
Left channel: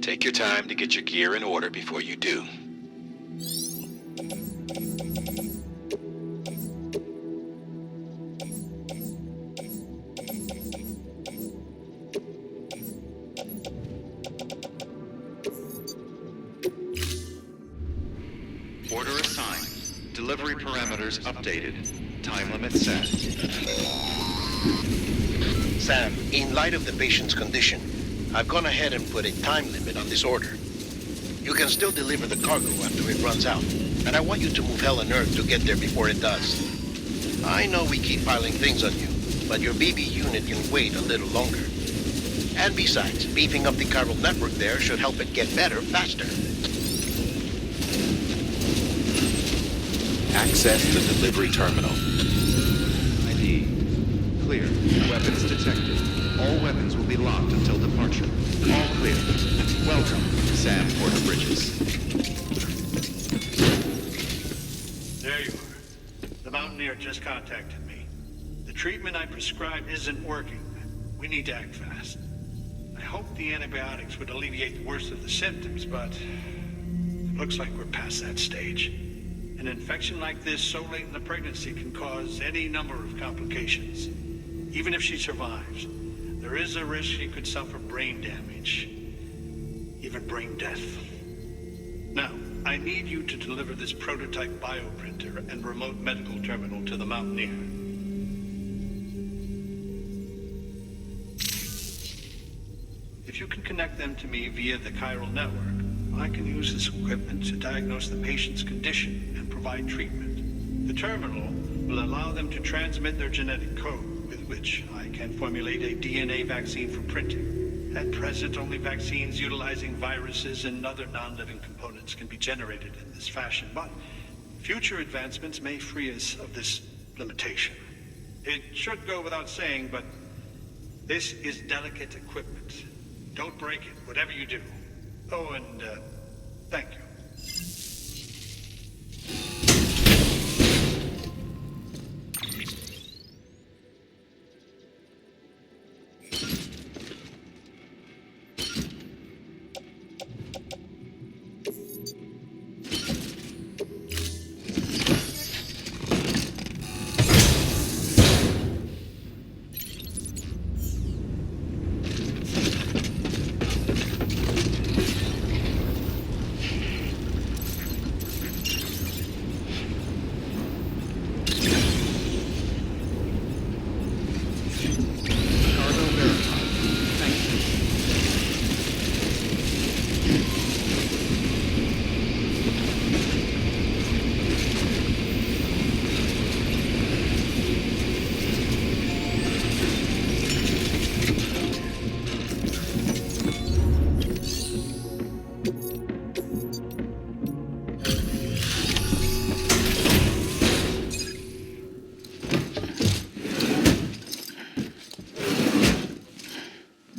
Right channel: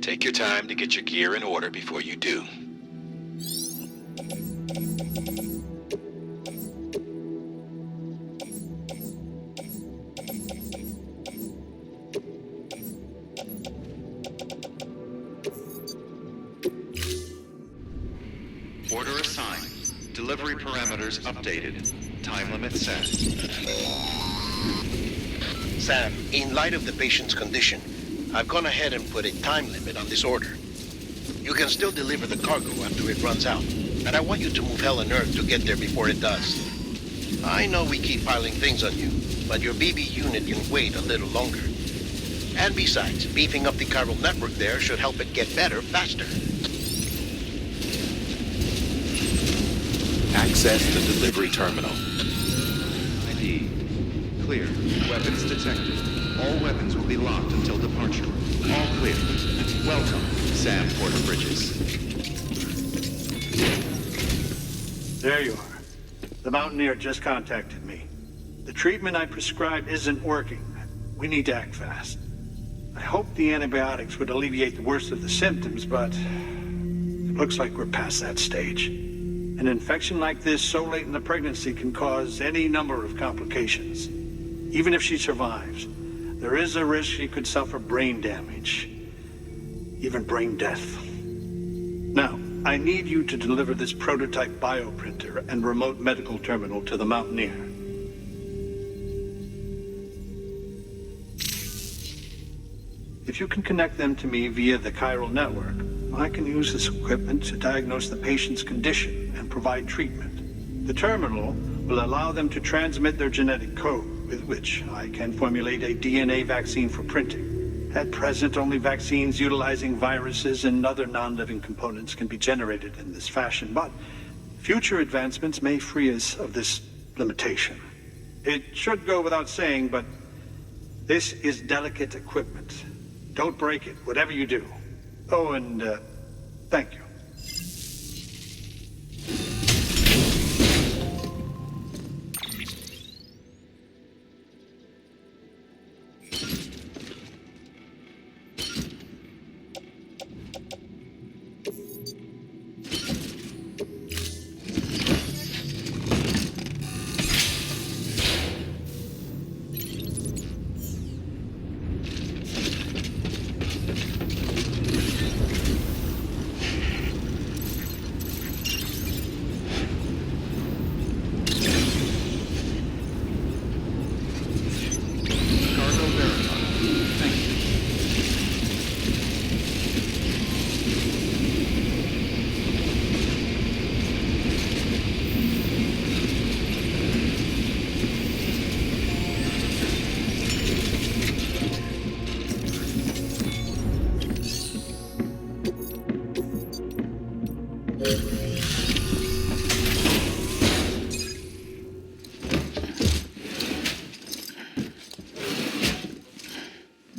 take your time to get your gear in order before you do. Delivery parameters updated. Time limit set. Sam, in light of the patient's condition, I've gone ahead and put a time limit on this order. You can still deliver the cargo after it runs out, and I want you to move hell and earth to get there before it does. I know we keep piling things on you, but your BB unit can wait a little longer. And besides, beefing up the chiral network there should help it get better faster. Access to delivery terminal. ID. Clear. Weapons detected. All weapons will be locked until departure. All clear. Welcome, Sam Porter Bridges. There you are. The Mountaineer just contacted me. The treatment I prescribed isn't working. We need to act fast. I hoped the antibiotics would alleviate the worst of the symptoms, but it looks like we're past that stage. An infection like this so late in the pregnancy can cause any number of complications. Even if she survives, there is a risk she could suffer brain damage, even brain death. Now, I need you to deliver this prototype bioprinter and remote medical terminal to the Mountaineer. If you can connect them to me via the chiral network, I can use this equipment to diagnose the patient's condition and provide treatment. The terminal will allow them to transmit their genetic code, with which I can formulate a DNA vaccine for printing. At present, only vaccines utilizing viruses and other non-living components can be generated in this fashion, but future advancements may free us of this limitation. It should go without saying, but this is delicate equipment. Don't break it, whatever you do. Oh, and thank you.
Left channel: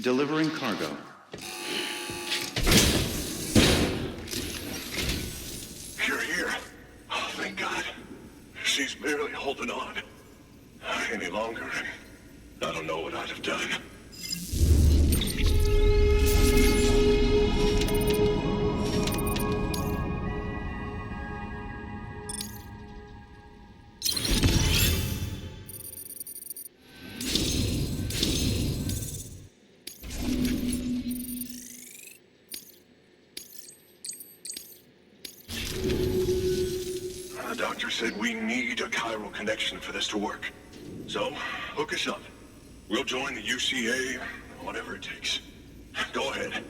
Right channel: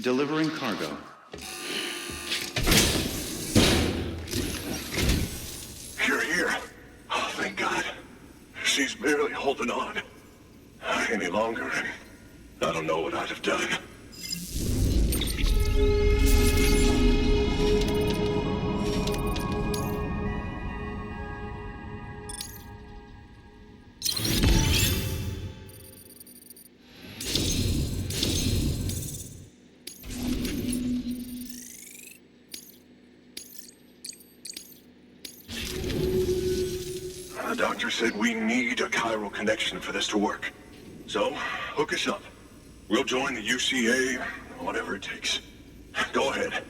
Delivering cargo. You're here. Oh, thank God. She's barely holding on. Any longer, and I don't know what I'd have done. The doctor said we need a chiral connection for this to work. So, hook us up. We'll join the UCA, whatever it takes. Go ahead.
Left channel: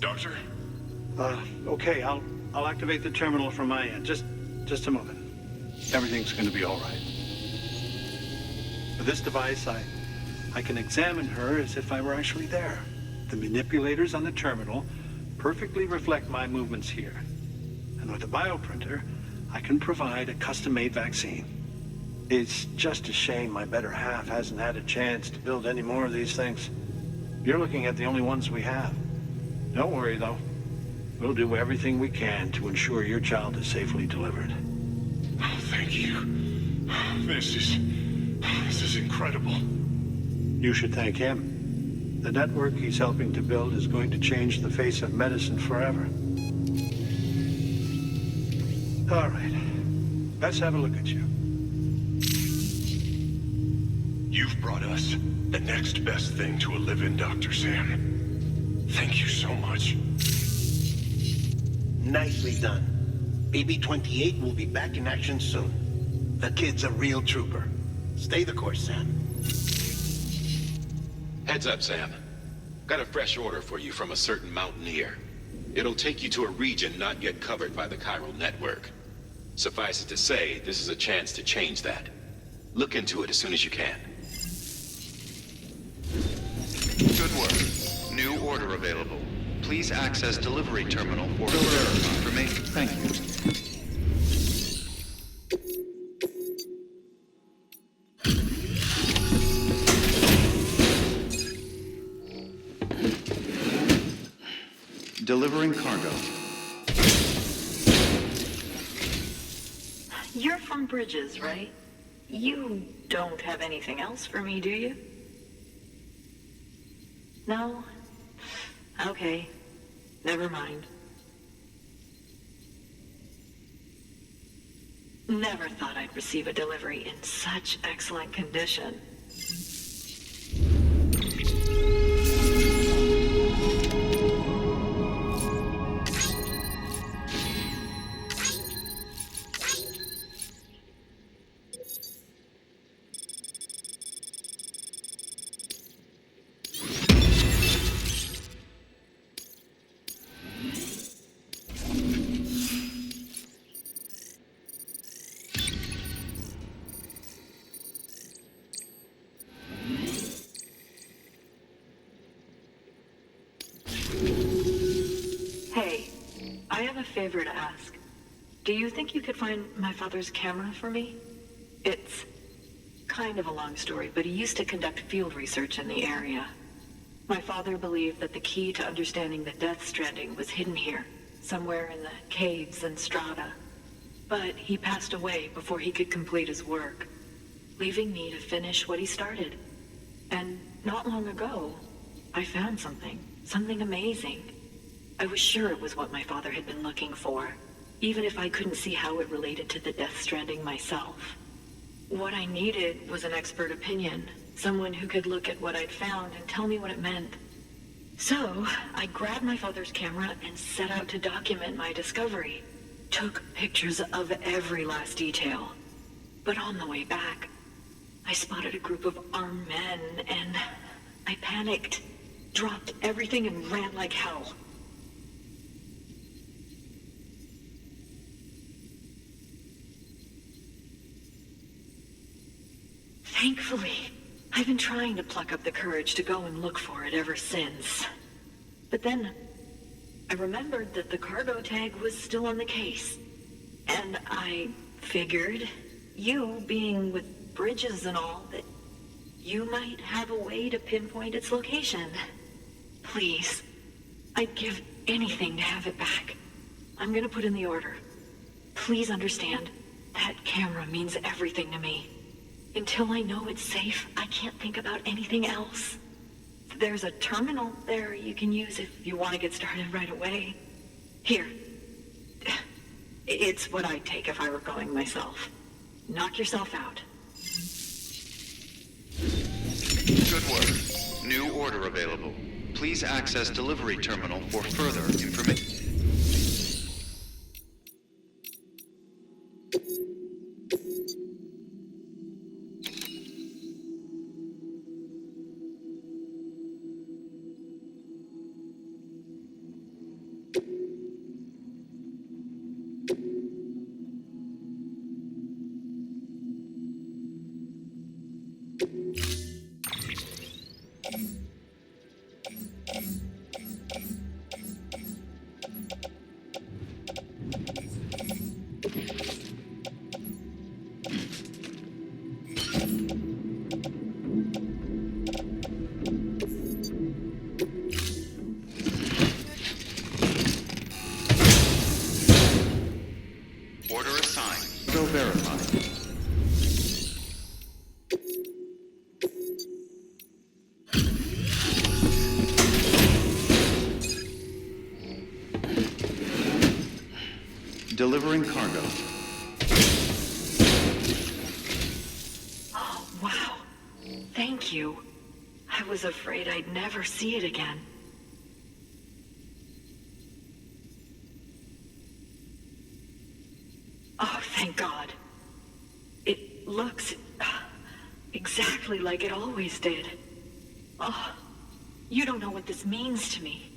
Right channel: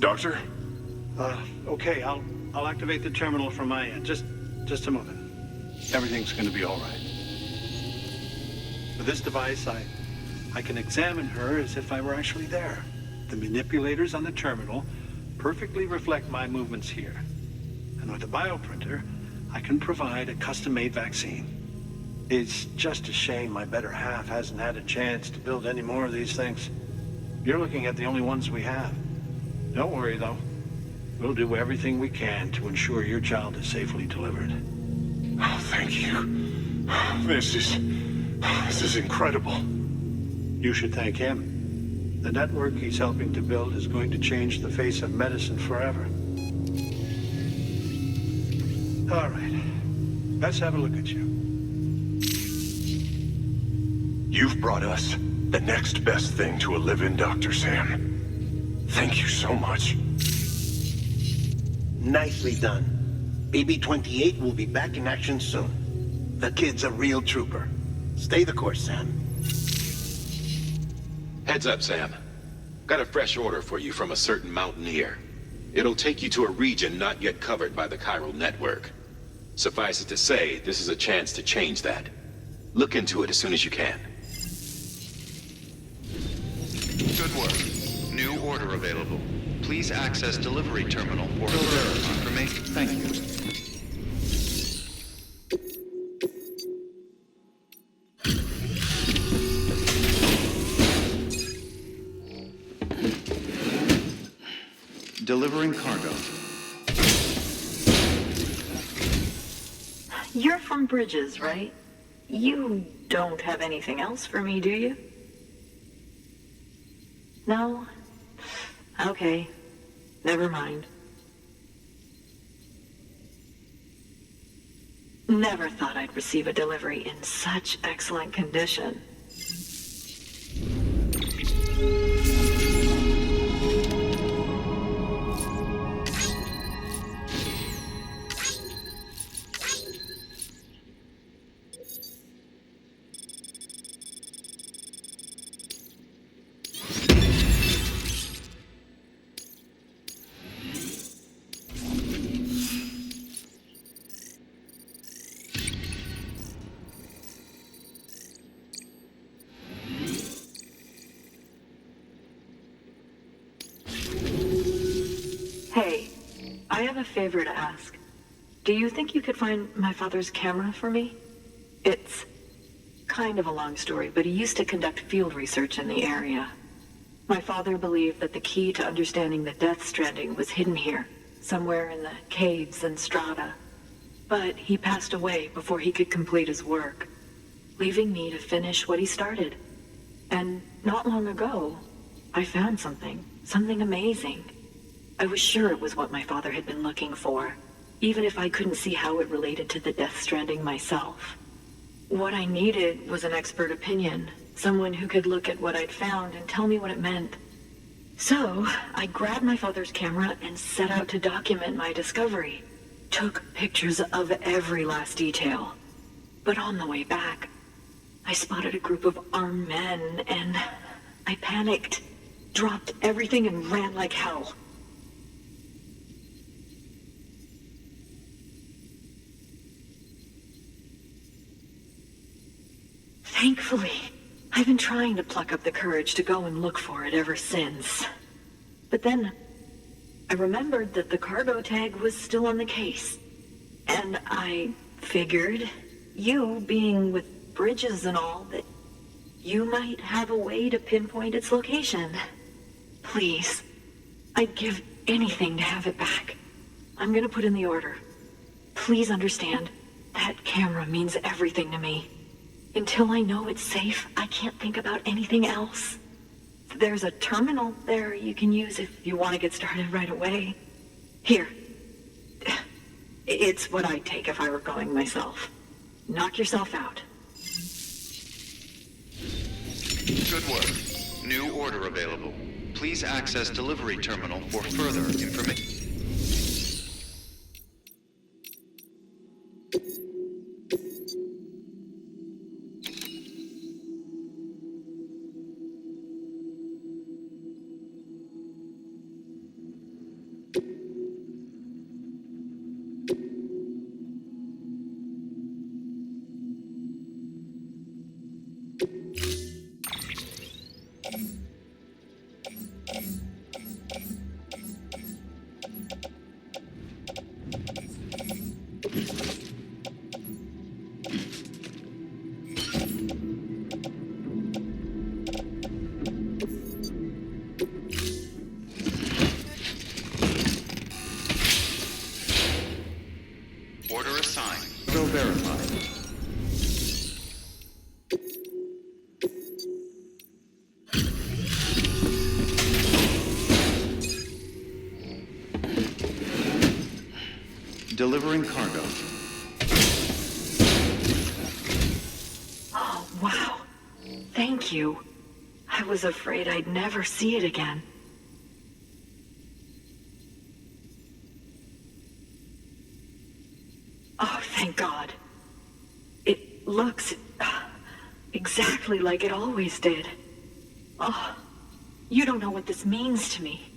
Doctor? Okay, I'll activate the terminal from my end. Just a moment. Everything's going to be all right. With this device, I I can examine her as if I were actually there. The manipulators on the terminal perfectly reflect my movements here. And with a bioprinter, I can provide a custom-made vaccine. It's just a shame my better half hasn't had a chance to build any more of these things. You're looking at the only ones we have. Don't worry, though. We'll do everything we can to ensure your child is safely delivered. Oh, thank you. This is incredible. You should thank him. The network he's helping to build is going to change the face of medicine forever. All right. Let's have a look at you. You've brought us the next best thing to a live-in, Dr. Sam. Thank you so much. Nicely done. BB-28 will be back in action soon. The kid's a real trooper. Stay the course, Sam. Heads up, Sam. Got a fresh order for you from a certain mountaineer. It'll take you to a region not yet covered by the chiral network. Suffice it to say, this is a chance to change that. Look into it as soon as you can. Good work. New order available. Please access delivery terminal for further information. Thank you. Delivering cargo. You're from Bridges, right? You don't have anything else for me, do you? No? Okay. Never mind. Never thought I'd receive a delivery in such excellent condition. Hey, I have a favor to ask. Do you think you could find my father's camera for me? It's kind of a long story, but he used to conduct field research in the area. My father believed that the key to understanding the Death Stranding was hidden here, somewhere in the caves and strata. But he passed away before he could complete his work, leaving me to finish what he started. And not long ago, I found something amazing. I was sure it was what my father had been looking for, even if I couldn't see how it related to the Death Stranding myself. What I needed was an expert opinion, someone who could look at what I'd found and tell me what it meant. So, I grabbed my father's camera and set out to document my discovery. Took pictures of every last detail. But on the way back, I spotted a group of armed men and I panicked, dropped everything and ran like hell. Thankfully, I've been trying to pluck up the courage to go and look for it ever since. But then, I remembered that the cargo tag was still on the case. And I figured, you being with Bridges and all, that you might have a way to pinpoint its location. Please, I'd give anything to have it back. I'm gonna put in the order. Please understand, that camera means everything to me. Until I know it's safe, I can't think about anything else. There's a terminal there you can use if you want to get started right away. Here. It's what I'd take if I were going myself. Knock yourself out. Good work. New order available. Please access delivery terminal for further information. delivering cargo. Oh, wow. Thank you. I was afraid I'd never see it again. Oh, thank God. It looks exactly like it always did. Oh, you don't know what this means to me.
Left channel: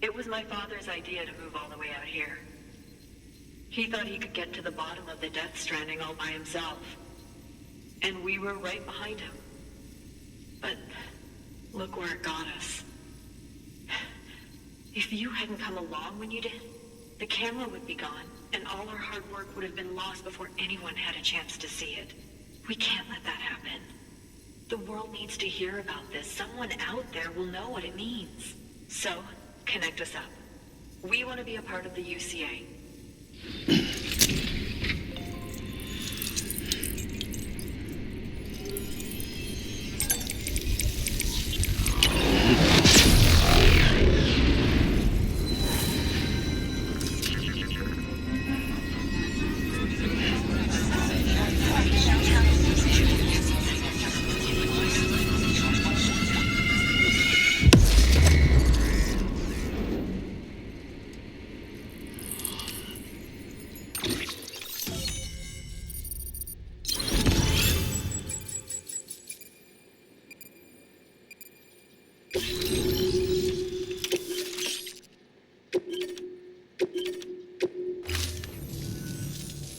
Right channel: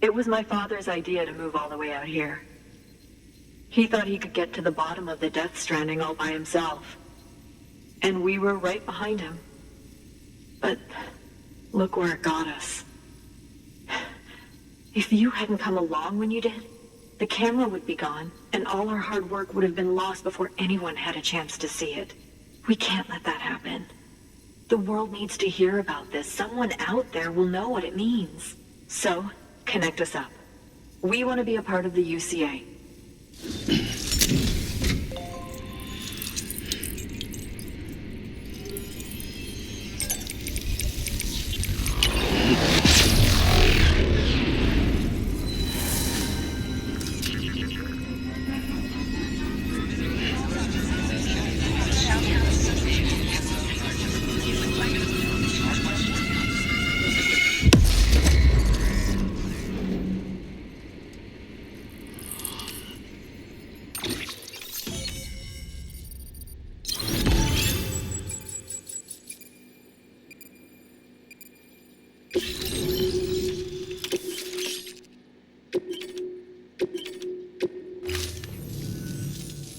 It was my father's idea to move all the way out here. He thought he could get to the bottom of the Death Stranding all by himself. And we were right behind him. But look where it got us. If you hadn't come along when you did, the camera would be gone, and all our hard work would have been lost before anyone had a chance to see it. We can't let that happen. The world needs to hear about this. Someone out there will know what it means. So, connect us up. We want to be a part of the UCA.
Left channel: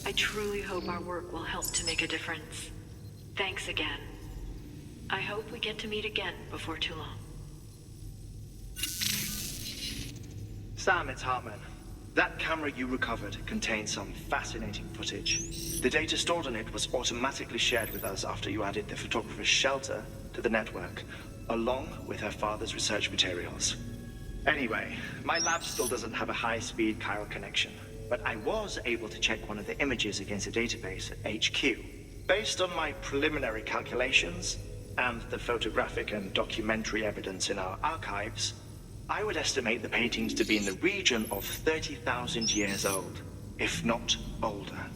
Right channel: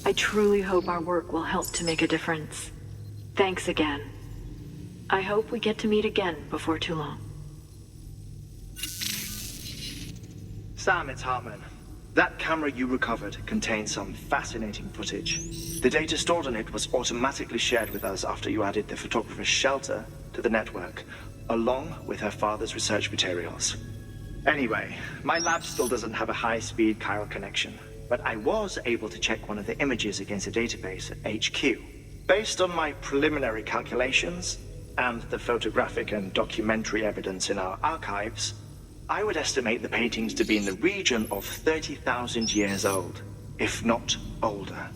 I truly hope our work will help to make a difference. Thanks again. I hope we get to meet again before too long. Sam, it's Hartman. That camera you recovered contains some fascinating footage. The data stored on it was automatically shared with us after you added the photographer's shelter to the network, along with her father's research materials. Anyway, my lab still doesn't have a high-speed chiral connection, but I was able to check one of the images against a database at HQ. Based on my preliminary calculations and the photographic and documentary evidence in our archives, I would estimate the paintings to be in the region of 30,000 years old, if not older.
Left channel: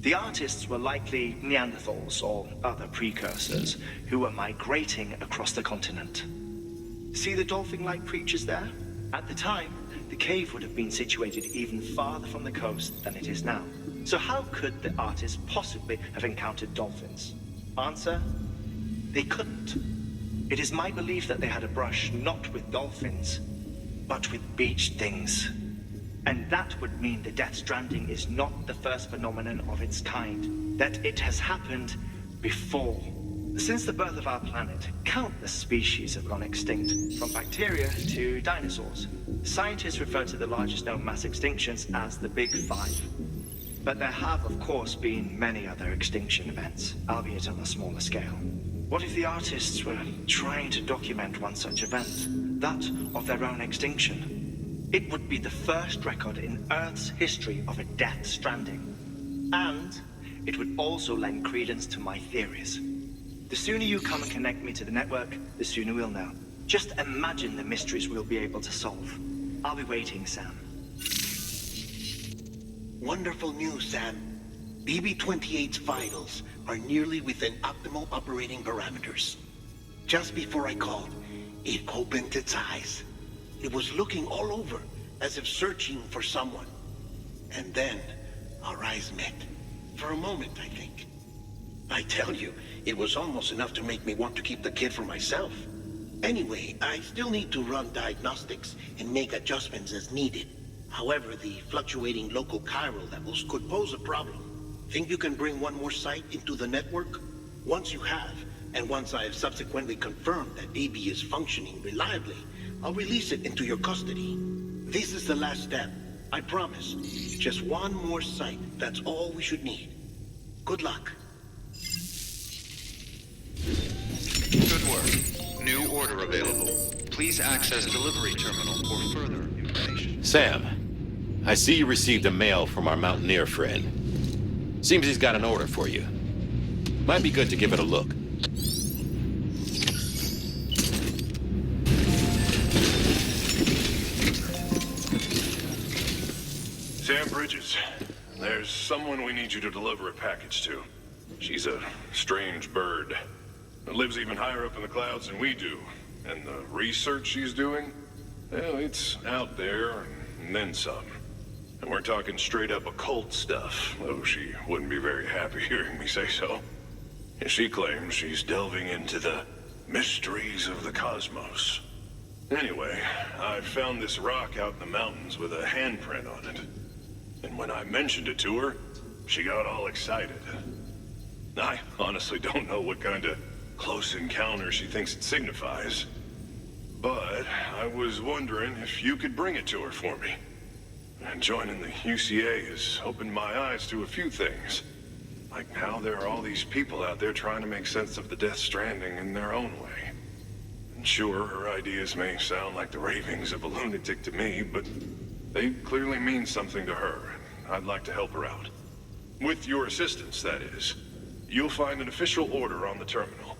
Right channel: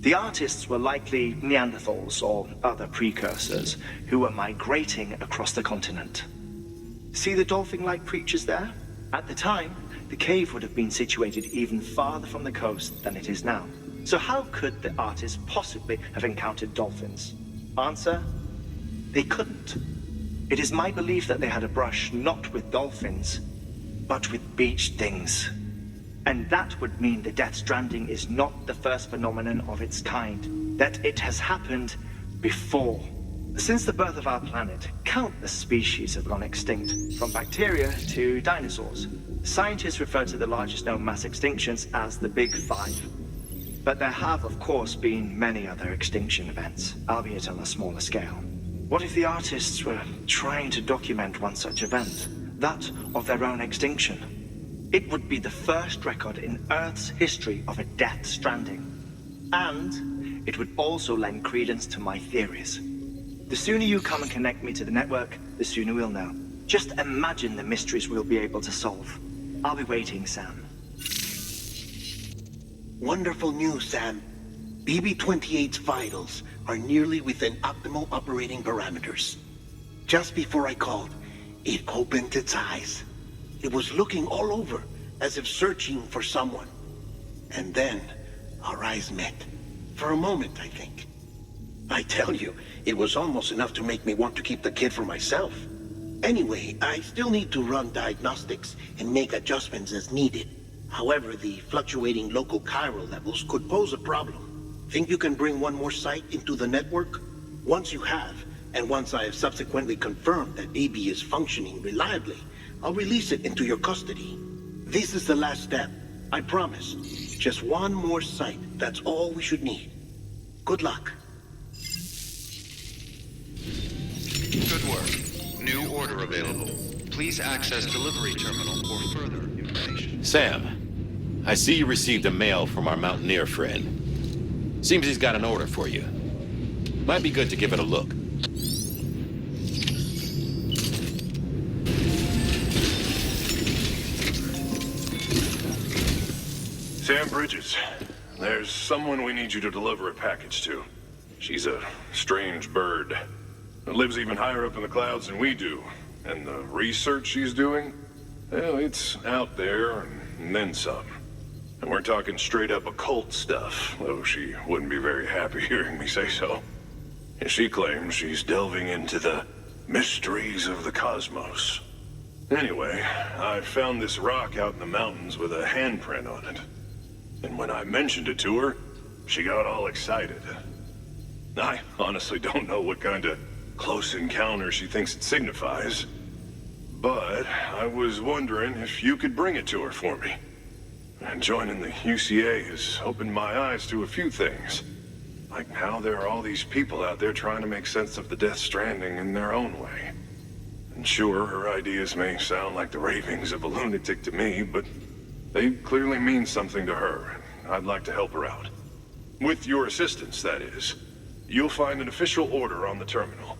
The artists were likely Neanderthals or other precursors who were migrating across the continent. See the dolphin-like creatures there? At the time, the cave would have been situated even farther from the coast than it is now. So how could the artists possibly have encountered dolphins? Answer: they couldn't. It is my belief that they had a brush not with dolphins, but with beach things. And that would mean the Death Stranding is not the first phenomenon of its kind, that it has happened before. Since the birth of our planet, countless species have gone extinct, from bacteria to dinosaurs. Scientists refer to the largest known mass extinctions as the Big Five. But there have, of course, been many other extinction events, albeit on a smaller scale. What if the artists were trying to document one such event, that of their own extinction? It would be the first record in Earth's history of a Death Stranding. And it would also lend credence to my theories. The sooner you come and connect me to the network, the sooner we'll know. Just imagine the mysteries we'll be able to solve. I'll be waiting, Sam. Wonderful news, Sam. BB-28's vitals are nearly within optimal operating parameters. Just before I called, it opened its eyes. It was looking all over, as if searching for someone. And then, our eyes met. For a moment, I think. I tell you, it was almost enough to make me want to keep the kid for myself. Anyway, I still need to run diagnostics and make adjustments as needed. However, the fluctuating local chiral levels could pose a problem. Think you can bring one more site into the network? Once you have, and once I have subsequently confirmed that AB is functioning reliably, I'll release it into your custody. This is the last step. I promise. Just one more site. That's all we should need. Good luck. Good work. New order available. Please access delivery terminal for further information. Sam, I see you received a mail from our mountaineer friend. Seems he's got an order for you. Might be good to give it a look. Sam Bridges, there's someone we need you to deliver a package to. She's a strange bird. It lives even higher up in the clouds than we do. And the research she's doing, well, it's out there and then some. And we're talking straight up occult stuff, though she wouldn't be very happy hearing me say so. And she claims she's delving into the mysteries of the cosmos. Anyway, I found this rock out in the mountains with a handprint on it. And when I mentioned it to her, she got all excited. I honestly don't know what kind of close encounter she thinks it signifies. But I was wondering if you could bring it to her for me. And joining the UCA has opened my eyes to a few things. Like how there are all these people out there trying to make sense of the Death Stranding in their own way. And sure, her ideas may sound like the ravings of a lunatic to me, but they clearly mean something to her, and I'd like to help her out. With your assistance, that is. You'll find an official order on the terminal.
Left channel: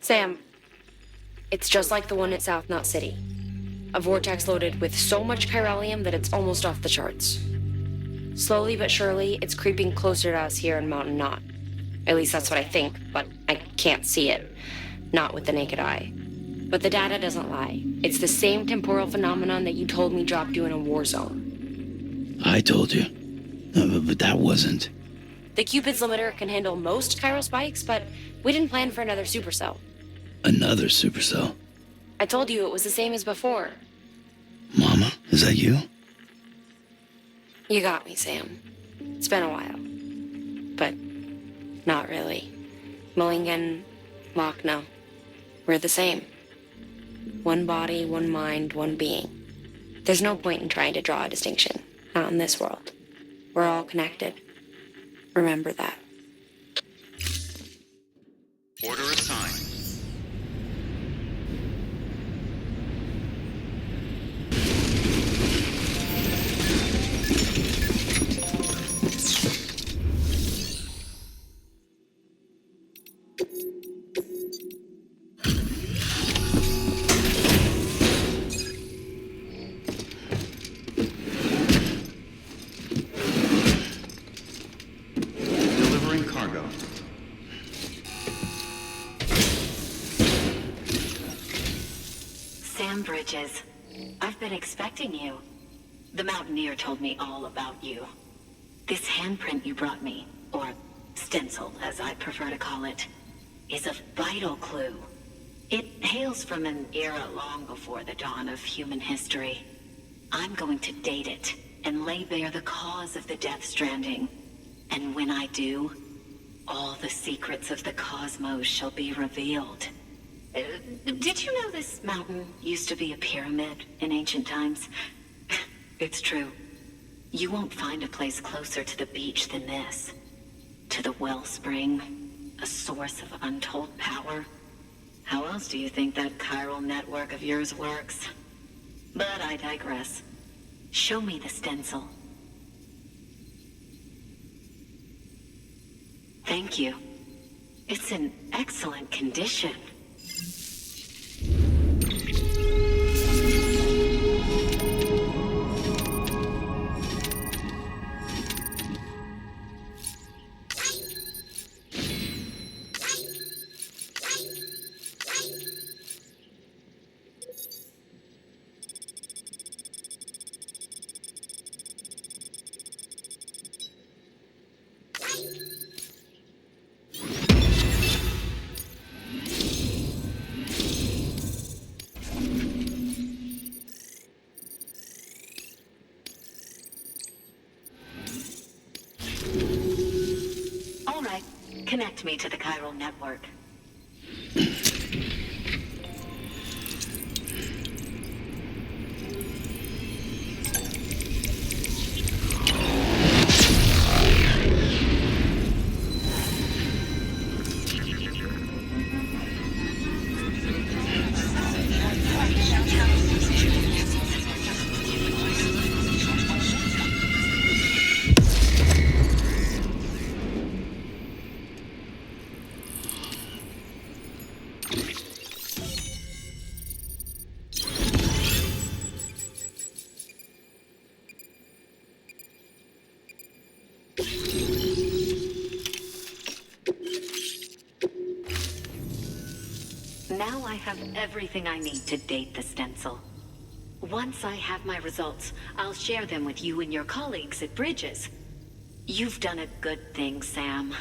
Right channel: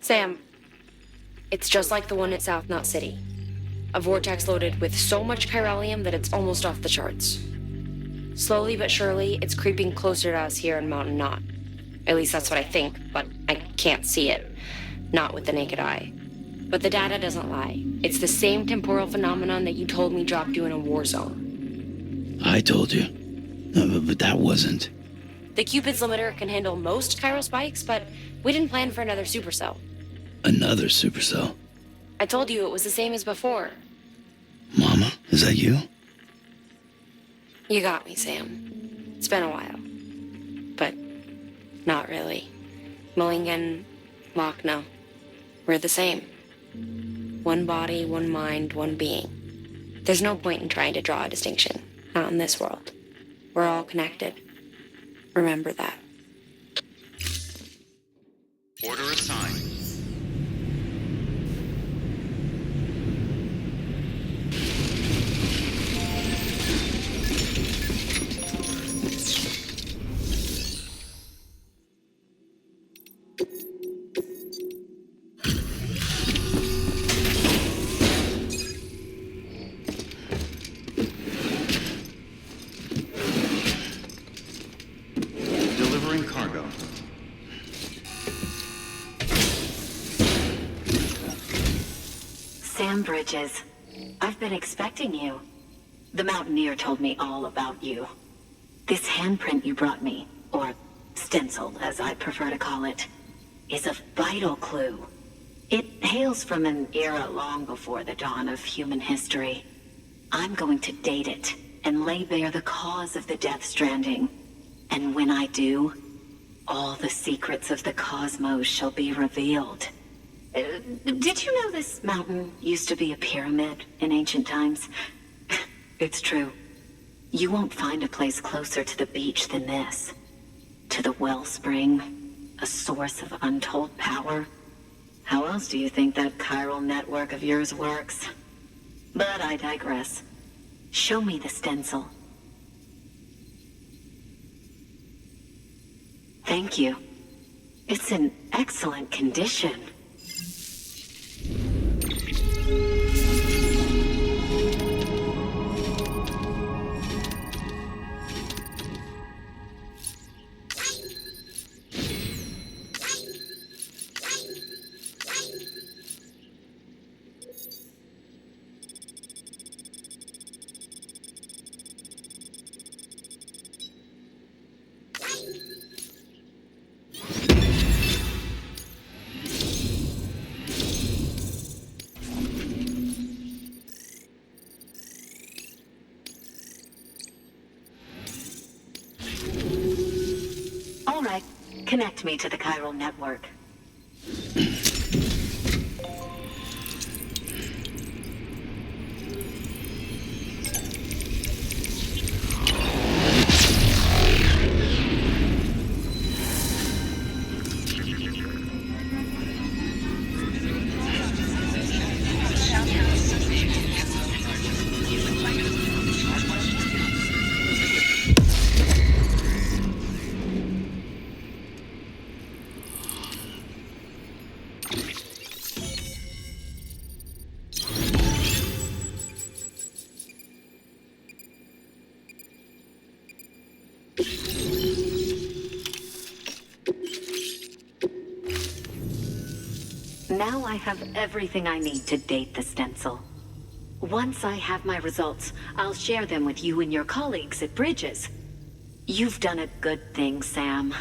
Sam, it's just like the one at South Knot City. A vortex loaded with so much chiralium that it's almost off the charts. Slowly but surely, it's creeping closer to us here in Mountain Knot. At least that's what I think, but I can't see it. Not with the naked eye. But the data doesn't lie. It's the same temporal phenomenon that you told me dropped you in a war zone. I told you. But that wasn't. The Cupid's limiter can handle most chiral spikes, but we didn't plan for another supercell. Another supercell. I told you it was the same as before. Mama, is that you? You got me, Sam. It's been a while. But not really. Mulligan, Lochna, we're the same. One body, one mind, one being. There's no point in trying to draw a distinction. Not in this world. We're all connected. Remember that. Order assigned. Delivering cargo. Sam Bridges, I've been expecting you. The Mountaineer told me all about you. This handprint you brought me, or stencil as I prefer to call it, is a vital clue. It hails from an era long before the dawn of human history. I'm going to date it and lay bare the cause of the Death Stranding. And when I do, all the secrets of the cosmos shall be revealed. Did you know this mountain used to be a pyramid in ancient times? It's true. You won't find a place closer to the beach than this. To the wellspring, a source of untold power. How else do you think that chiral network of yours works? But I digress. Show me the stencil. Thank Thank you. It's in excellent condition. All right, connect me to the chiral network. Now I have everything I need to date the stencil. Once I have my results, I'll share them with you and your colleagues at Bridges. You've done a good thing, Sam.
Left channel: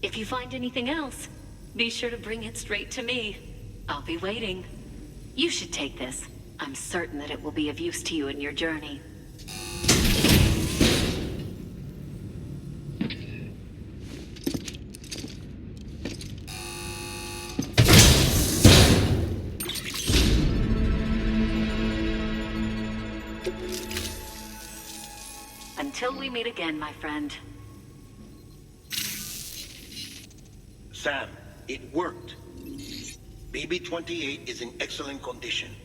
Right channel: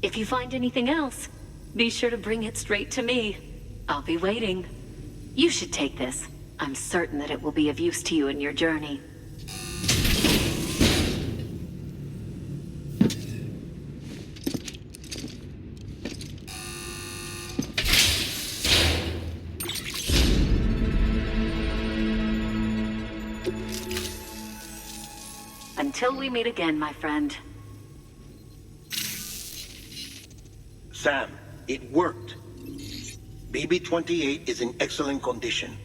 If you find anything else, be sure to bring it straight to me. I'll be waiting. You should take this. I'm certain that it will be of use to you in your journey. Until we meet again, my friend. Sam, it worked. BB-28 is in excellent condition.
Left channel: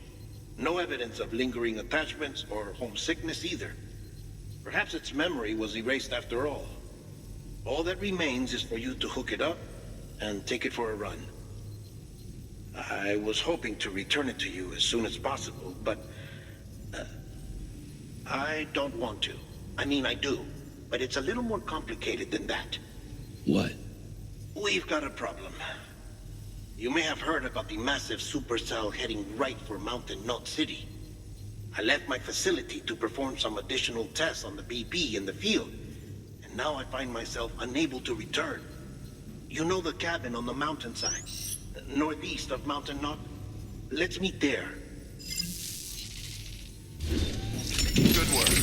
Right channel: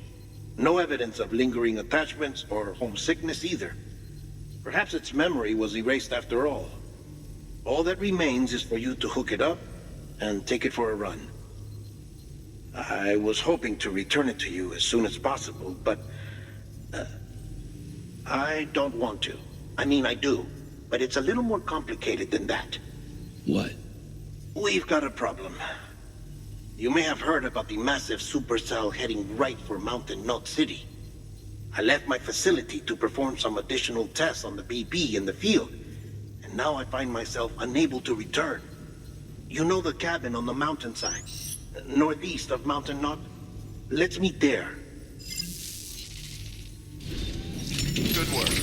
No evidence of lingering attachments or homesickness either. Perhaps its memory was erased after all. All that remains is for you to hook it up and take it for a run. I was hoping to return it to you as soon as possible, but I don't want to. I mean, I do, but it's a little more complicated than that. What? We've got a problem. You may have heard about the massive supercell heading right for Mountain Knot City. I left my facility to perform some additional tests on the BB in the field, and now I find myself unable to return. You know the cabin on the mountainside, northeast of Mountain Knot? Let's meet there. Good work.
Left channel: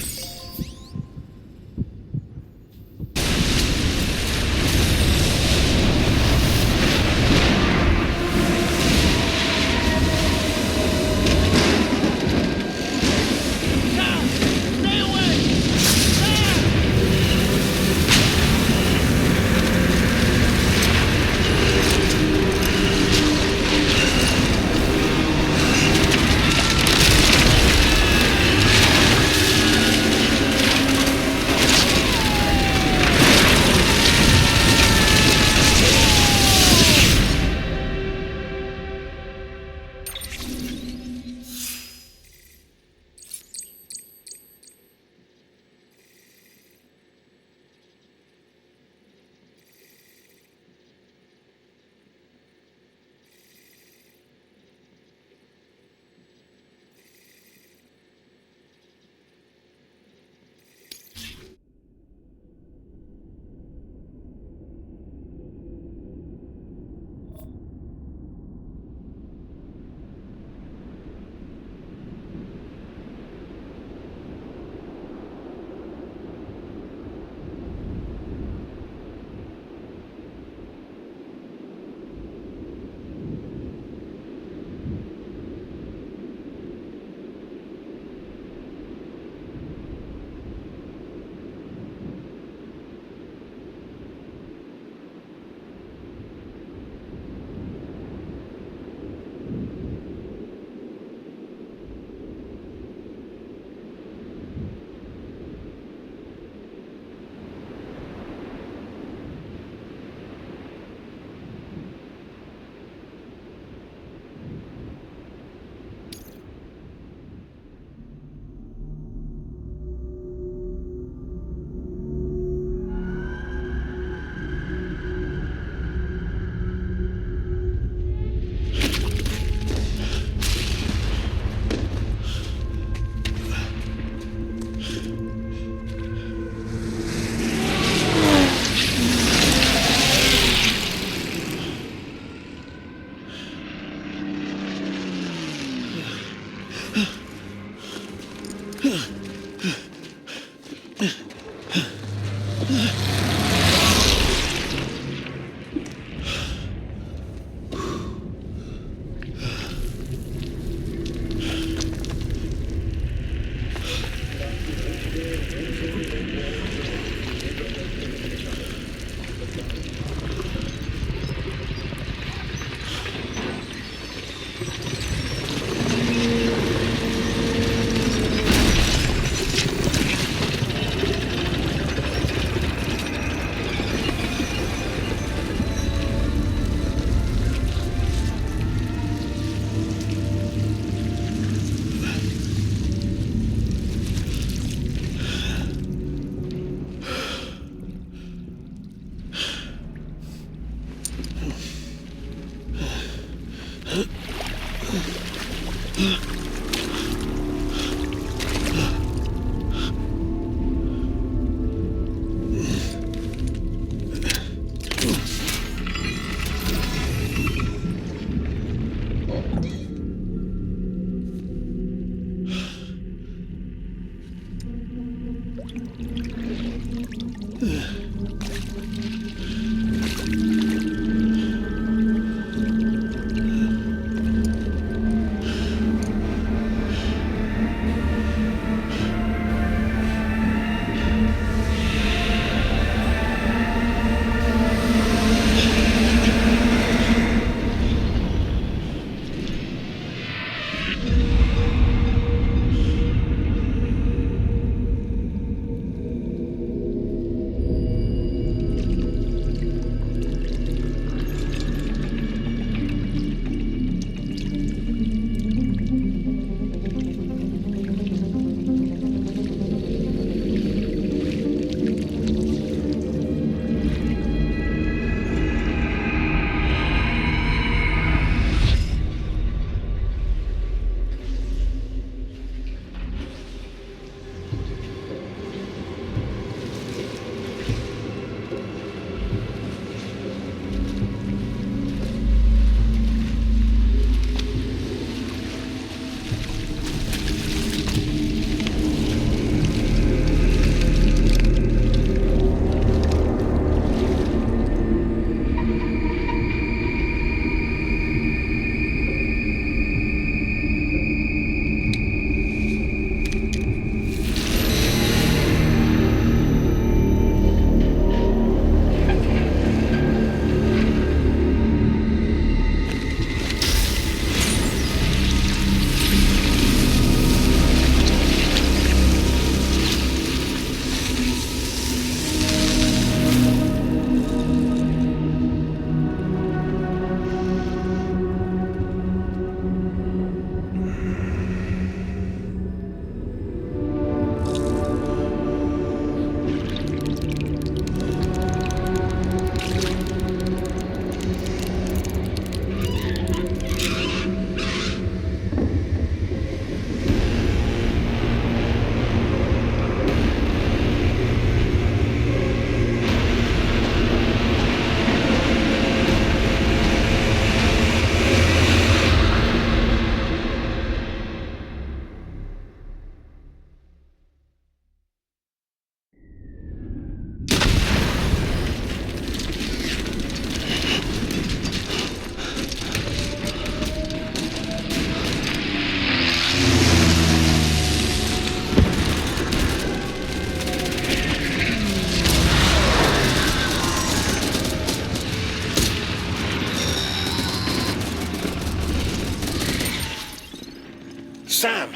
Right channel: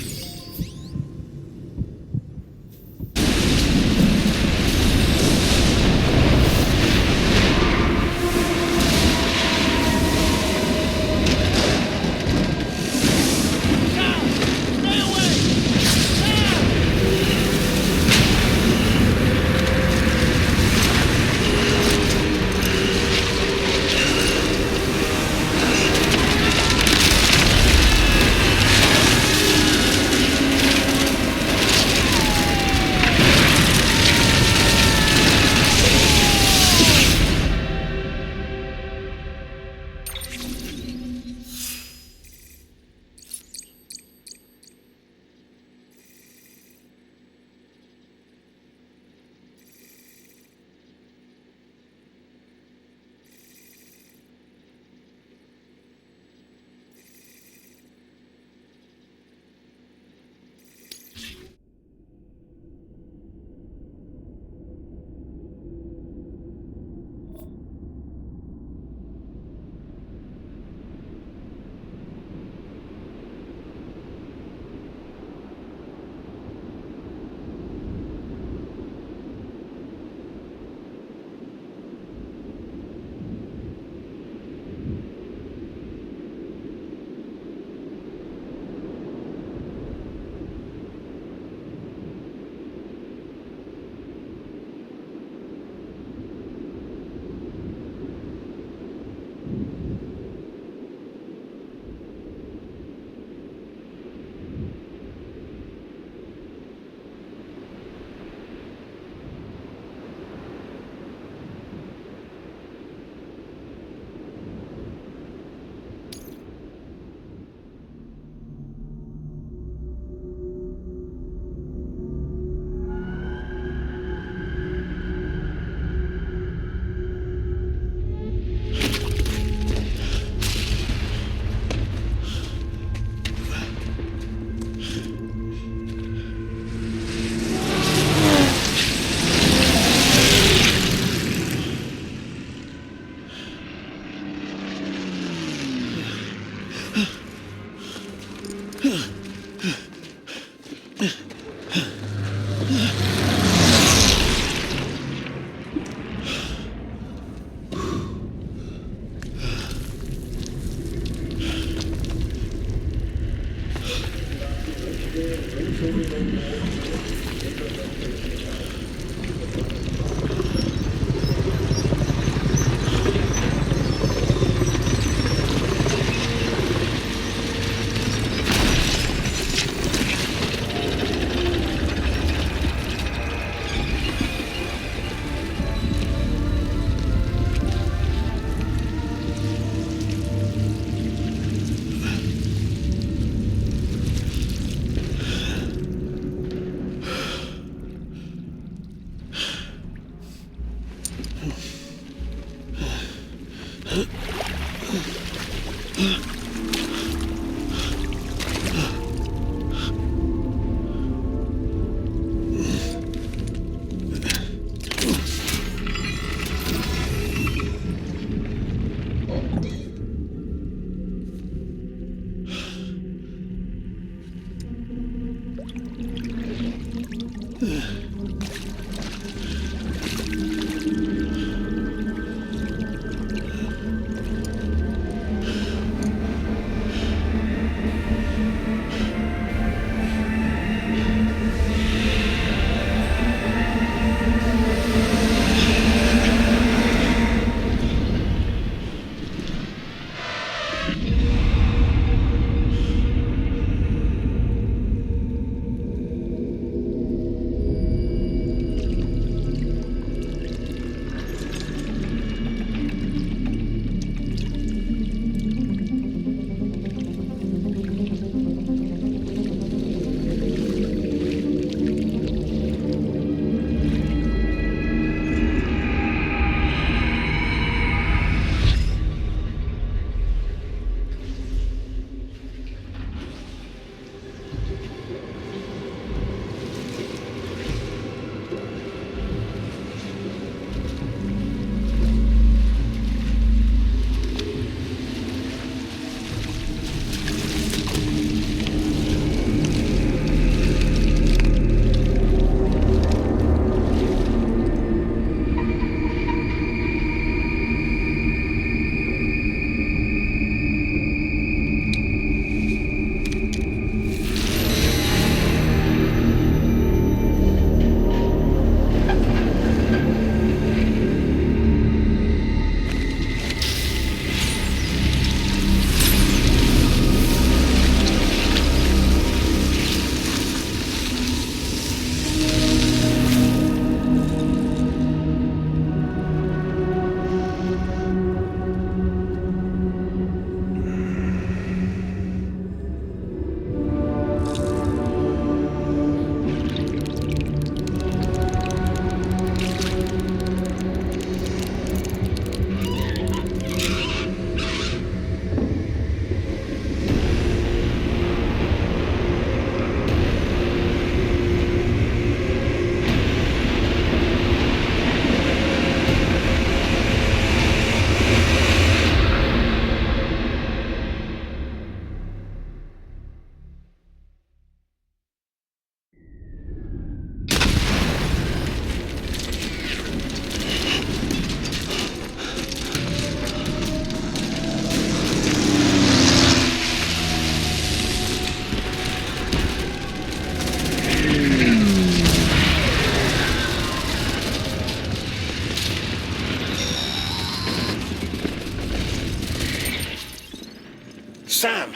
Sam!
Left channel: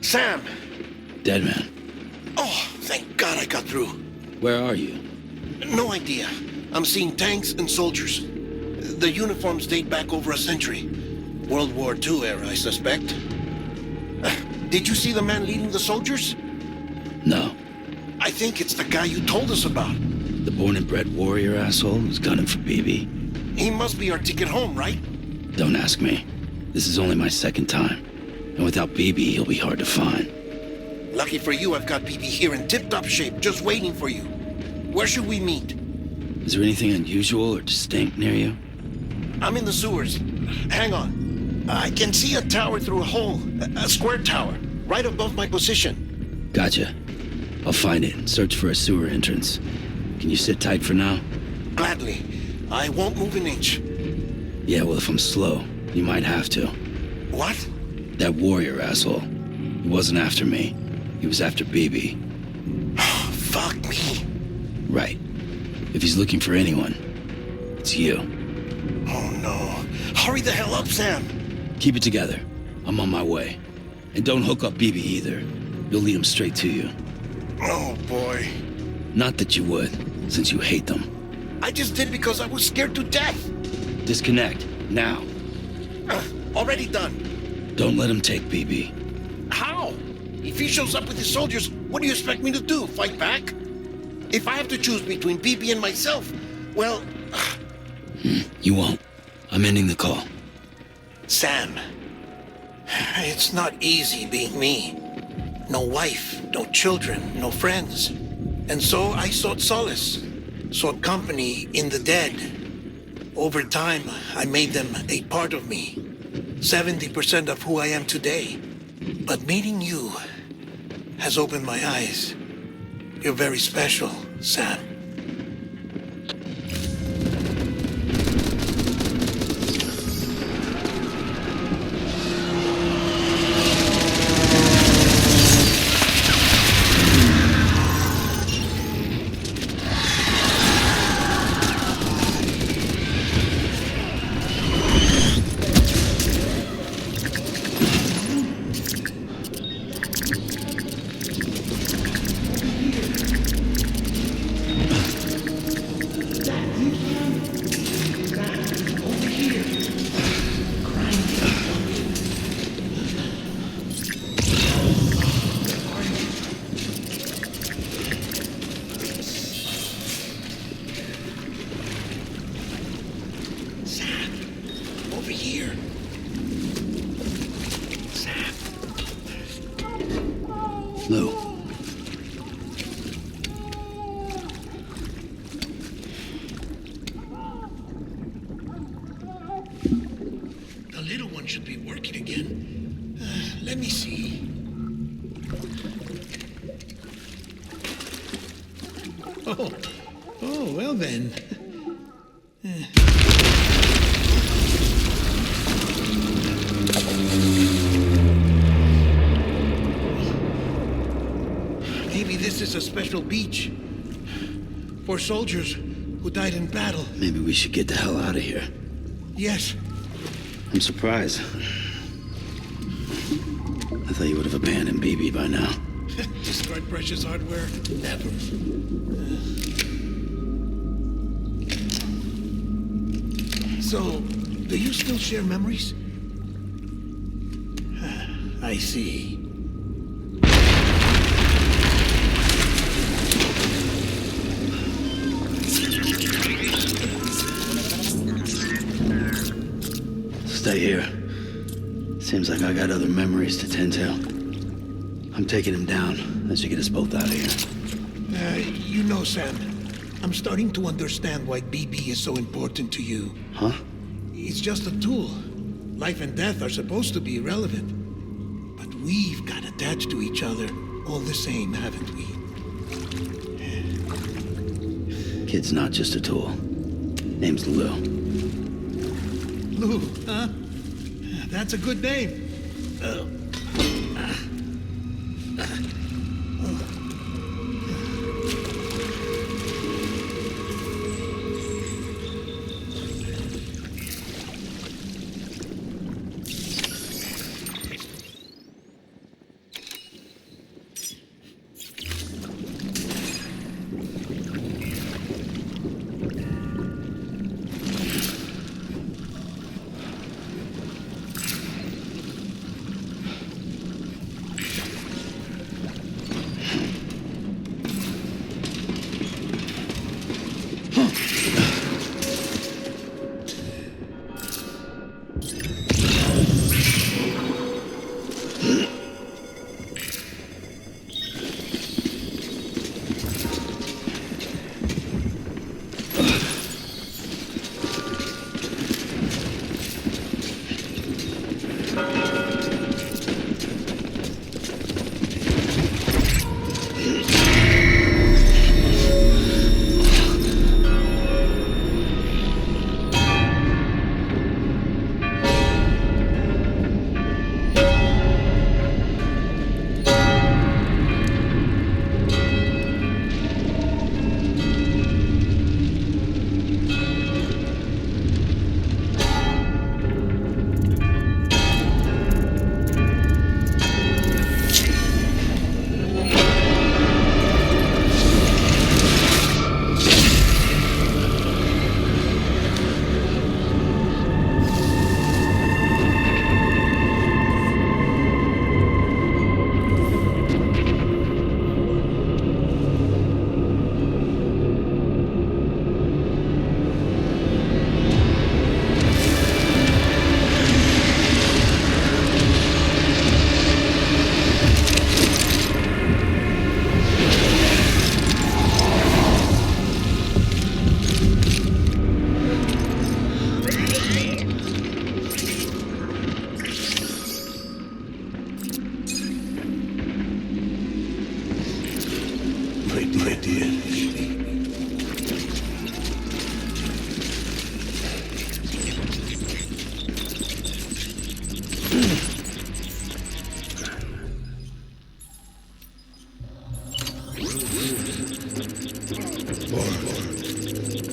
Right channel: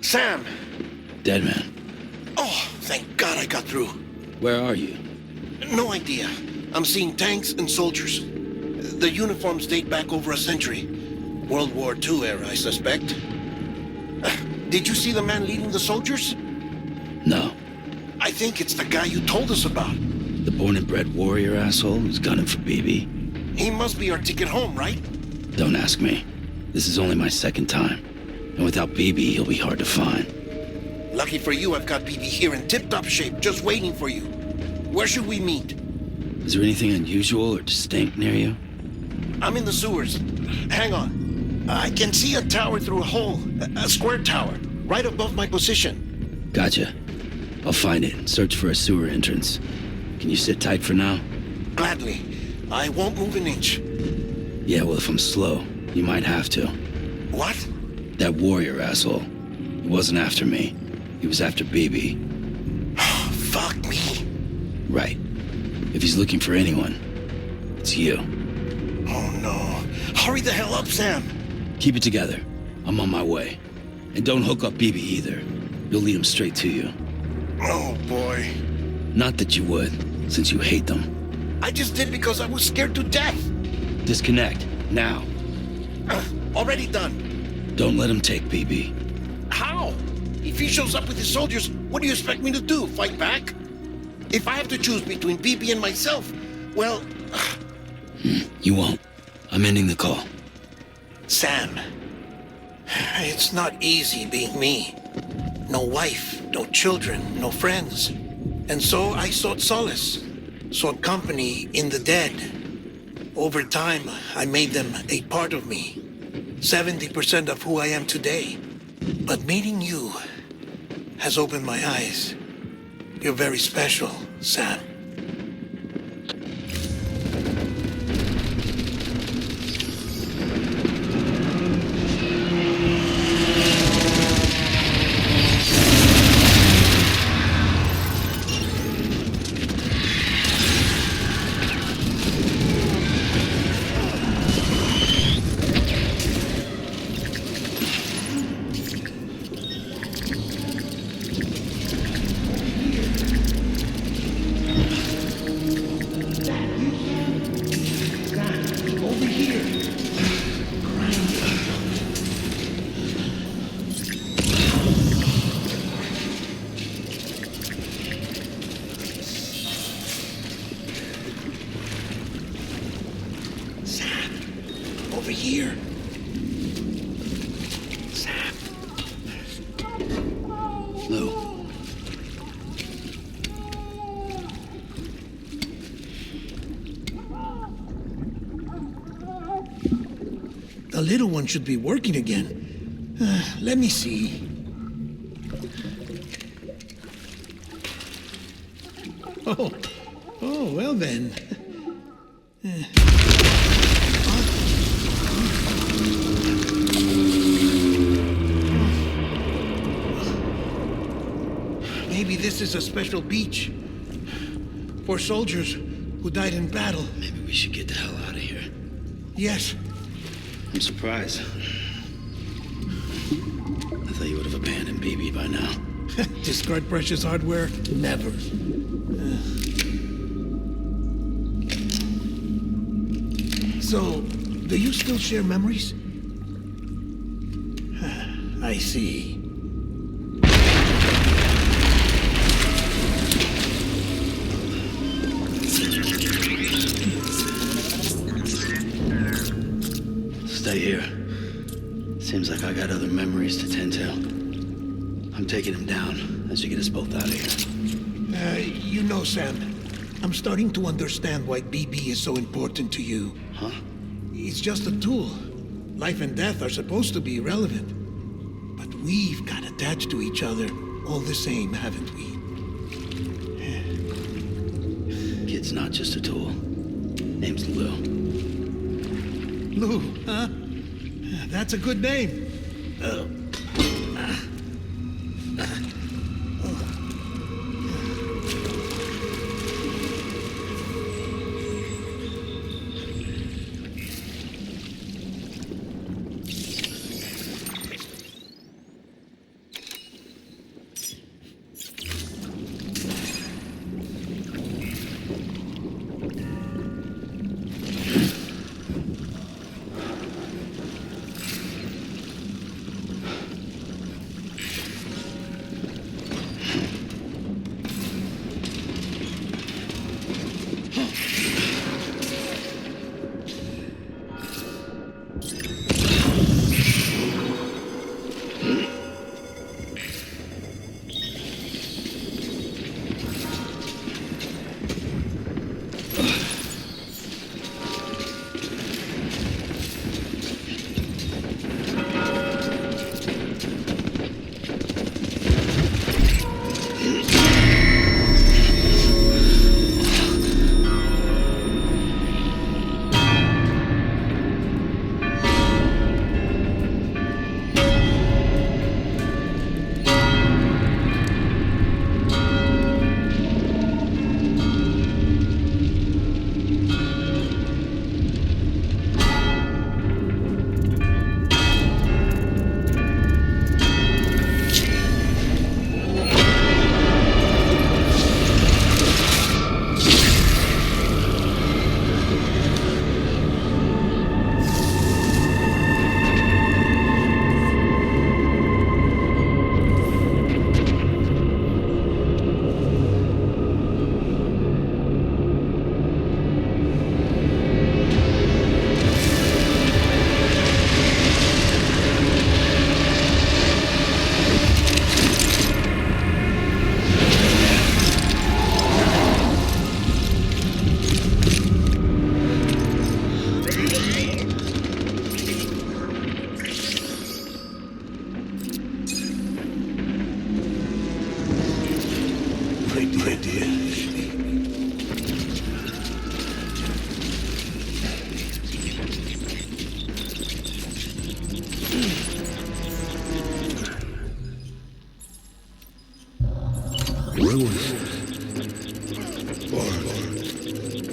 Sam! Dead man. Oh, thank God I got through. Where are you? No idea. I'm seeing tanks and soldiers. The uniforms date back over a century. World War II era, I suspect. Did you see the man leading the soldiers? No. I think it's the guy you told us about. The born and bred warrior asshole who's gunning for BB? He must be our ticket home, right? Don't ask me. This is only my second time. And without BB, he'll be hard to find. Lucky for you, I've got BB here in tip-top shape, just waiting for you. Where should we meet? Is there anything unusual or distinct near you? I'm in the sewers. Hang on. I can see a tower through a hole. A square tower, right above my position. Gotcha. I'll find it and search for a sewer entrance. Can you sit tight for now? Gladly. I won't move an inch. Yeah, well, if I'm slow, you might have to. What? That warrior asshole. He wasn't after me. He was after BB. Fuck me. Right. If he's looking for anyone, it's you. Oh no. Hurry the hell up, Sam. Keep it together. I'm on my way. And don't hook up BB either. You'll lead him straight to you. Oh boy. Not that you would, since you hate them. I just did because I was scared to death. Disconnect, now. Already done. Don't let him take BB. How? If he shows up with his soldiers, what do you expect me to do? Fight back? If I have to choose between BB and myself, well... You won't. I'm ending the call. Sam, it's not easy being me. No wife, no children, no friends. And so I sought solace, sought company in the dead. Over time, I made them a part of me. 70% of who I am today. But meeting you has opened my eyes. You're very special, Sam. Over here. Crying for something. Sam, over here. Sam. Lou. The little one should be working again. Let me see. Oh, well then. Maybe this is a special beach for soldiers who died in battle. Maybe we should get the hell out of here. Yes. I'm surprised. I thought you would have abandoned BB by now. Discard precious hardware? Never. So, do you still share memories? I see. Stay here. Seems like I got other memories to tend to. I'm taking him down as you get us both out of here. You know, Sam, I'm starting to understand why BB is so important to you. Huh? It's just a tool. Life and death are supposed to be irrelevant. But we've got attached to each other all the same, haven't we? Kid's not just a tool. Name's Lou. Lou, huh? That's a good name.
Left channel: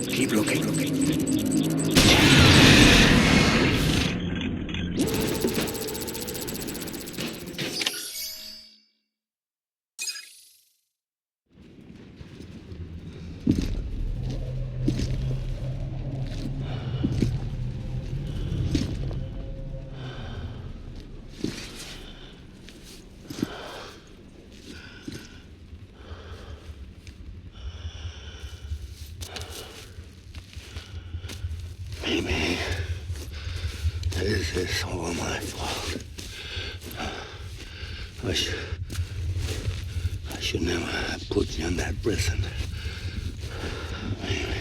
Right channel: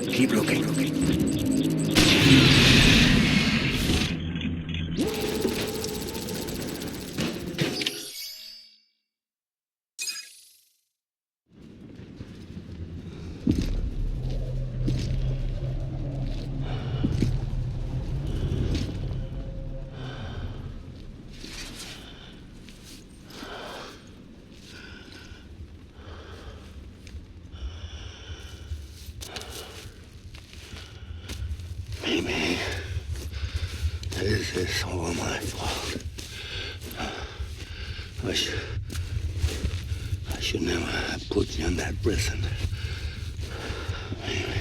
Keep looking. Maybe this is all my fault. I should never have put you in that prison. Maybe.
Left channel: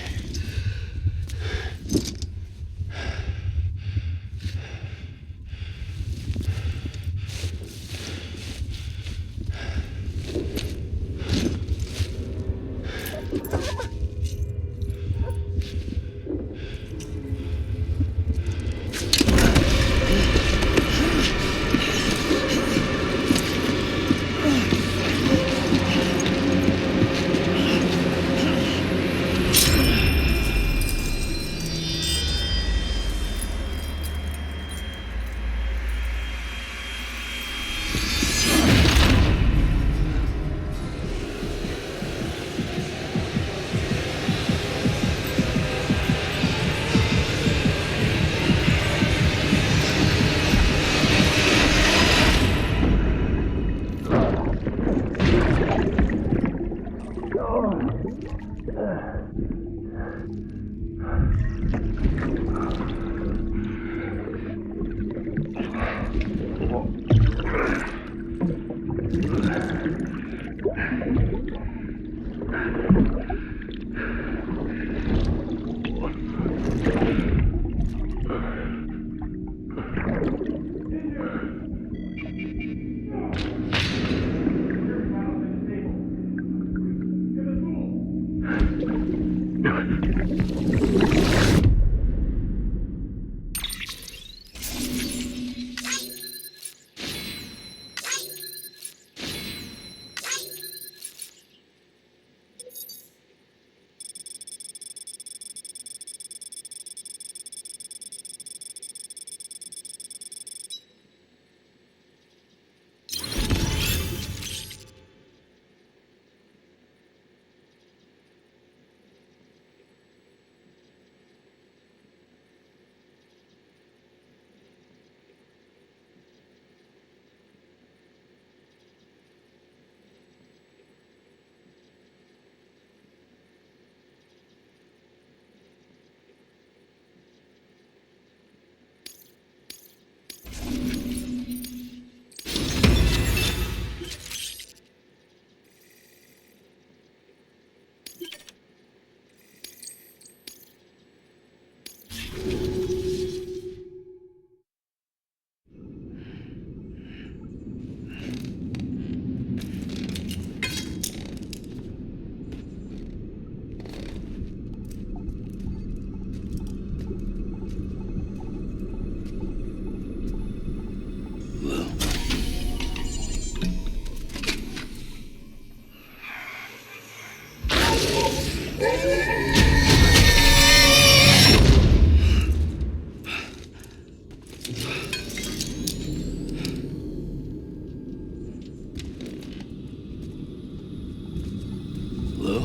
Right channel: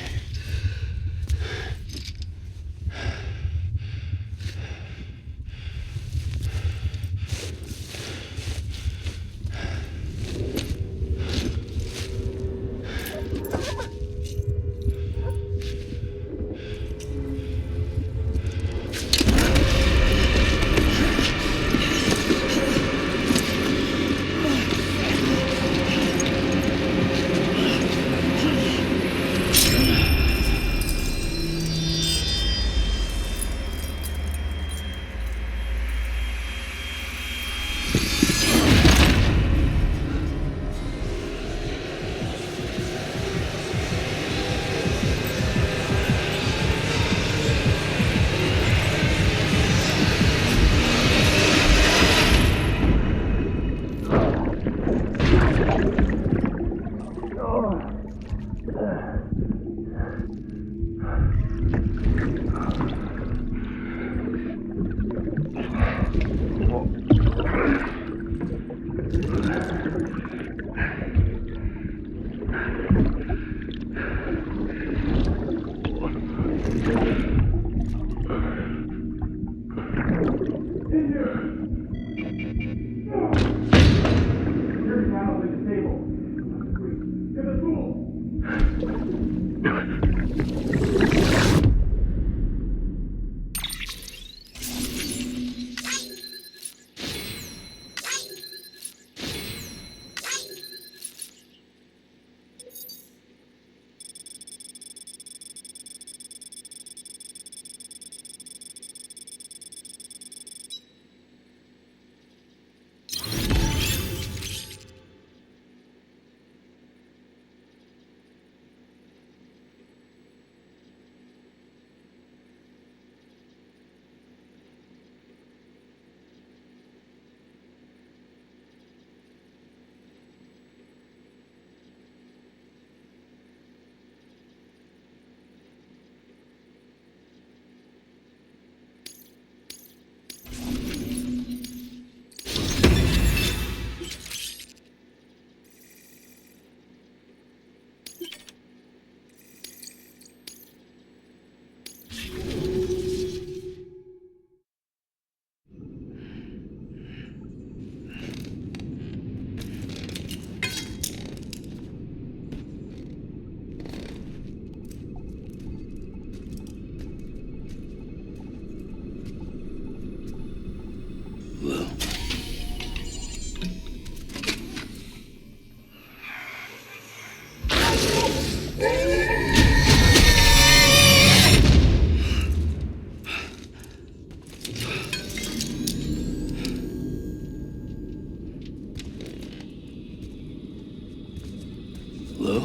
Lou?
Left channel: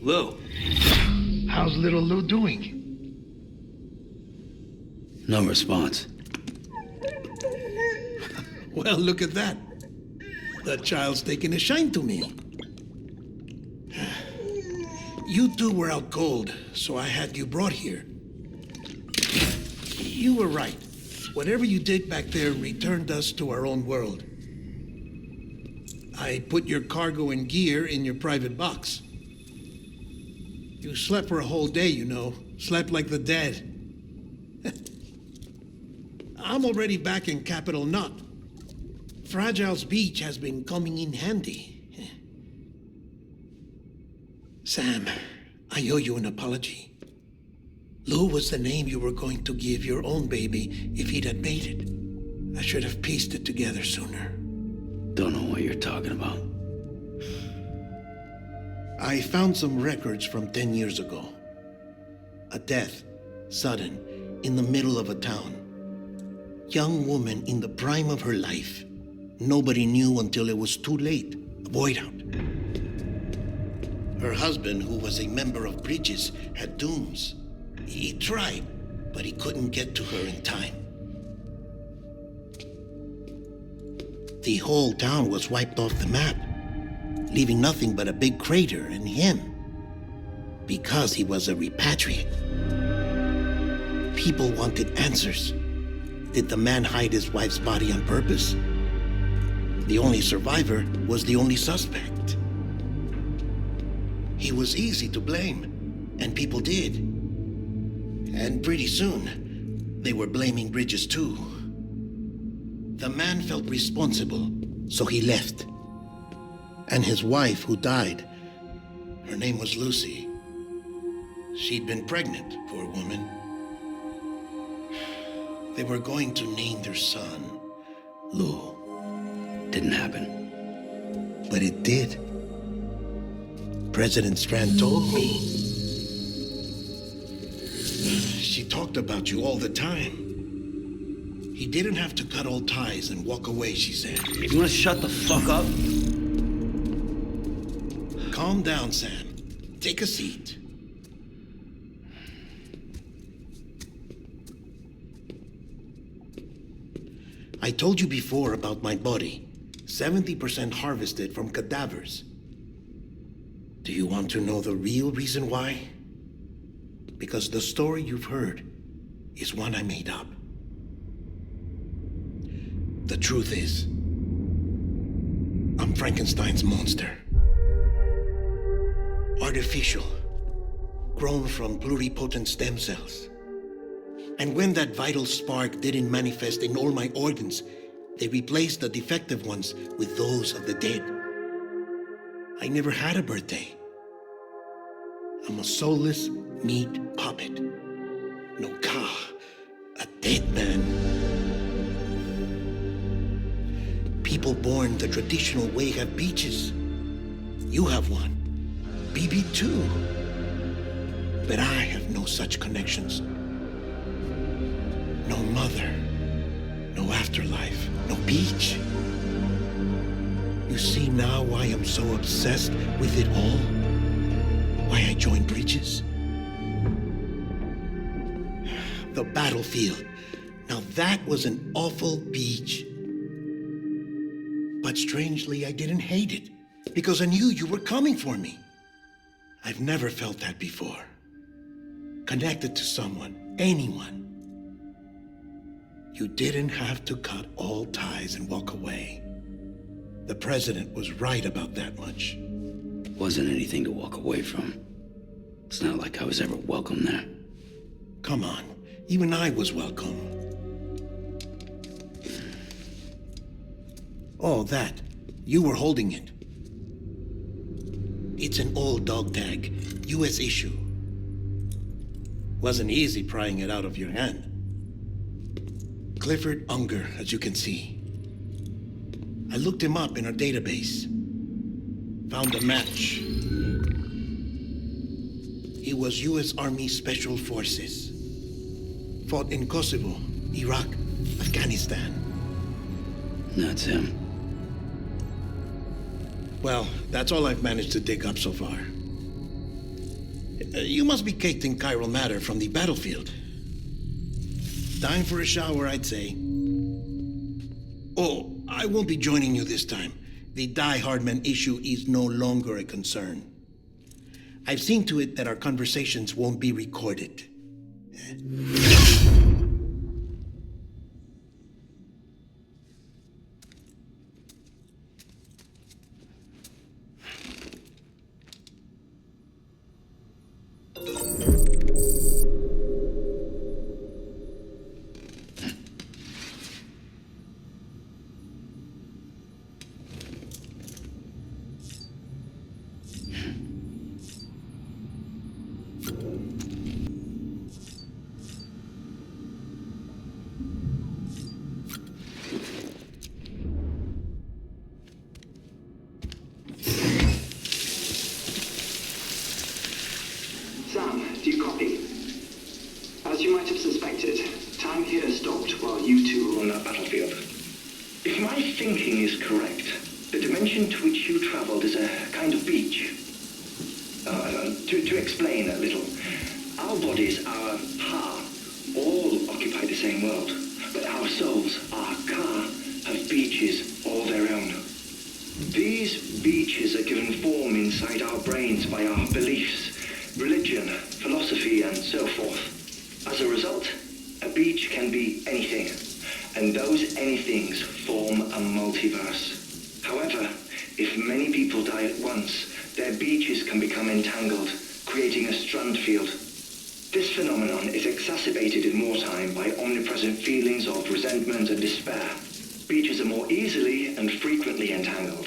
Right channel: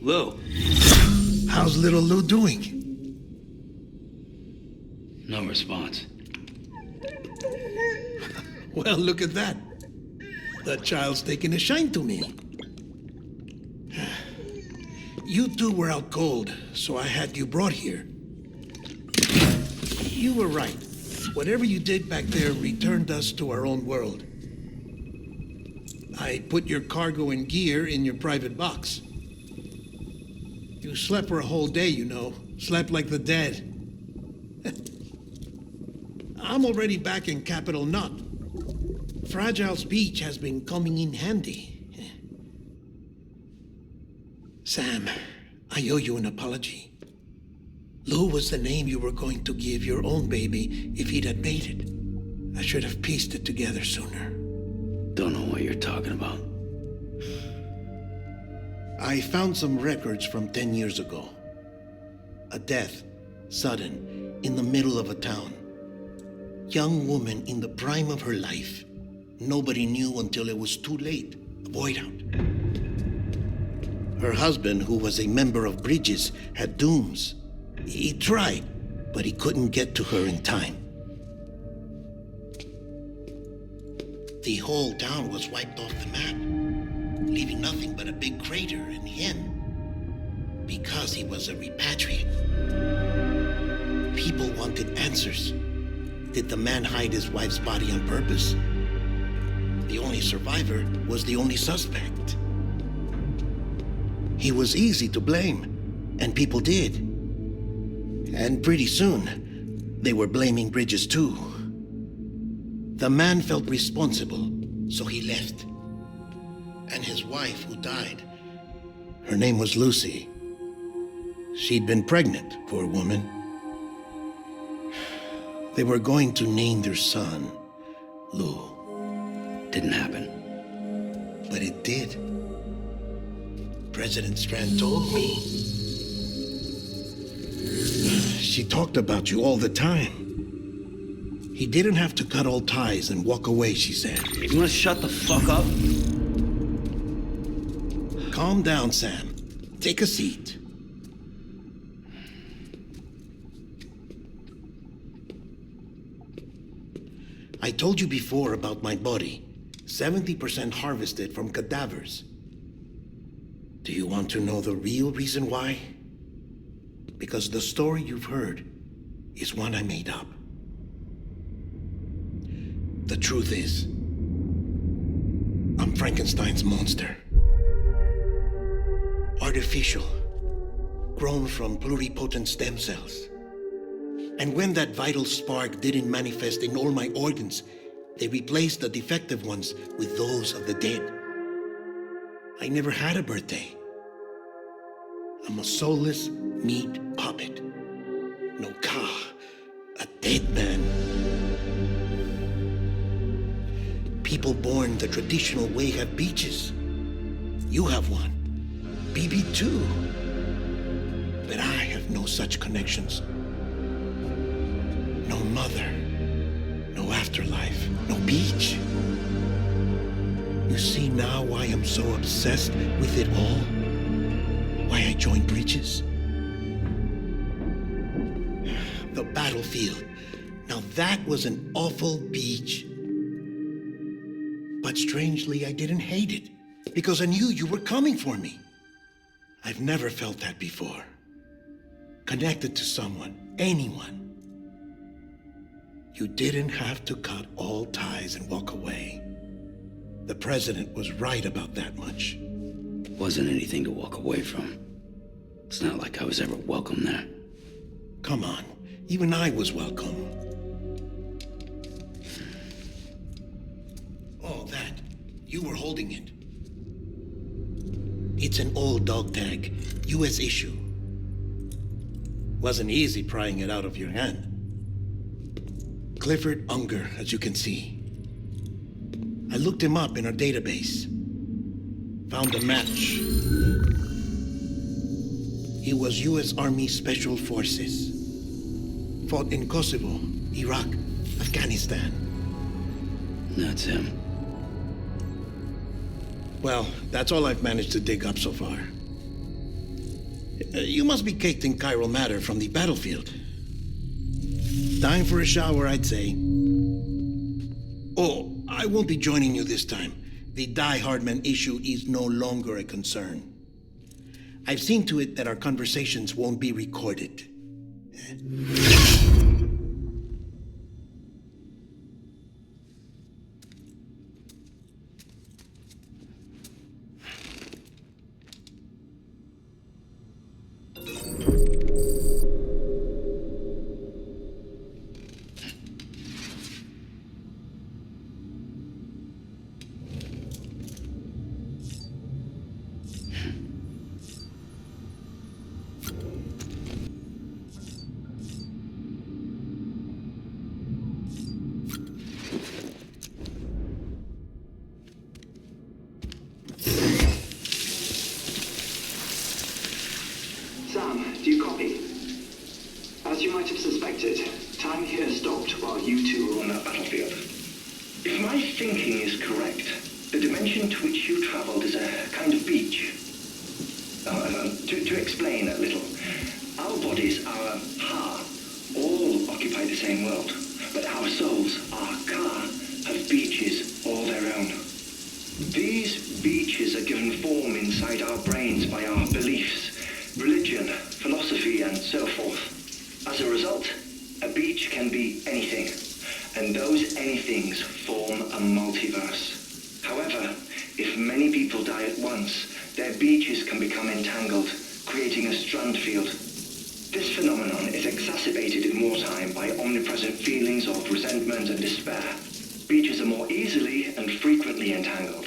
Lou? How's little Lou doing? No response. Well, look at that. The child's taking a shine to me. You two were out cold, so I had you brought here. You were right. Whatever you did back there returned us to our own world. I put your cargo and gear in your private box. You slept for a whole day, you know. Slept like the dead. I'm already back in Capital Knot. Fragile's beach has been coming in handy. Sam, I owe you an apology. Lou was the name you were going to give your own baby if he'd had made it. I should have pieced it together sooner. Don't know what you're talking about. I found some records from 10 years ago. A death, sudden, in the middle of a town. Young woman in the prime of her life. Nobody knew until it was too late. A void out. Her husband, who was a member of Bridges, had dooms. He tried, but he couldn't get to her in time. The whole town was wiped off the map, leaving nothing but a big crater and him. Because he was a repatriate. People wanted answers. Did the man hide his wife's body on purpose? The only survivor was the only suspect. He was easy to blame, and people did. And pretty soon, they were blaming Bridges too. The man felt responsible, so he left. And his wife, who died, her name was Lucy. She'd been pregnant, poor woman. They were going to name their son Lou. Didn't happen. But it did. President Strand told me. She talked about you all the time. He didn't have to cut all ties and walk away, she said. You wanna shut the fuck up? Calm down, Sam. Take a seat. I told you before about my body. 70% harvested from cadavers. Do you want to know the real reason why? Because the story you've heard is one I made up. The truth is, I'm Frankenstein's monster. Artificial, grown from pluripotent stem cells. And when that vital spark didn't manifest in all my organs, they replaced the defective ones with those of the dead. I never had a birthday. I'm a soulless meat puppet. No car, a dead man. People born the traditional way have beaches. You have one. BB too. But I have no such connections. No mother. No afterlife. No beach. You see now why I'm so obsessed with it all? Why I joined Bridges? The battlefield. Now that was an awful beach. But strangely, I didn't hate it, because I knew you were coming for me. I've never felt that before. Connected to someone, anyone. You didn't have to cut all ties and walk away. The president was right about that much. Wasn't anything to walk away from. It's not like I was ever welcome there. Come on, even I was welcome. Oh, that. You were holding it. It's an old dog tag, US issue. Wasn't easy prying it out of your hand. Clifford Unger, as you can see. I looked him up in our database. Found a match. He was US Army Special Forces. Fought in Kosovo, Iraq, Afghanistan. That's him. Well, that's all I've managed to dig up so far. You must be caked in chiral matter from the battlefield. Time for a shower, I'd say. Oh, I won't be joining you this time. The Die Hardman issue is no longer a concern. I've seen to it that our conversations won't be recorded. Do you copy? As you might have suspected, time here stopped while you two were on that battlefield. If my thinking is correct, the dimension to which you traveled is a kind of beach. To explain a little, our bodies, our ha, all occupy the same world, but our souls, our ka, have beaches all their own. These beaches are given form inside our brains by our beliefs, religion, philosophy, and so forth. As a result, a beach can be anything, and those anythings form a multiverse. However, if many people die at once, their beaches can become entangled, creating a strand field. This phenomenon is exacerbated in wartime by omnipresent feelings of resentment and despair. Beaches are more easily and frequently entangled.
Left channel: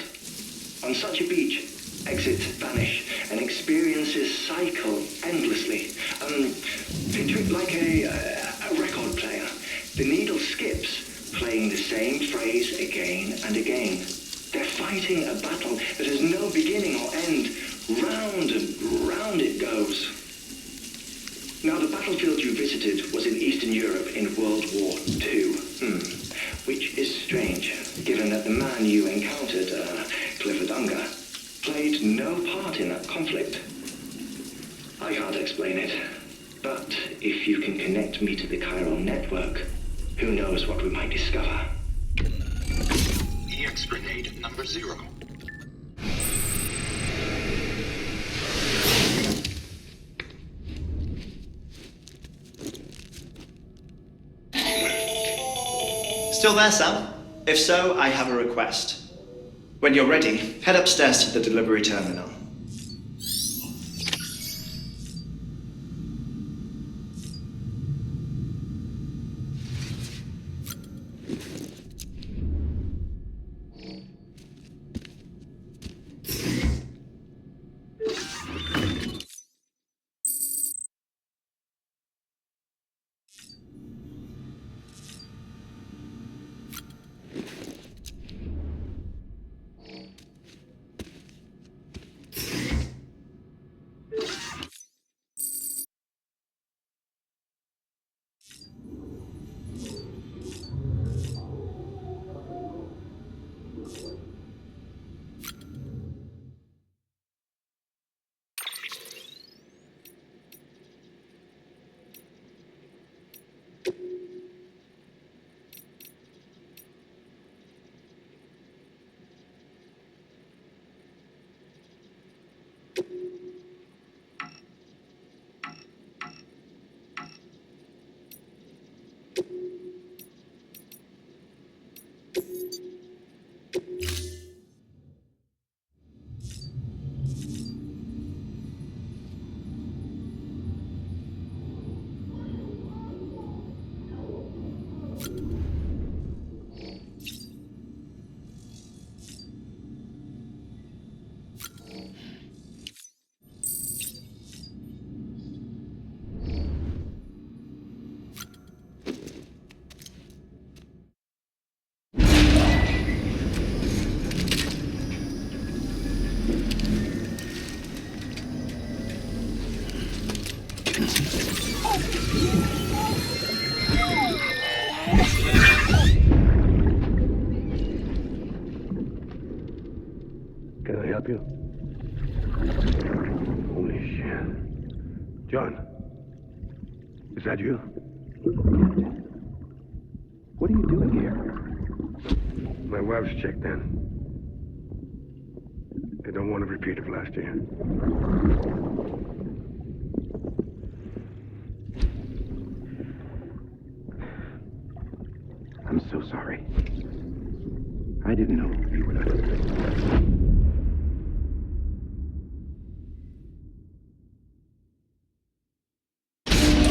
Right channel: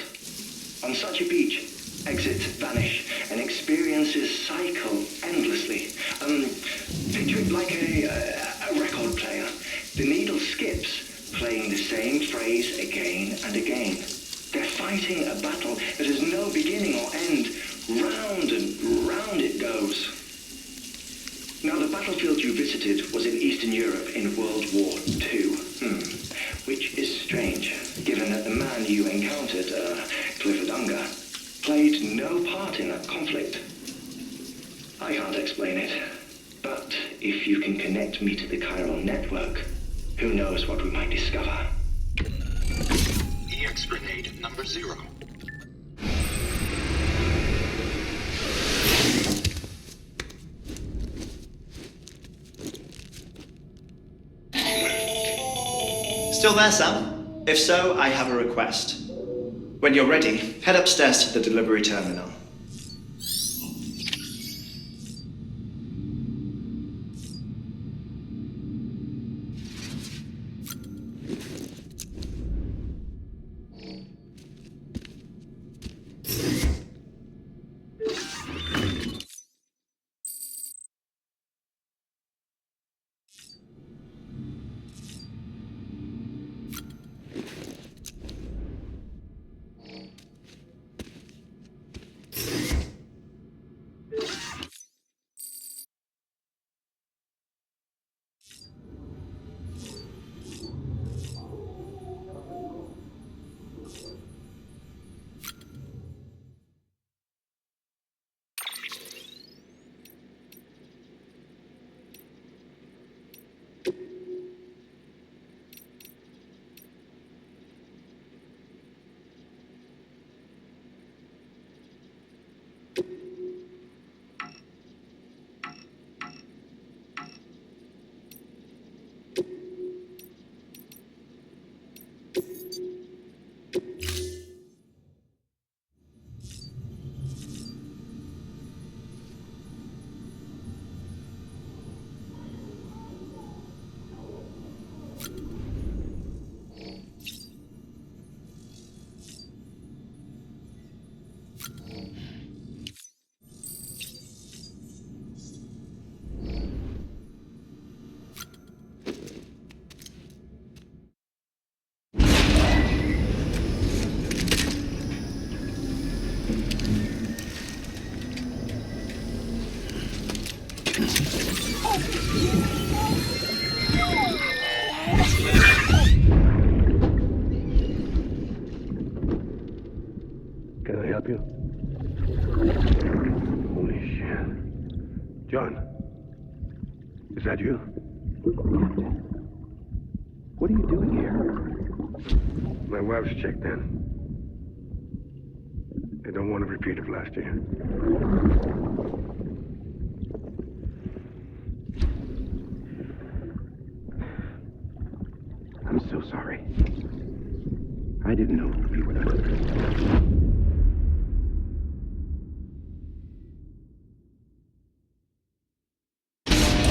On such a beach, exits vanish and experiences cycle endlessly. Picture it like a record player. The needle skips, playing the same phrase again and again. They're fighting a battle that has no beginning or end. Round and round it goes. Now, the battlefield you visited was in Eastern Europe in World War II. Which is strange, given that the man you encountered, Clifford Unger, played no part in that conflict. I can't explain it, but if you can connect me to the chiral network, who knows what we might discover. EX grenade number 0. Still there, Sam? If so, I have a request. When you're ready, head upstairs to the delivery terminal. Can I help you? Holy shit. John, is that you? What are you doing here? My wife's checked in. They don't want a repeat of last year. I'm so sorry. I didn't know you were that.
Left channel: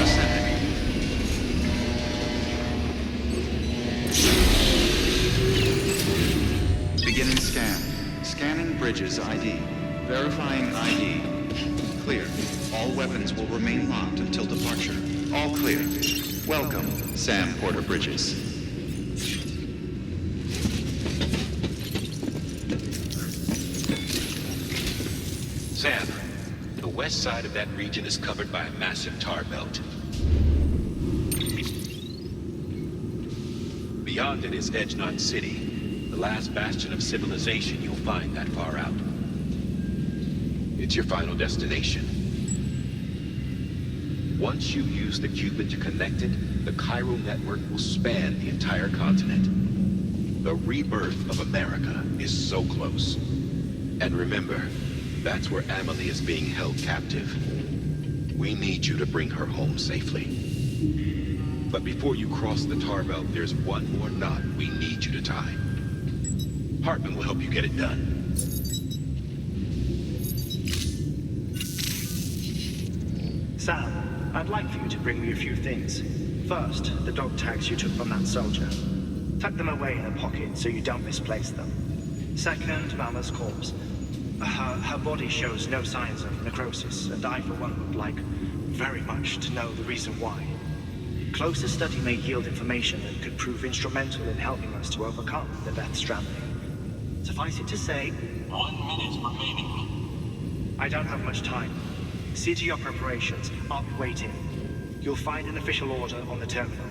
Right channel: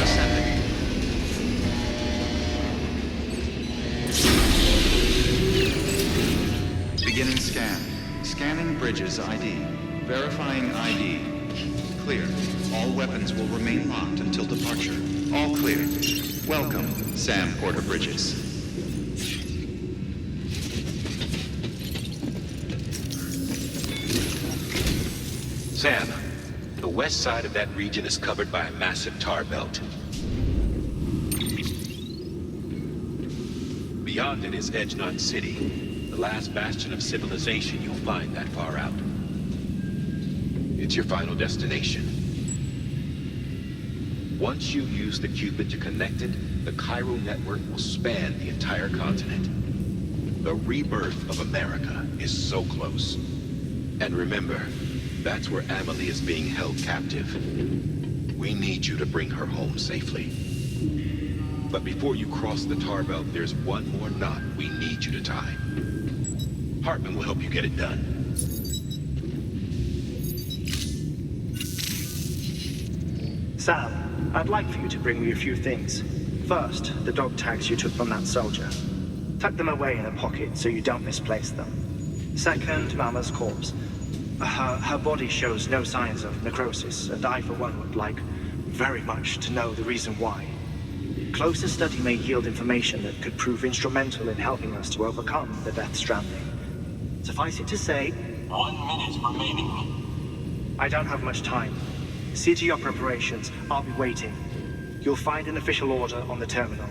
Ascending. Beginning scan. Scanning Bridges ID. Verifying ID. Clear. All weapons will remain locked until departure. All clear. Welcome, Sam Porter Bridges. Sam, The west side of that region is covered by a massive tar belt. Beyond it is Edgenot City, the last bastion of civilization you'll find that far out. It's your final destination. Once you use the Cupid to connect it, the chiral network will span the entire continent. The rebirth of America is so close. And remember, that's where Amelie is being held captive. We need you to bring her home safely. But before you cross the tar belt, there's one more knot we need you to tie. Hartman will help you get it done. Sam, I'd like for you to bring me a few things. First, the dog tags you took from that soldier. Tuck them away in a pocket so you don't misplace them. Second, Mama's corpse. Her body shows no signs of necrosis, and I, for one, would like very much to know the reason why. Closer study may yield information that could prove instrumental in helping us to overcome the Death Stranding. Suffice it to say, 1 minute remaining. I don't have much time. See to your preparations. I'll be waiting. You'll find an official order on the terminal.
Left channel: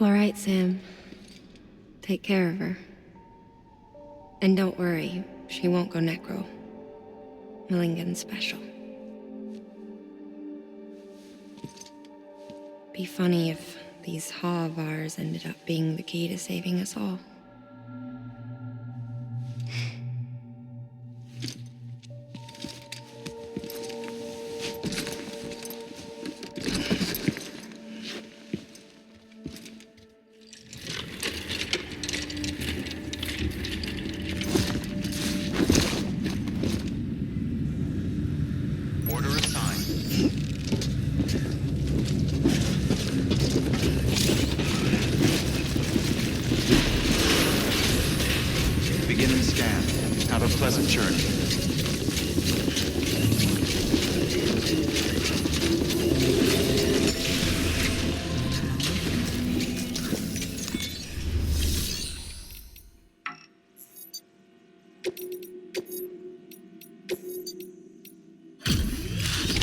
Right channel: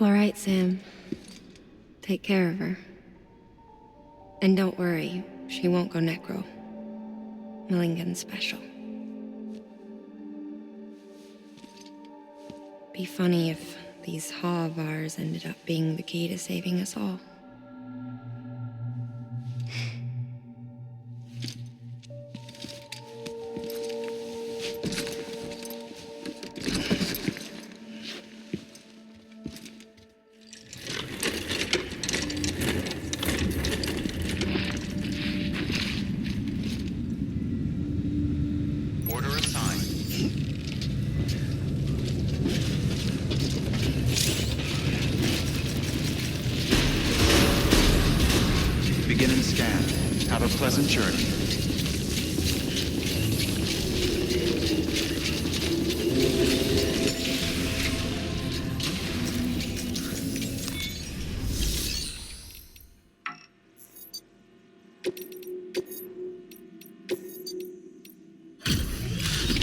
All right, Sam. Take care of her. And don't worry, she won't go necro. Millingan's special. Be funny if these Ha of ours ended up being the key to saving us all. Order assigned. Begin and scan. Have a pleasant journey.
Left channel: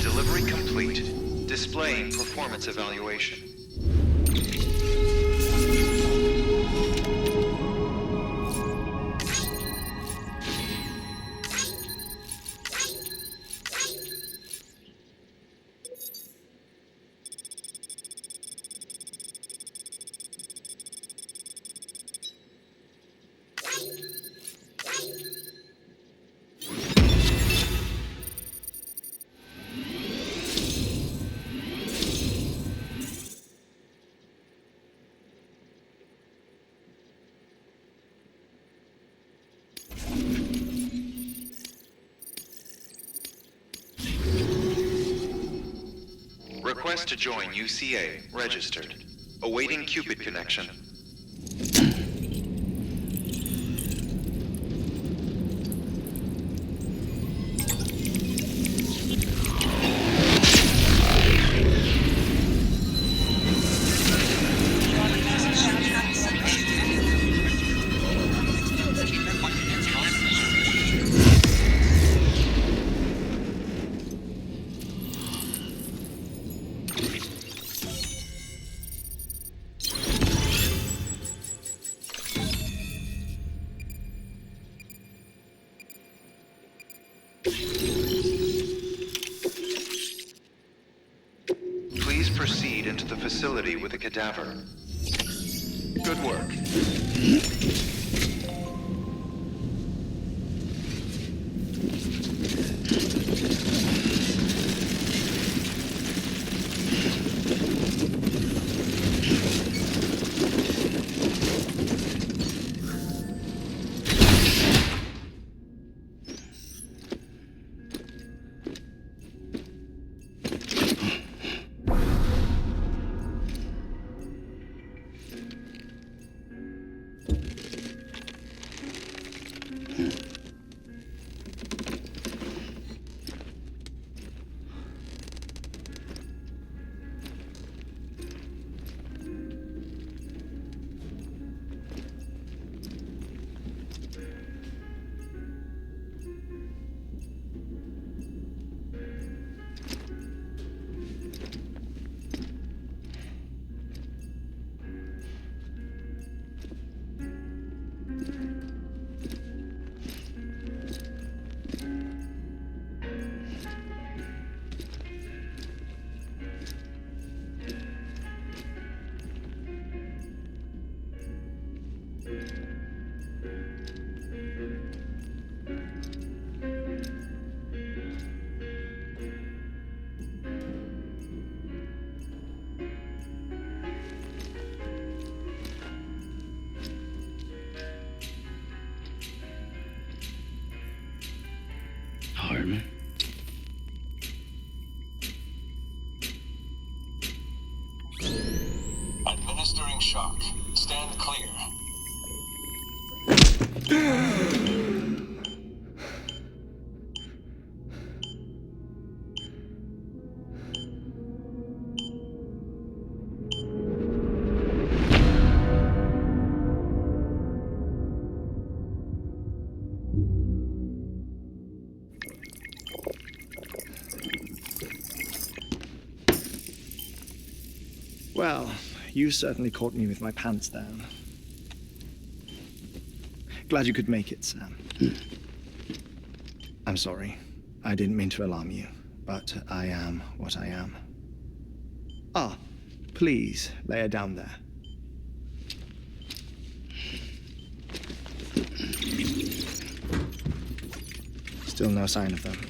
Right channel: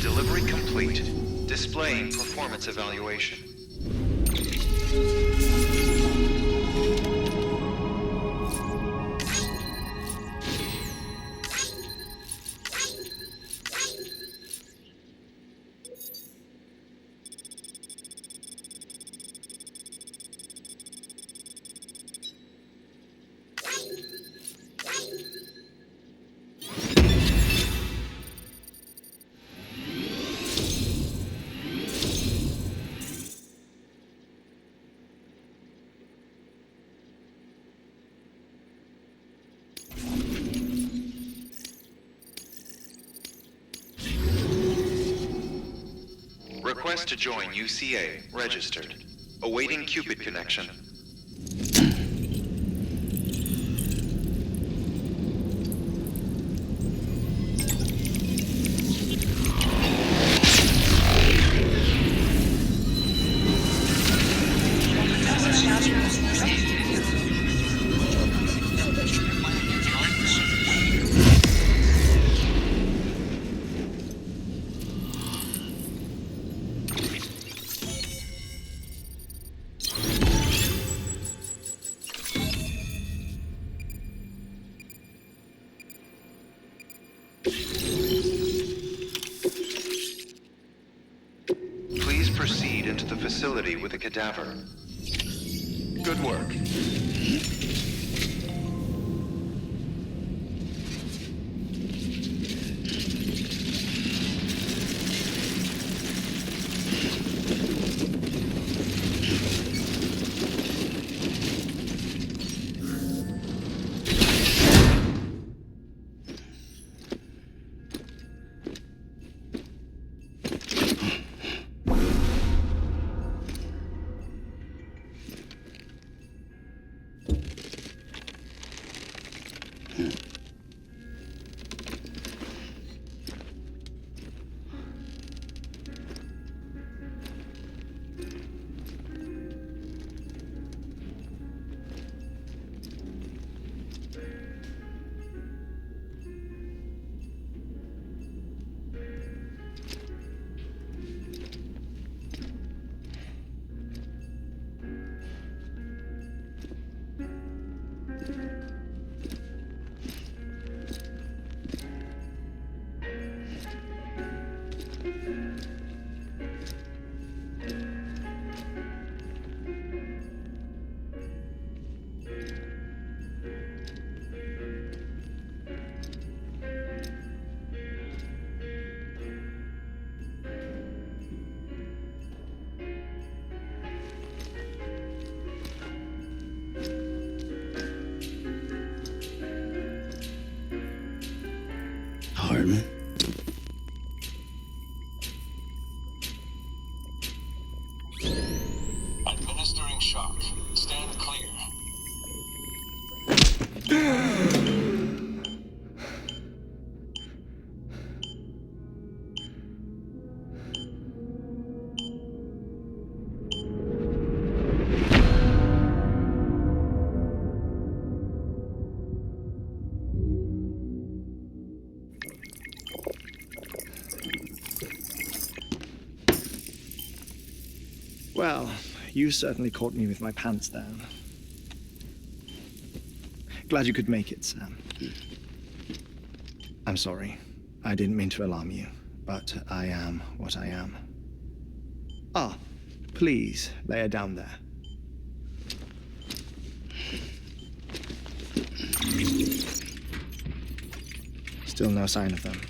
Delivery complete. Displaying performance evaluation. Request to join UCA. Registered. Awaiting Cupid connection. Please proceed into the facility with the cadaver. Good work. Pardon? Administering shock. Stand clear. Well, you certainly caught me with my pants down. Glad you could make it, Sam. I'm sorry. I didn't mean to alarm you, but I am what I am. Ah, please, lay her down there. Still no sign of them.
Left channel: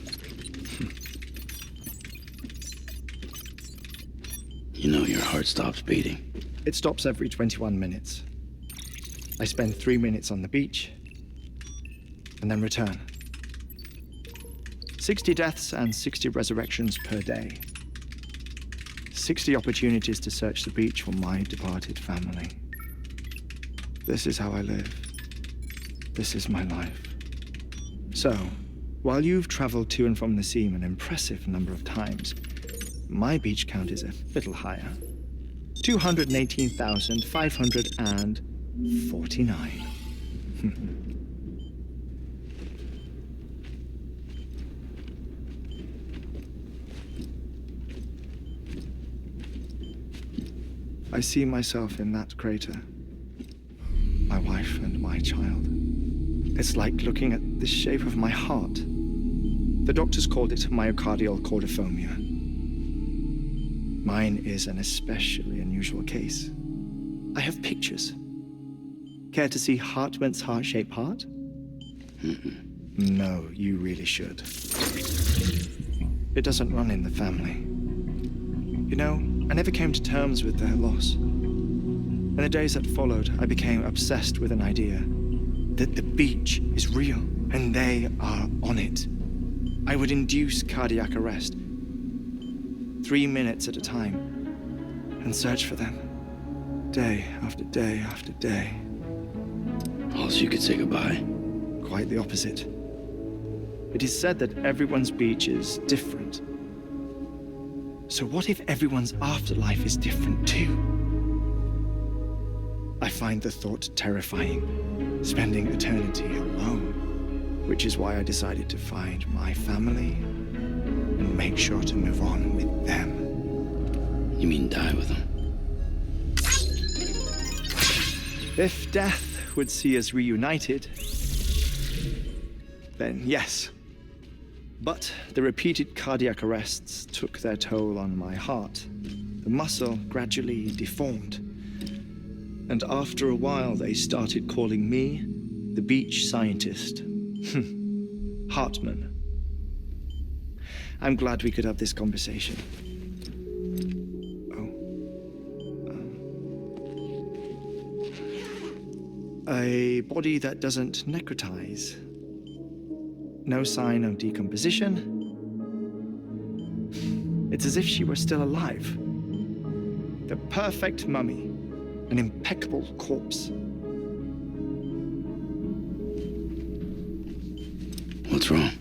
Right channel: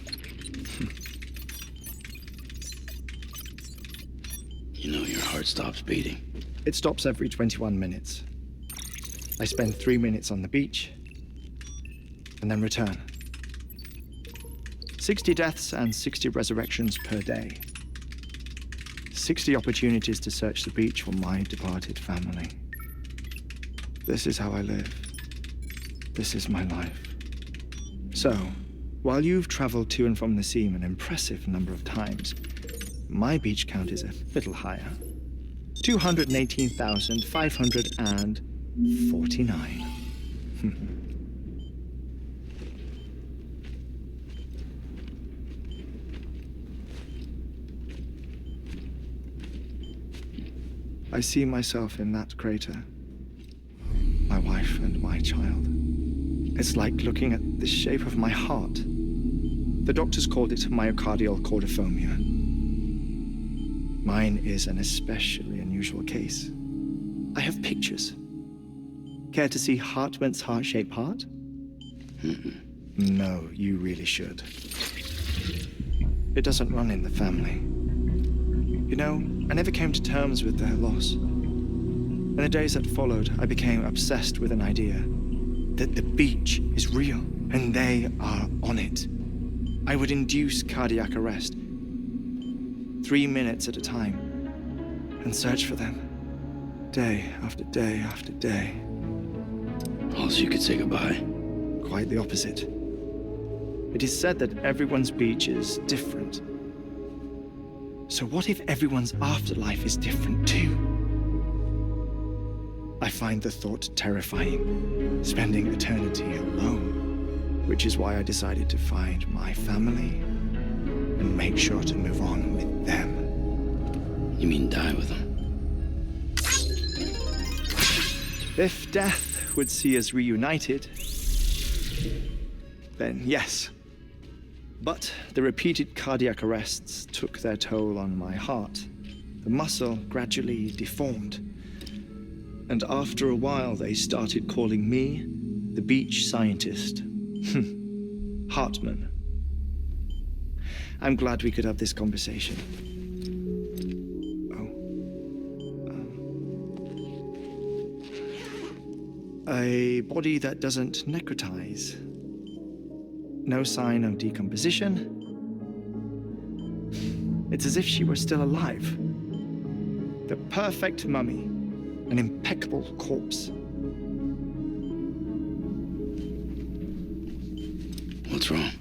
You know your heart stops beating. It stops every 21 minutes. I spend 3 minutes on the beach, and then return. 60 deaths and 60 resurrections per day. 60 opportunities to search the beach for my departed family. This is how I live. This is my life. So, while you've traveled to and from the seam an impressive number of times, my beach count is a little higher. 218,549. I see myself in that crater. My wife and my child. It's like looking at the shape of my heart. The doctors called it myocardial cordiformia. Mine is an especially unusual case. I have pictures. Care to see Hartman's heart-shaped heart? No, you really should. It doesn't run in the family. You know, I never came to terms with their loss. In the days that followed, I became obsessed with an idea that the beach is real and they are on it. I would induce cardiac arrest, 3 minutes at a time, and search for them, day after day after day. Also, you could say goodbye. Quite the opposite. It is said that everyone's beach is different. So what if everyone's afterlife is different too? I find the thought terrifying, spending eternity alone, which is why I decided to find my family and make sure to move on with them. You mean die with them? If death would see us reunited, then yes. But the repeated cardiac arrests took their toll on my heart. The muscle gradually deformed. And after a while, they started calling me the beach scientist. Hartman. I'm glad we could have this conversation. A body that doesn't necrotize. No sign of decomposition. It's as if she were still alive. The perfect mummy. An impeccable corpse. What's wrong?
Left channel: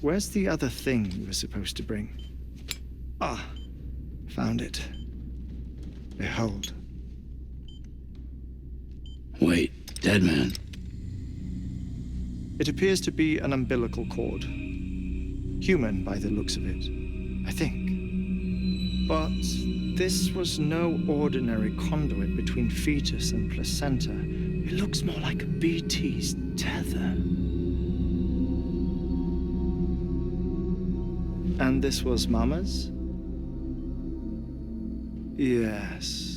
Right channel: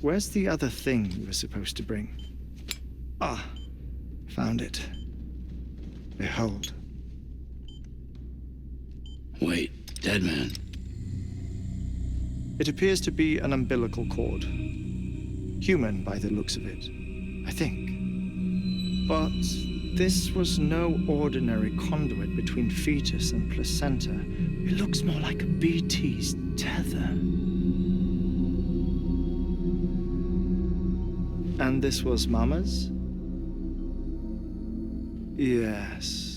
Where's the other thing you were supposed to bring? Ah, found it. Behold. Wait, dead man. It appears to be an umbilical cord. Human by the looks of it, I think. But this was no ordinary conduit between fetus and placenta. It looks more like a BT's tether. And this was Mama's? Yes.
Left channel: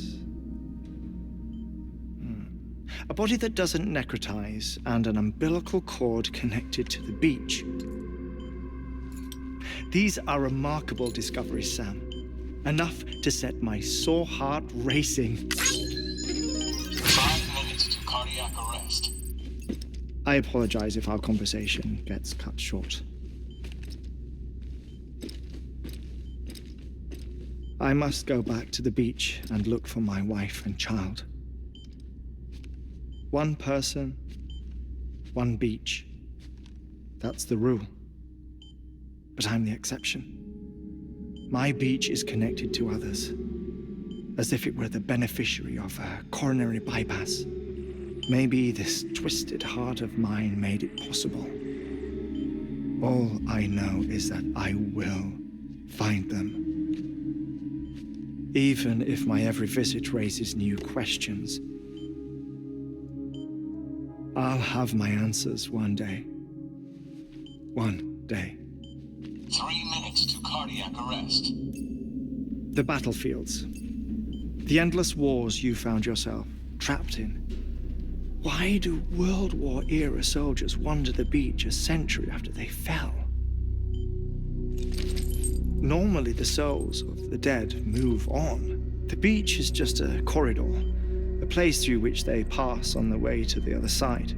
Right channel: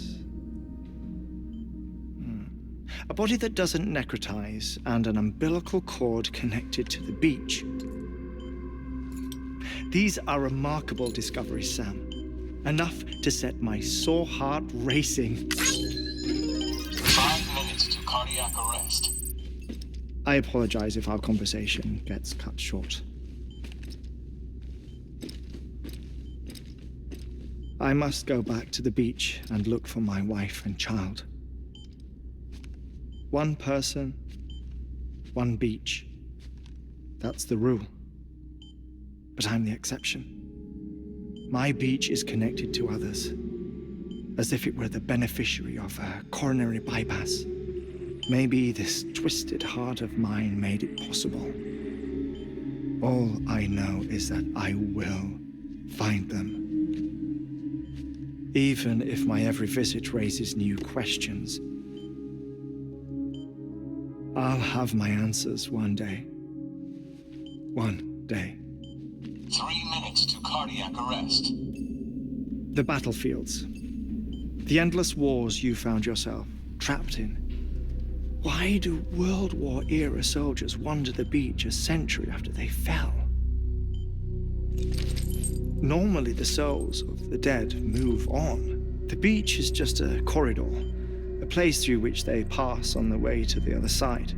A body that doesn't necrotize and an umbilical cord connected to the beach. These are remarkable discoveries, Sam. Enough to set my sore heart racing. 5 minutes to cardiac arrest. I apologize if our conversation gets cut short. I must go back to the beach and look for my wife and child. One person, one beach. That's the rule. But I'm the exception. My beach is connected to others, as if it were the beneficiary of a coronary bypass. Maybe this twisted heart of mine made it possible. All I know is that I will find them. Even if my every visit raises new questions, I'll have my answers one day. One day. 3 minutes to cardiac arrest. The battlefields. The endless wars you found yourself trapped in. Why do World War-era soldiers wander the beach a century after they fell? Normally, the souls of the dead move on. The beach is just a corridor, a place through which they pass on the way to the other side.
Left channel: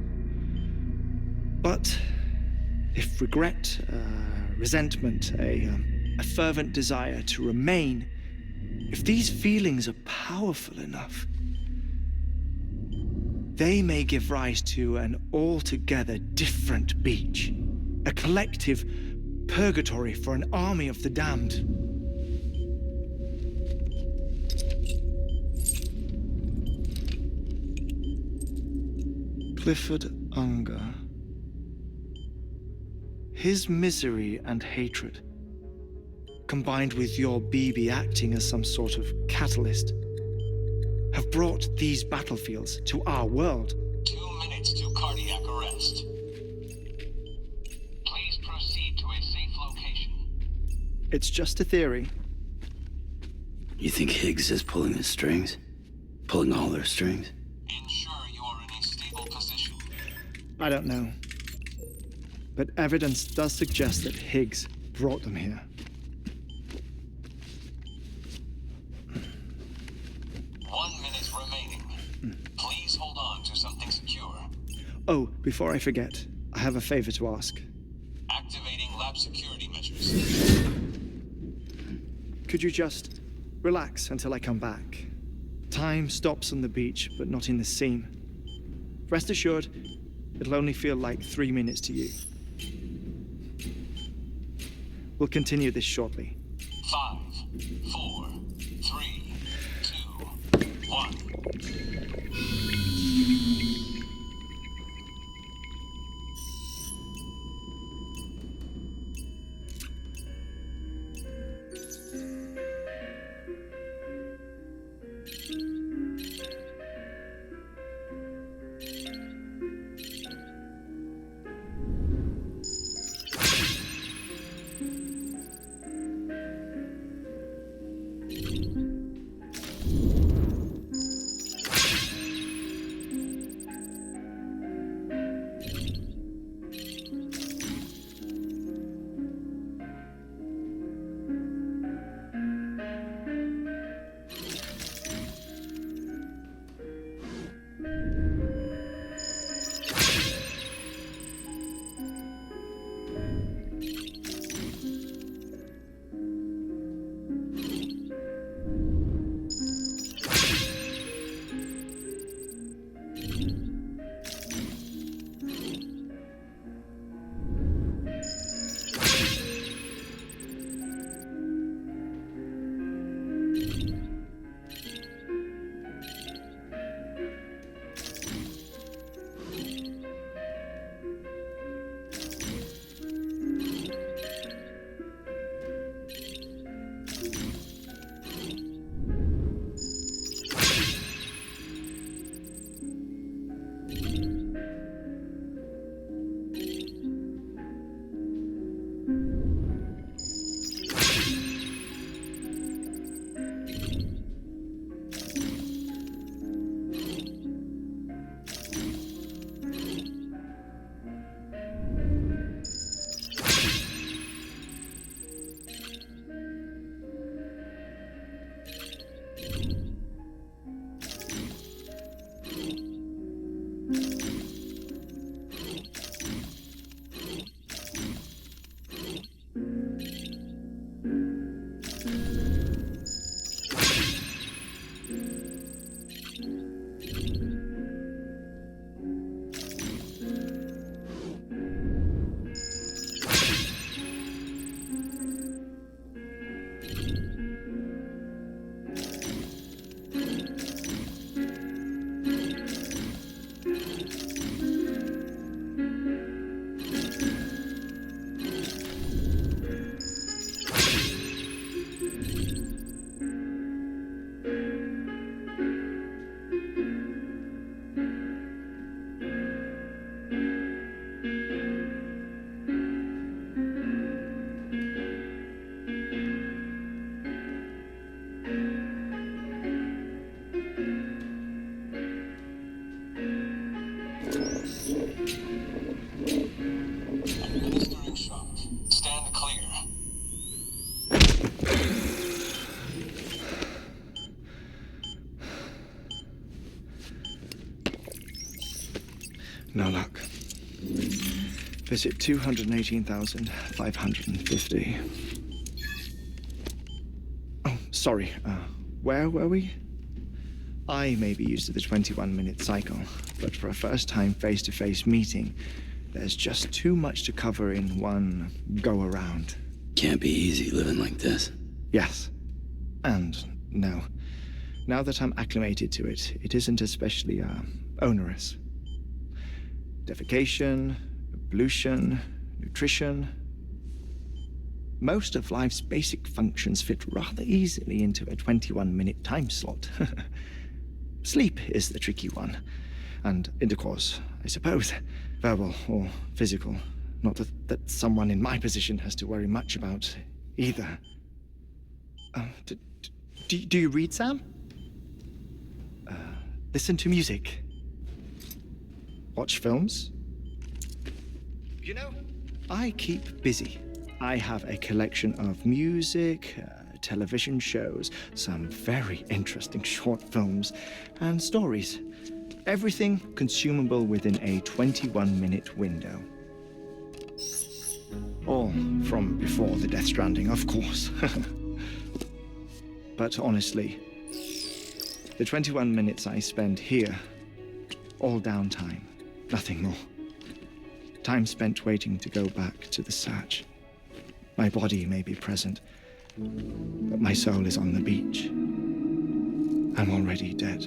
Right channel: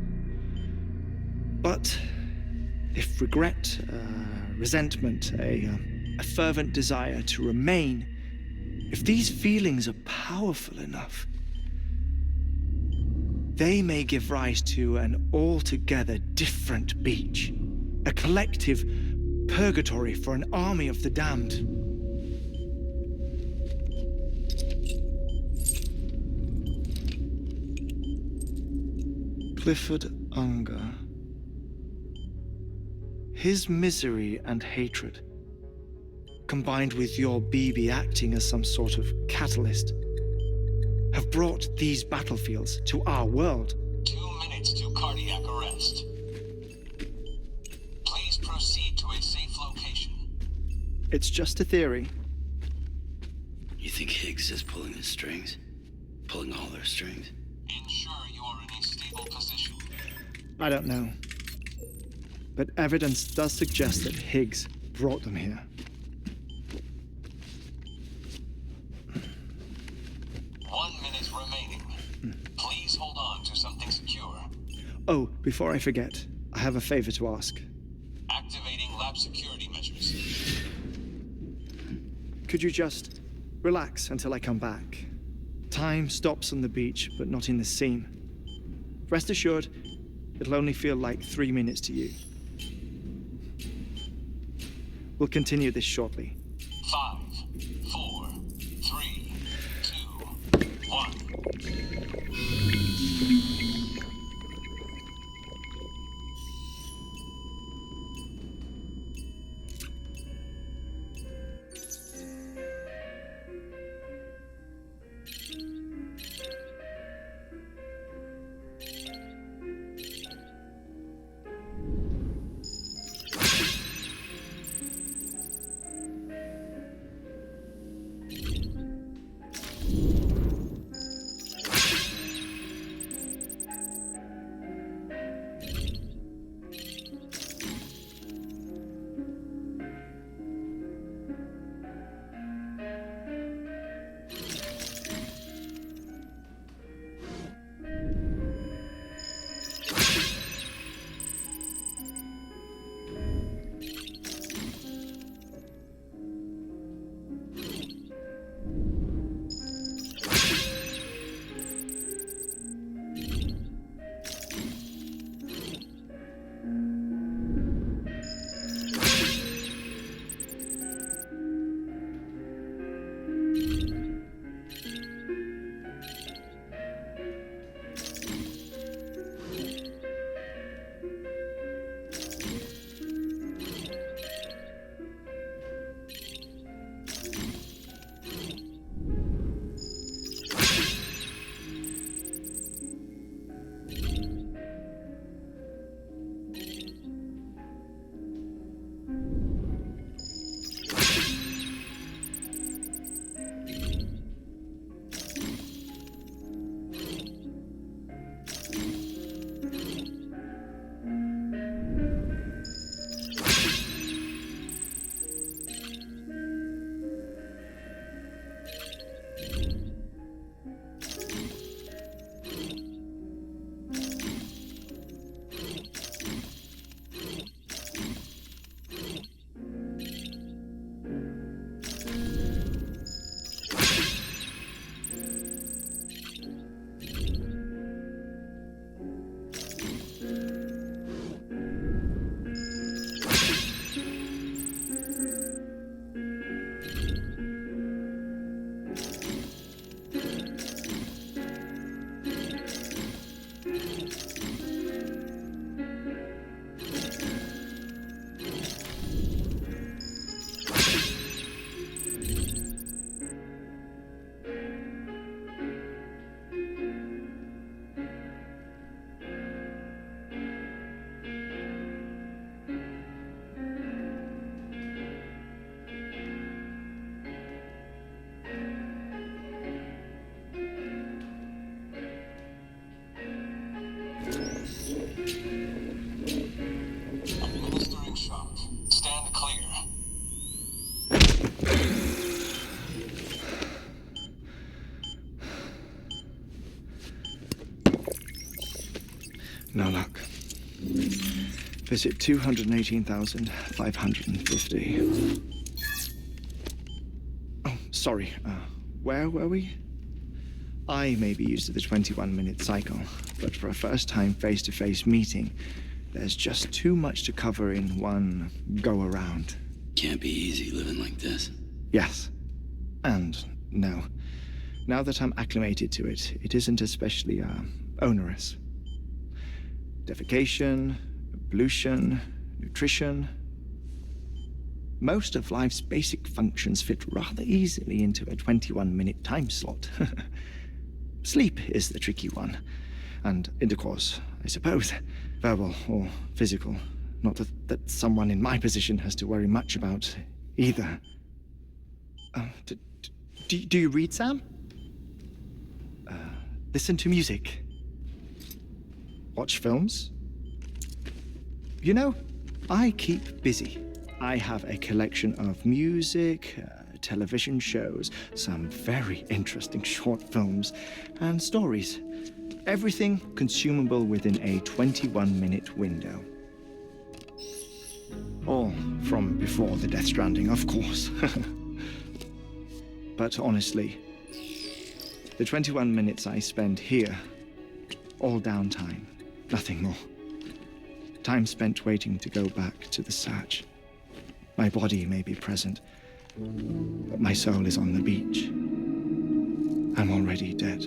But if regret, resentment, a fervent desire to remain, if these feelings are powerful enough, they may give rise to an altogether different beach, a collective purgatory for an army of the damned. Clifford Unger. His misery and hatred, combined with your BB acting as some sort of catalyst, have brought these battlefields to our world. 2 minutes to cardiac arrest. Please proceed to a safe location. It's just a theory. You think Higgs is pulling the strings? Pulling all their strings? Ensure you are in a stable position. I don't know. But evidence does suggest that Higgs brought them here. 1 minute remaining. Please hold on to something secure. Oh, before I forget, I have a favor to ask. Activating lab security measures. Could you just relax until I come back? Time stops on the beach, but not in the scene. Rest assured, it'll only feel like 3 minutes to you. We'll continue this shortly. 5, 4, 3, 2, 1. Administering shock. Stand clear. No luck. Visit 218,550. Oh, sorry. Where were we? I may be used to the 21-minute cycle, but for a first-time face-to-face meeting, there's just too much to cover in one go-around. Can't be easy living like this. Yes. And no. Now that I'm acclimated to it, it isn't especially, onerous. Defecation, ablution, nutrition. Most of life's basic functions fit rather easily into a 21-minute time slot. Sleep is the tricky one. And intercourse, I suppose. Verbal or physical. Not that someone in my position has to worry much about either. Do you read, Sam? Listen to music. Watch films? You know, I keep busy. I have a collection of music, television shows, some very interesting short films, and stories. Everything consumable within a 21-minute window. All from before the Death Stranding, of course. But honestly, the 21 minutes I spend here, all downtime, nothing more. Time spent waiting to go back to the search. My body may be present, but my soul is on the beach. I'm already dead.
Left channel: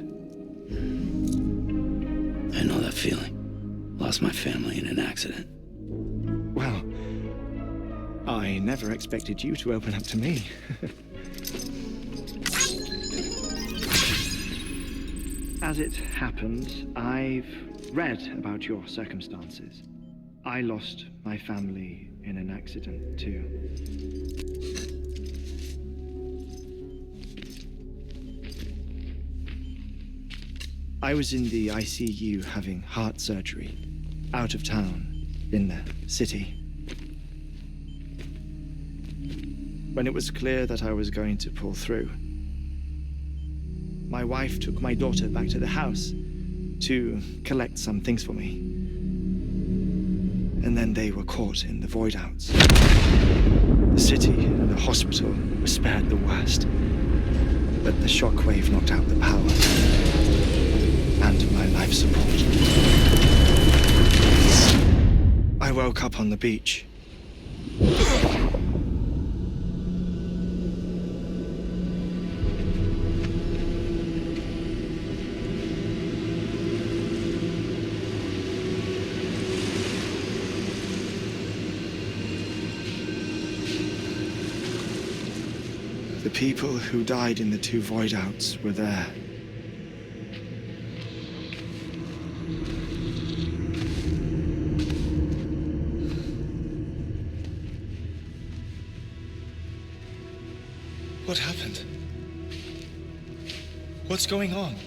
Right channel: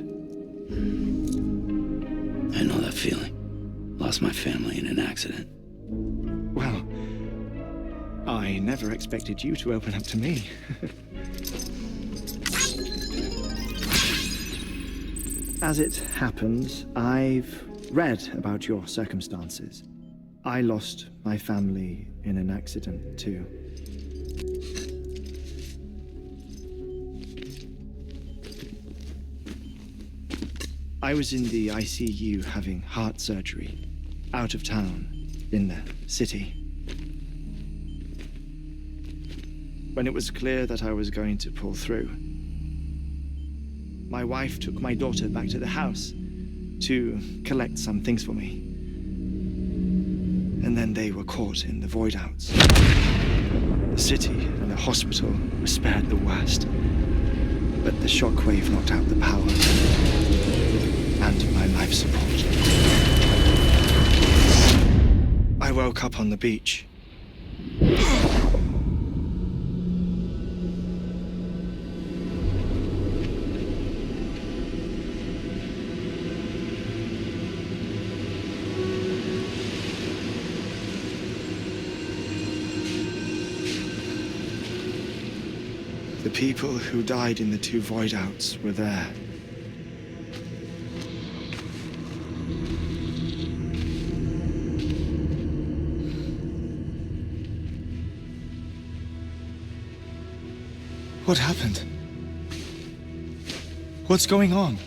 I know that feeling. Lost my family in an accident. Well, I never expected you to open up to me. As it happens, I've read about your circumstances. I lost my family in an accident, too. I was in the ICU having heart surgery, out of town, in the city. When it was clear that I was going to pull through, my wife took my daughter back to the house to collect some things for me. And then they were caught in the void outs. The city and the hospital were spared the worst, but the shockwave knocked out the power and my life support. I woke up on the beach. The people who died in the two void outs were there. What happened? What's going on?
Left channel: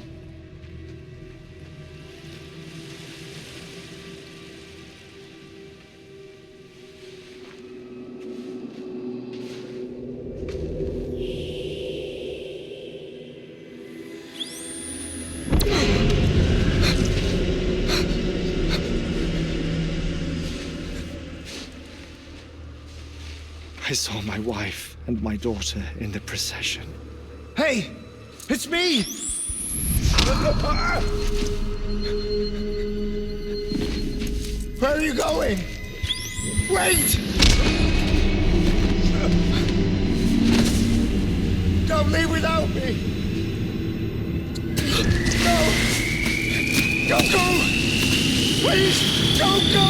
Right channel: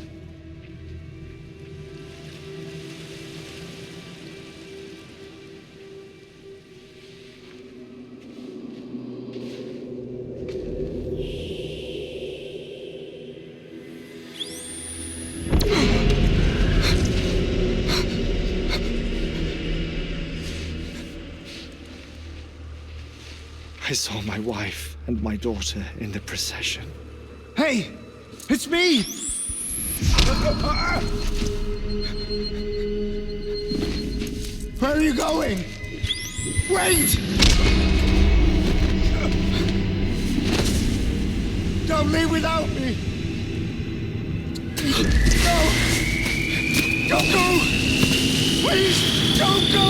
I saw my wife and my daughter in the procession. Hey! It's me! Where are you going? Wait! Don't leave without me! No! Don't go! Please, don't go!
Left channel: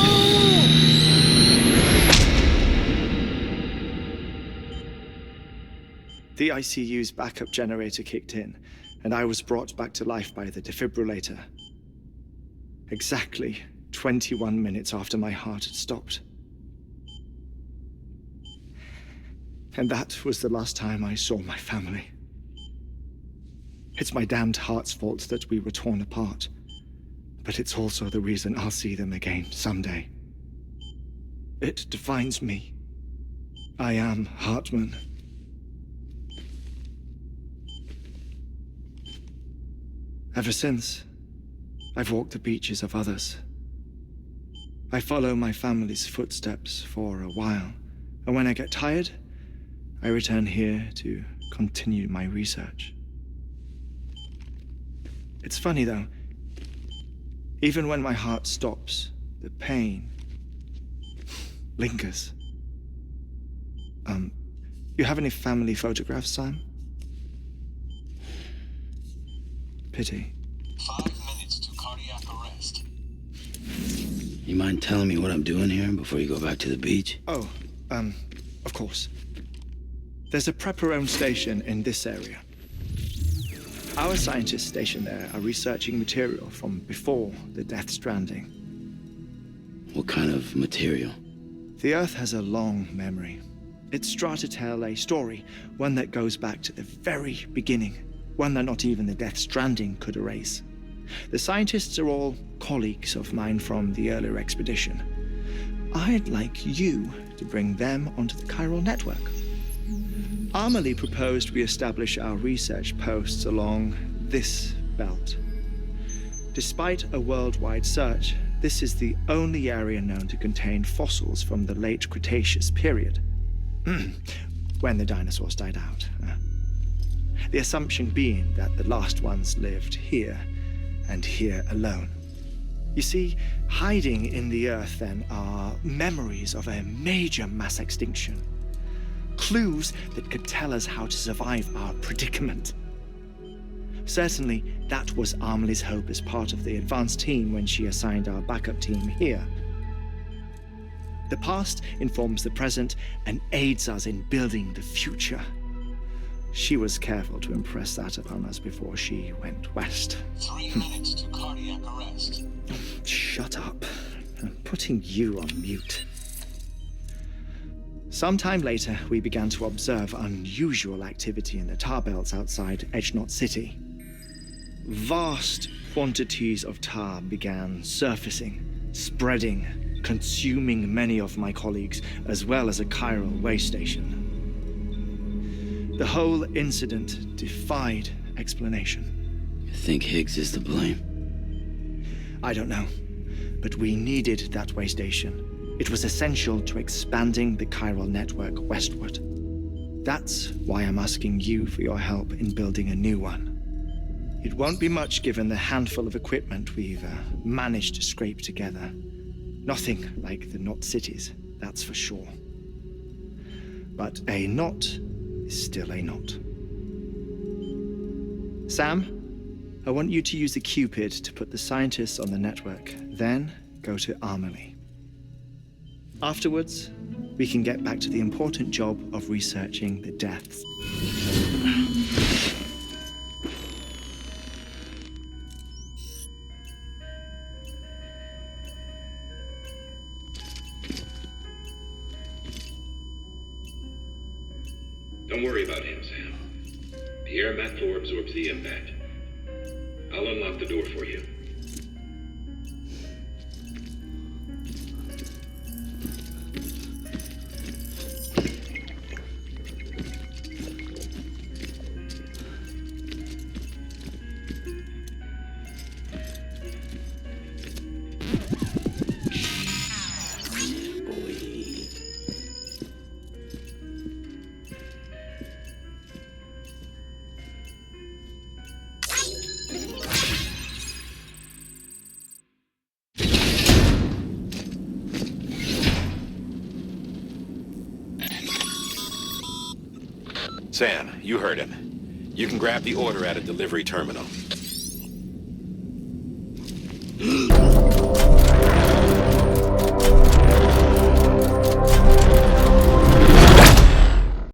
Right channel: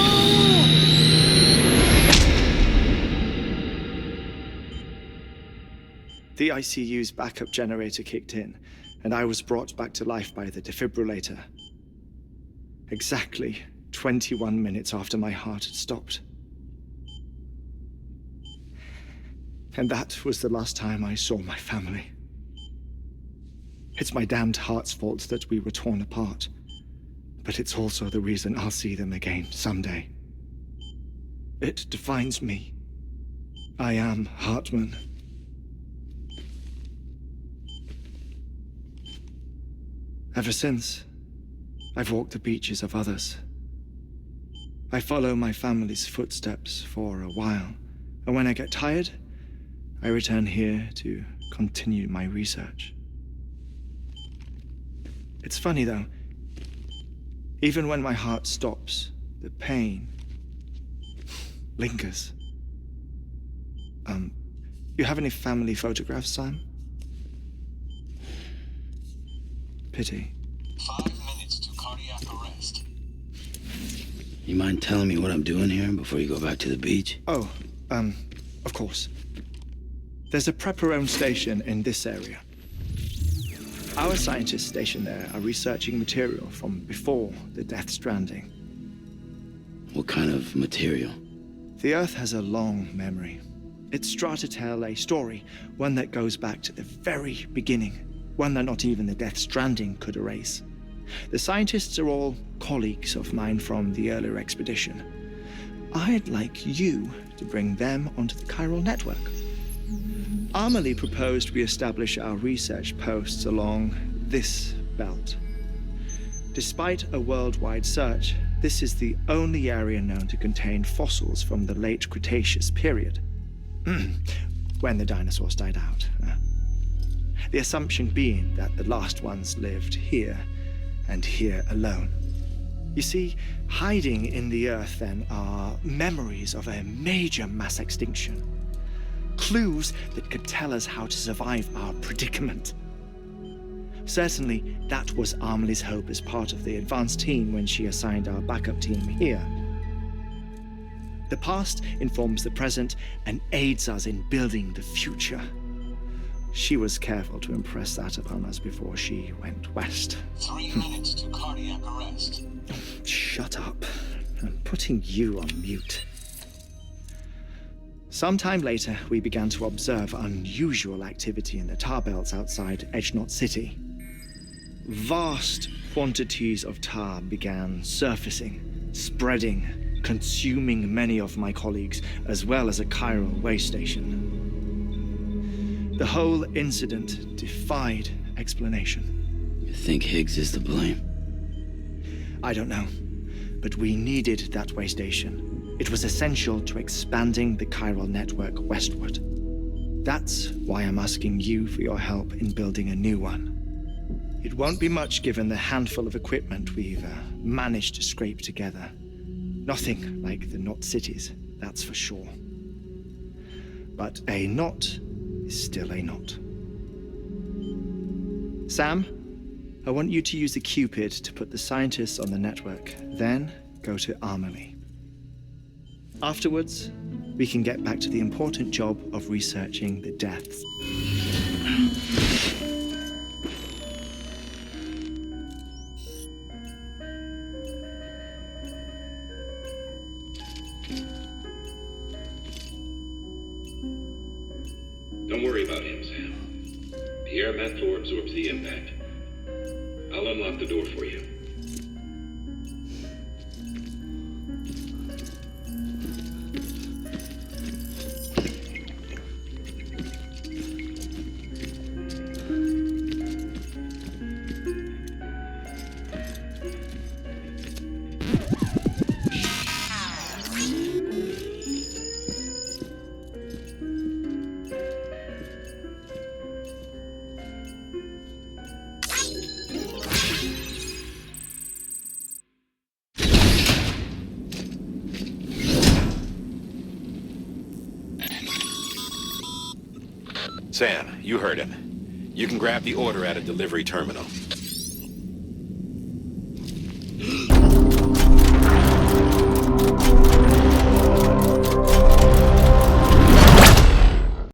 The ICU's backup generator kicked in, and I was brought back to life by the defibrillator. Exactly 21 minutes after my heart had stopped. And that was the last time I saw my family. It's my damned heart's fault that we were torn apart, but it's also the reason I'll see them again someday. It defines me. I am Hartman. Ever since, I've walked the beaches of others. I follow my family's footsteps for a while, and when I get tired, I return here to continue my research. It's funny, though. Even when my heart stops, the pain lingers. You have any family photographs, Sam? Pity. 5 minutes to cardiac arrest. You mind telling me what I'm doing here before you go back to the beach? Oh, of course. There's a Prepper-owned station in this area. Our scientists stationed there are researching material from before the Death Stranding. What kind of material? The Earth has a long memory. It's trying to tell a story, one that goes back to the very beginning, one that not even the Death Stranding could erase. The scientists are all colleagues of mine from the earlier expedition. I'd like you to bring them onto the chiral network. Amelie proposed we establish our research posts along this belt. Despite a worldwide search, this is the only area known to contain fossils from the late Cretaceous period, when the dinosaurs died out. The assumption being that the last ones lived here, and here alone. You see, hiding in the Earth, then, are memories of a major mass extinction. Clues that could tell us how to survive our predicament. Certainly, that was Amelie's hope as part of the advanced team when she assigned our backup team here. The past informs the present and aids us in building the future. She was careful to impress that upon us before she went west. 3 minutes to cardiac arrest. Shut up. I'm putting you on mute. Sometime later, we began to observe unusual activity in the tar belts outside Edgenot City. Vast quantities of tar began surfacing, spreading, consuming many of my colleagues, as well as a chiral way station. The whole incident defied explanation. You think Higgs is to blame? I don't know, but we needed that way station. It was essential to expanding the chiral network westward. That's why I'm asking you for your help in building a new one. It won't be much given the handful of equipment we've managed to scrape together. Nothing like the knot cities, that's for sure. But a knot is still a knot. Sam, I want you to use the Cupid to put the scientists on the network, then go to Amelie. Afterwards, we can get back to the important job of researching the deaths. Don't worry about him, Sam. The air mat floor absorbs the impact. I'll unlock the door for you. Sam, you heard him. You can grab the order at a delivery terminal.